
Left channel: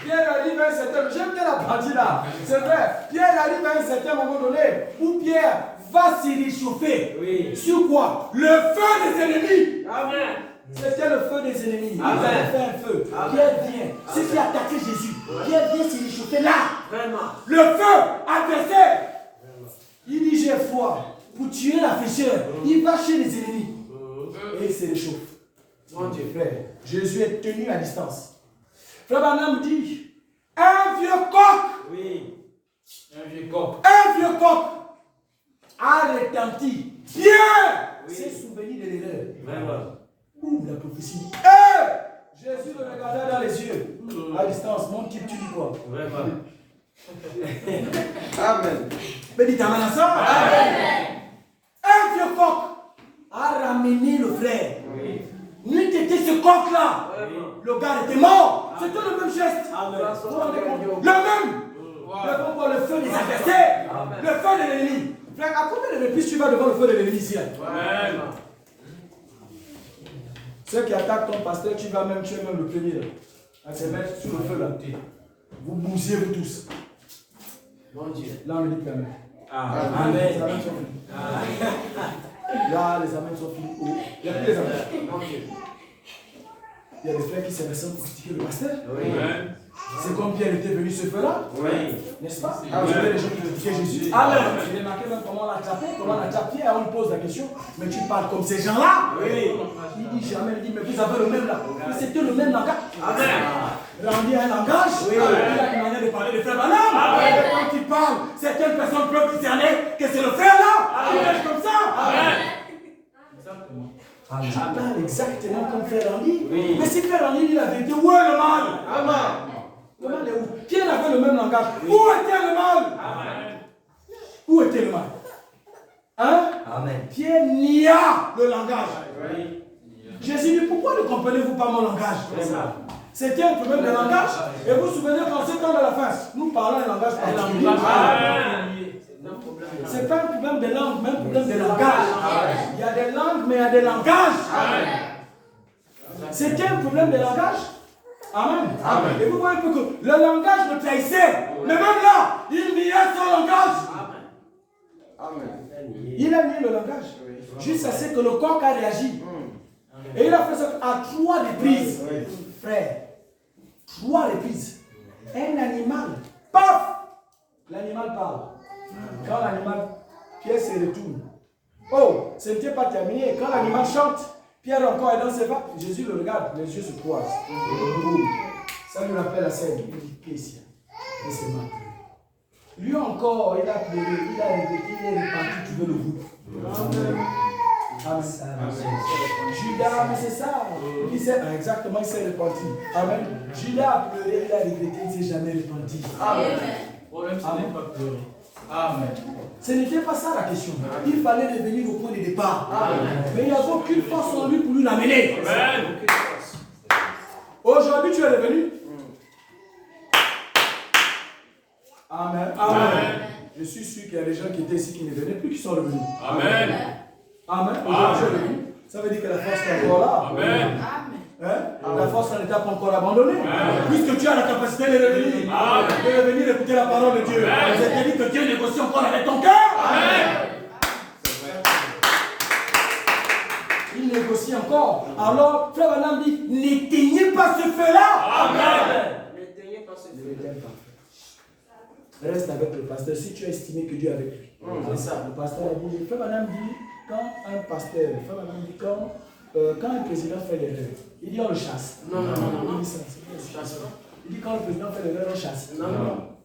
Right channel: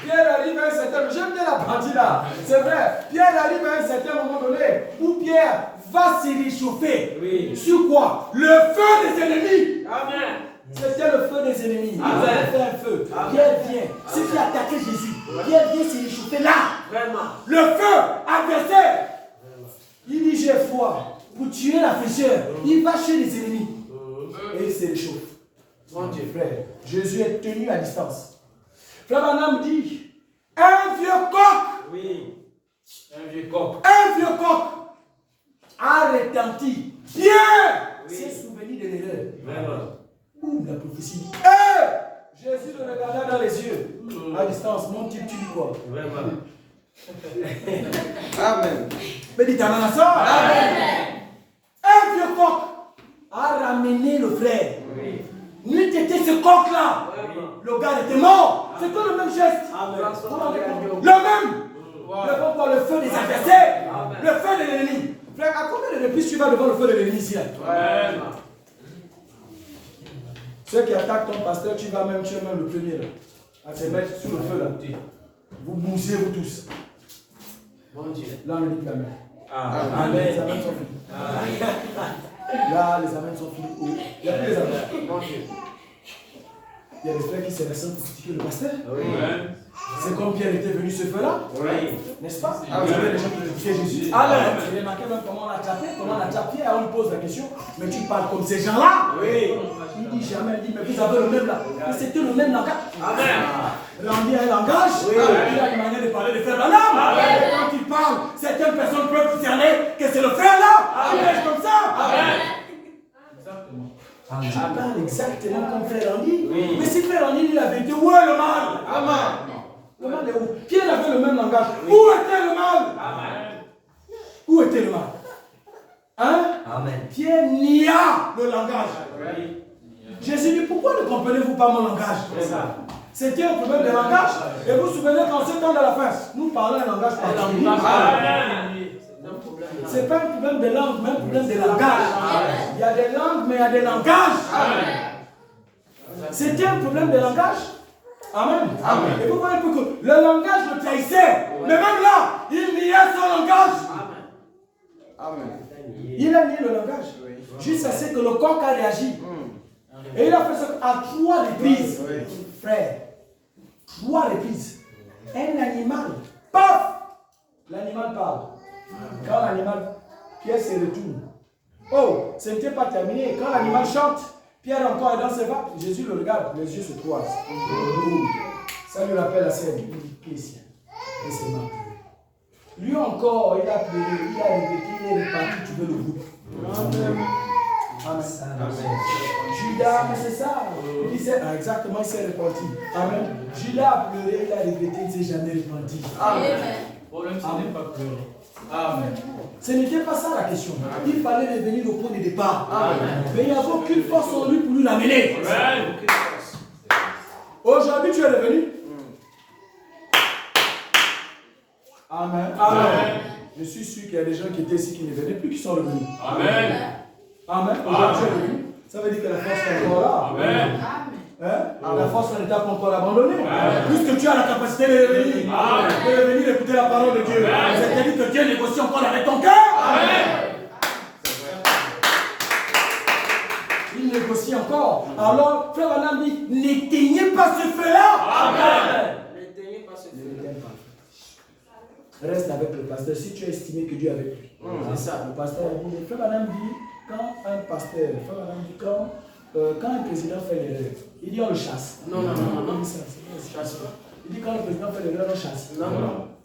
Pierre arrive à un certain moment, j'aime bien la partie là, c'est vrai. Pierre arrive à un certain moment donné où Pierre va se réchauffer. Sur quoi? Le feu des ennemis. Amen. C'était le feu des ennemis. Ils avaient fait un feu. Pierre vient. Ceux qui attaquaient Jésus. Pierre vient se réchauffer là. Le feu adversaire. Il dit j'ai foi pour tuer la fraîcheur. Il va chez les ennemis. Et il se réchauffe. Mon Dieu, frère. Jésus est tenu à distance. Frère Branham dit un vieux coq. Oui. Un vieux coq. Un vieux coq a retenti. Pierre s'est souvenu de l'erreur. Ouh, la prophétie. Jésus le regarda dans les yeux. À distance, mon type, tu dis quoi? Amen. Mais dites Amen à ça. Amen. Un vieux coq a ramené le frère. N'eût été ce coq-là, le gars était mort. C'était le même geste. Vous vous rendez compte? Le même. Le feu des adversaires. Le feu de l'ennemi. Frère, à combien de reprises tu vas devant le feu de l'ennemi ici? Ceux qui attaquent ton pasteur, tu es même le premier là, à te mettre sur le feu là. Vous bousillez vous tous. Bon Dieu. Là on dit Amen. Amen. Les amens sont finis. Là les amens sont finis. Il n'y a plus les amens. Bon Dieu. Il y a des frères qui se ressentent pour critiquer le pasteur. Oui. C'est comme Pierre était venu ce feu-là. Oui. N'est-ce pas? Vous avez des gens qui critiquaient Jésus. Amen. J'ai remarqué même comment on l'a attrapé, comment on l'a attrapé. Pierre, on lui pose la question. Mais tu parles comme ces gens-là. Oui. Il dit jamais, il dit, mais vous avez le même là. Mais c'était le même langage. Randy a un langage. Oui. Il a une manière de parler de frère Branham. Et quand il parle, certaines personnes peuvent discerner que c'est le frère là. Il est comme ça. Amen. Tu parles exactement comme frère Randy. Oui. Mais si frère Randy dit la vérité, où est le mal? Amen. Le mal est où? Pierre avait le même langage. Oui. Où était le mal? Amen. Où était le mal? Hein? Amen. Pierre nia le langage. Oui. Jésus dit, pourquoi ne comprenez-vous pas mon langage? C'était un problème de langage. Et vous vous souvenez qu'en ce temps de la fin, nous parlons un langage particulier. Ce n'est pas un problème de langue, mais un problème de langage. Il y a des langues, mais il y a des langages. C'était un problème de langage. Amen. Amen. Et vous voyez un peu que le langage le trahissait. Mais même là, il niait son langage. Amen. Il a nié le langage. Jusqu'à ce que le coq a réagi. Et il a fait ça à 3 reprises. Frère, 3 reprises. Un animal, paf, l'animal parle. Quand l'animal, Pierre se retourne. Oh, ce n'était pas terminé. Quand l'animal chante, Pierre encore est dans ses pas. Jésus le regarde, les yeux se croisent. Ça lui rappelle la scène. Il dit, Christian, et c'est mort. Lui encore, il a pleuré, il a répété, il est reparti, tu veux le groupe. Amen. Judas, mais c'est ça. Exactement, il s'est repenti. Amen. Judas a pleuré, il a regretté, il ne s'est jamais repenti. Amen. Amen. Ce n'était pas ça la question. Il fallait revenir au point de départ. Amen. Mais il n'y avait aucune force en lui pour nous l'amener. Aujourd'hui, tu es revenu. Amen. Amen. Je suis sûr qu'il y a des gens qui étaient ici qui ne venaient plus, qui sont revenus. Amen. Amen. Aujourd'hui, tu es revenu. Ça veut dire que la force est encore là. Amen. Hein? La force n'était pas encore abandonnée. Puisque tu as la capacité de revenir écouter la parole de Dieu. C'est-à-dire que Dieu négocie encore avec ton cœur. Il négocie encore. Alors, frère Adam dit, n'éteignez pas ce feu-là. Amen. N'éteignez pas ce feu-là. Reste avec le pasteur si tu as estimé que Dieu est avec lui. C'est ça. Le pasteur a dit, frère Adam dit, quand un pasteur, frère Adam dit, quand un président fait l'erreur, il dit on le chasse. Non. Il dit ça, il dit quand le président fait l'erreur, on chasse. Non.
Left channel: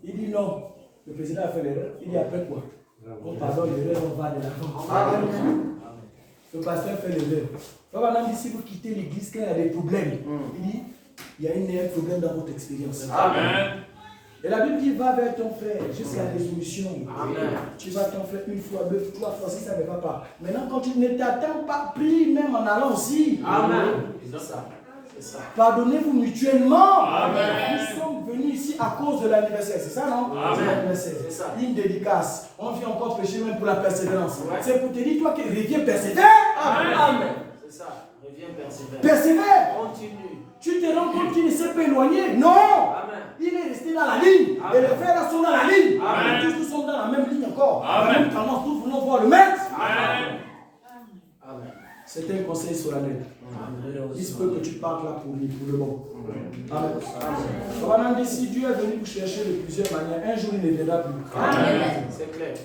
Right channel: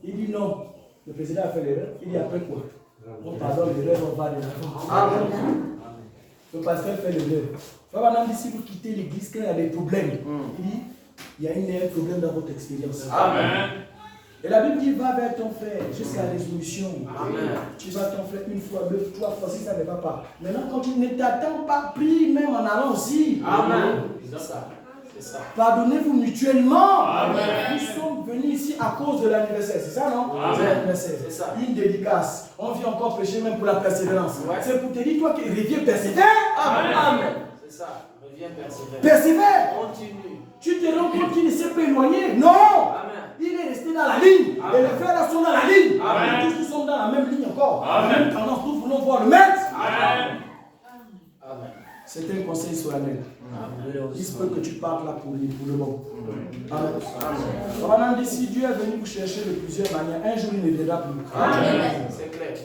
Il dit non. Le président a fait l'erreur, il dit après quoi? On pardonne l'erreur, on va de l'avant. Le pasteur fait l'erreur. Frère Adam dit si vous quittez l'église, quand il y a des problèmes, il dit il y a un problème dans votre expérience. Amen. Et la Bible dit va vers ton frère jusqu'à la résolution. Amen. Tu vas ton frère une fois, deux, trois fois, si ça ne va pas. Maintenant, quand tu ne t'attends pas, prie même en allant aussi. Amen. C'est ça. Pardonnez-vous mutuellement. Amen. Nous sommes venus ici à cause de l'anniversaire. C'est ça, non? C'est l'anniversaire. C'est ça. Une dédicace. On vient encore prêcher même pour la persévérance. Ouais. C'est pour te dire, toi qui reviens persévère. Amen. C'est ça. Reviens persévère. Persévère. Continue. Tu te rends compte qu'il ne s'est pas éloigné? Non. Amen. Il est resté dans la ligne. Amen. Et les frères là sont dans la ligne. Amen. Tous nous sommes dans la même ligne encore. Amen. La même tendance. Nous voulons voir le maître. Amen. Amen. C'est un conseil solennel. Il se peut que tu parles là pour lui, pour le moment. Amen. On a dit si Dieu est venu vous chercher de plusieurs manières, un jour il ne viendra plus. Amen. C'est clair.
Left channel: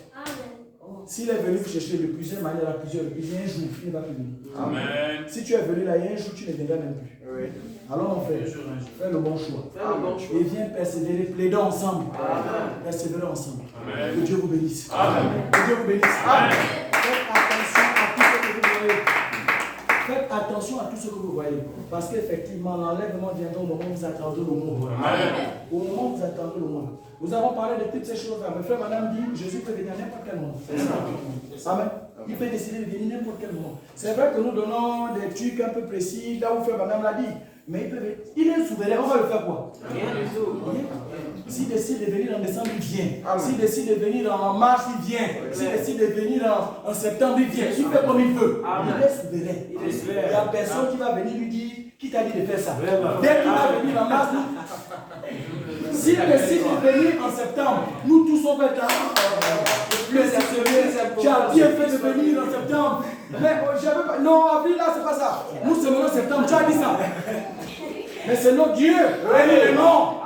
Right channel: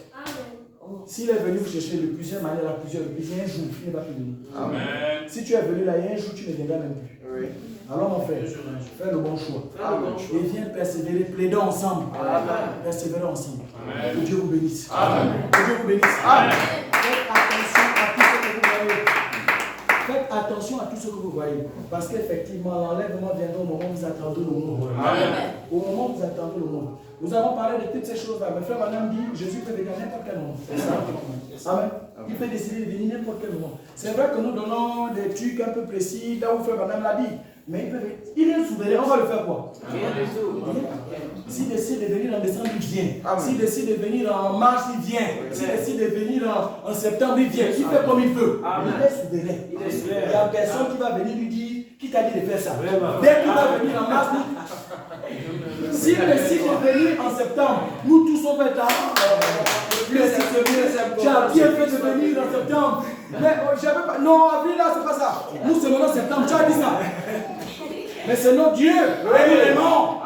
S'il est venu vous chercher de plusieurs manières, un jour, il ne va plus venir. Amen. Si tu es venu là, il y a un jour, tu ne viendras même plus. Oui. Alors mon frère, fais le bon choix. Et viens persévérer, plaidons ensemble. Persévérer ensemble. Amen. Que Dieu vous bénisse. Amen. Que Dieu vous bénisse. Amen. Faites attention à tout ce que vous voyez. Parce qu'effectivement, l'enlèvement viendra au moment où vous attendez le monde. Au moment où vous attendez le monde. Nous avons parlé de toutes ces choses-là. Mais frère Madame dit, Jésus peut venir à n'importe quel moment. Amen. Il peut décider de venir n'importe quel moment. C'est vrai que nous donnons des trucs un peu précis, là où frère Madame l'a dit. Mais il est souverain, on va le faire quoi? Rien du tout. S'il décide de venir en décembre, il vient. S'il décide de venir en mars, il vient. S'il décide de venir en septembre, il vient. Il fait comme il veut. Il est souverain. Il n'y a personne qui va venir lui dire, qui t'a dit de faire ça. Dès qu'il va venir en mars, s'il décide de venir en septembre, nous tous on fait ça. Tu as bien fait de venir en septembre. Mais j'avais pas. Non, avril là, c'est pas ça. Nous c'est maintenant septembre, tu as dit ça. Mais c'est notre Dieu. Et nous l'aimons.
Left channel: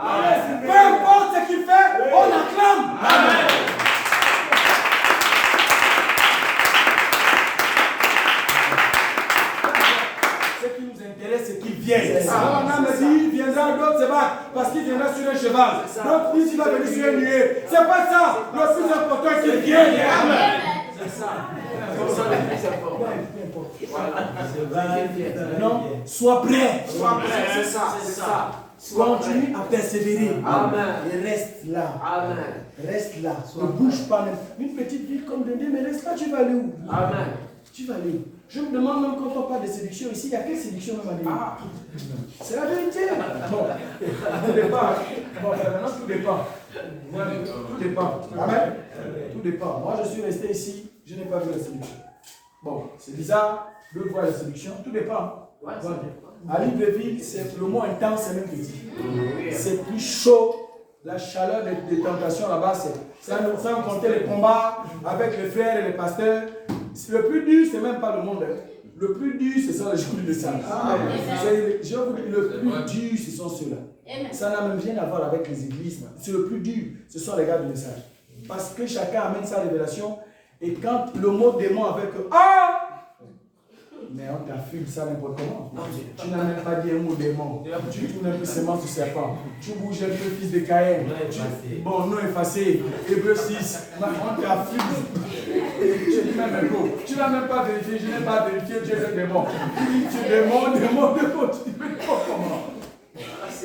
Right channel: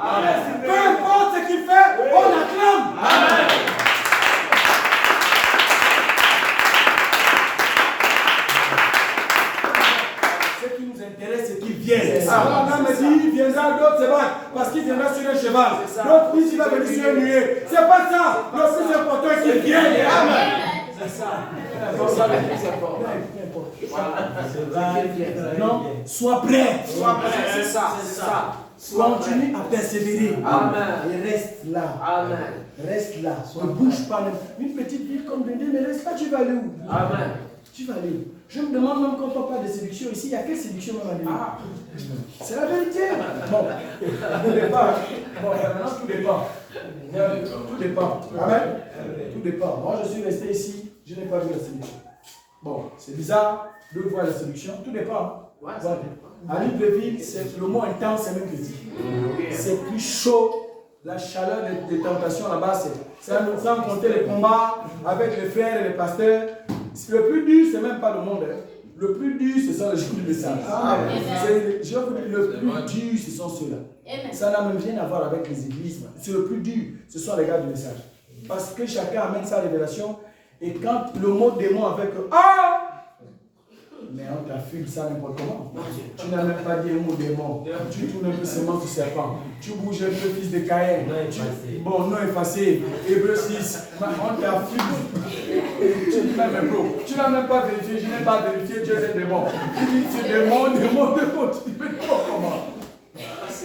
Peu importe ce qu'il fait, on acclame. Amen. Ce qui nous intéresse, c'est qu'il vienne. Alors, on me dit, il viendra, d'autres se battent parce qu'il viendra sur un cheval. D'autres disent qu'il va venir sur un nuée. C'est pas ça. Le plus important, c'est qu'il vienne. Amen. C'est ça. Non, sois prêt. C'est ça. Continue à persévérer. Amen. Et reste là. Amen. Reste là. Ne bouge pas. Une petite ville comme Dendé, mais reste là, tu vas aller où? Amen. Tu vas aller où? Je me demande même quand on parle de séduction ici, il y a quelle séduction même à dire? C'est la vérité. Bon, tout dépend. Bon, maintenant tout dépend. Tout dépend. Amen. Tout dépend. Moi je suis resté ici, je n'ai pas vu la séduction. Bon, c'est bizarre de voir la séduction, tout dépend. Voilà. À Libreville, le mot intense, c'est même petit. C'est plus chaud. La chaleur des tentations là-bas, c'est sans compter les combats avec les frères et les pasteurs. Le plus dur, c'est même pas le monde. Le plus dur, ce sont les jours du message. Je vous dis, le plus dur, ce sont ceux-là. Ça n'a même rien à voir avec les églises. C'est le plus dur, ce sont les gars du message. Parce que chacun amène sa révélation. Et quand le mot démon avec ah, mais on t'affume ça n'importe comment. Tu n'as même pas dit un mot démon. Tu tournes un peu seulement du serpent. Tu bouges un peu, fils de Caïn. Bon, non effacé. Hébreu 6. On t'affume. Tu dis même un peu. Tu n'as même pas vérifié. Je n'ai pas vérifié. Dieu est démon. Tu dis tu es démon. Tu dis mais comment?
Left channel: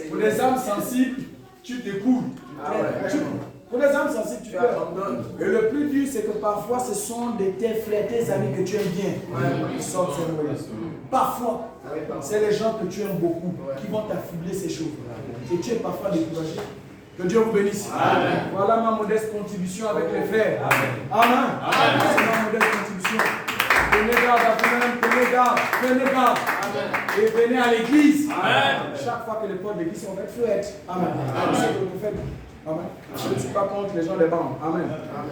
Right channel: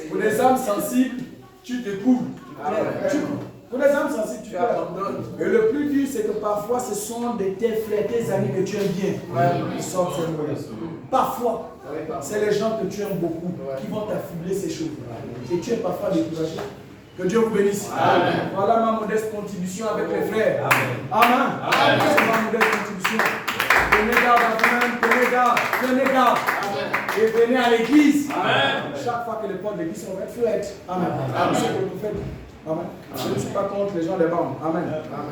Pour les âmes sensibles, tu t'écoules. Pour les âmes sensibles, tu pleures. Et le plus dur, c'est que parfois, ce sont tes frères, tes amis que tu aimes bien qui sortent ces mots-là. Parfois, c'est les gens que tu aimes beaucoup qui vont t'affubler ces choses. Et tu es parfois découragé. Que Dieu vous bénisse. Amen. Voilà ma modeste contribution avec les frères. Amen. C'est ma modeste contribution. Prenez garde à vous-même, prenez garde. Et venez à l'église. Chaque fois que les portes de l'église sont ouvertes, il faut être. Amen. C'est ce que vous faites. Amen. Je ne suis pas contre les gens des bandes. Amen.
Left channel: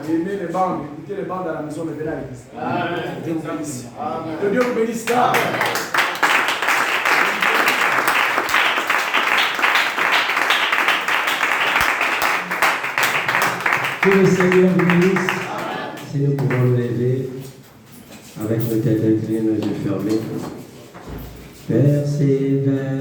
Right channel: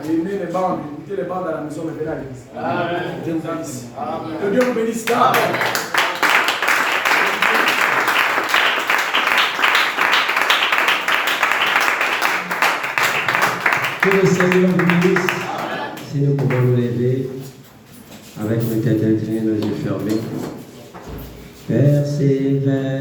Aimez les bandes, écoutez les bandes à la maison, mais venez à l'église. Dieu vous bénisse. Que Dieu vous bénisse. Amen. Que le Seigneur vous bénisse. Si nous pouvons nous lever avec nos têtes inclinées, nos yeux fermés. Persévère.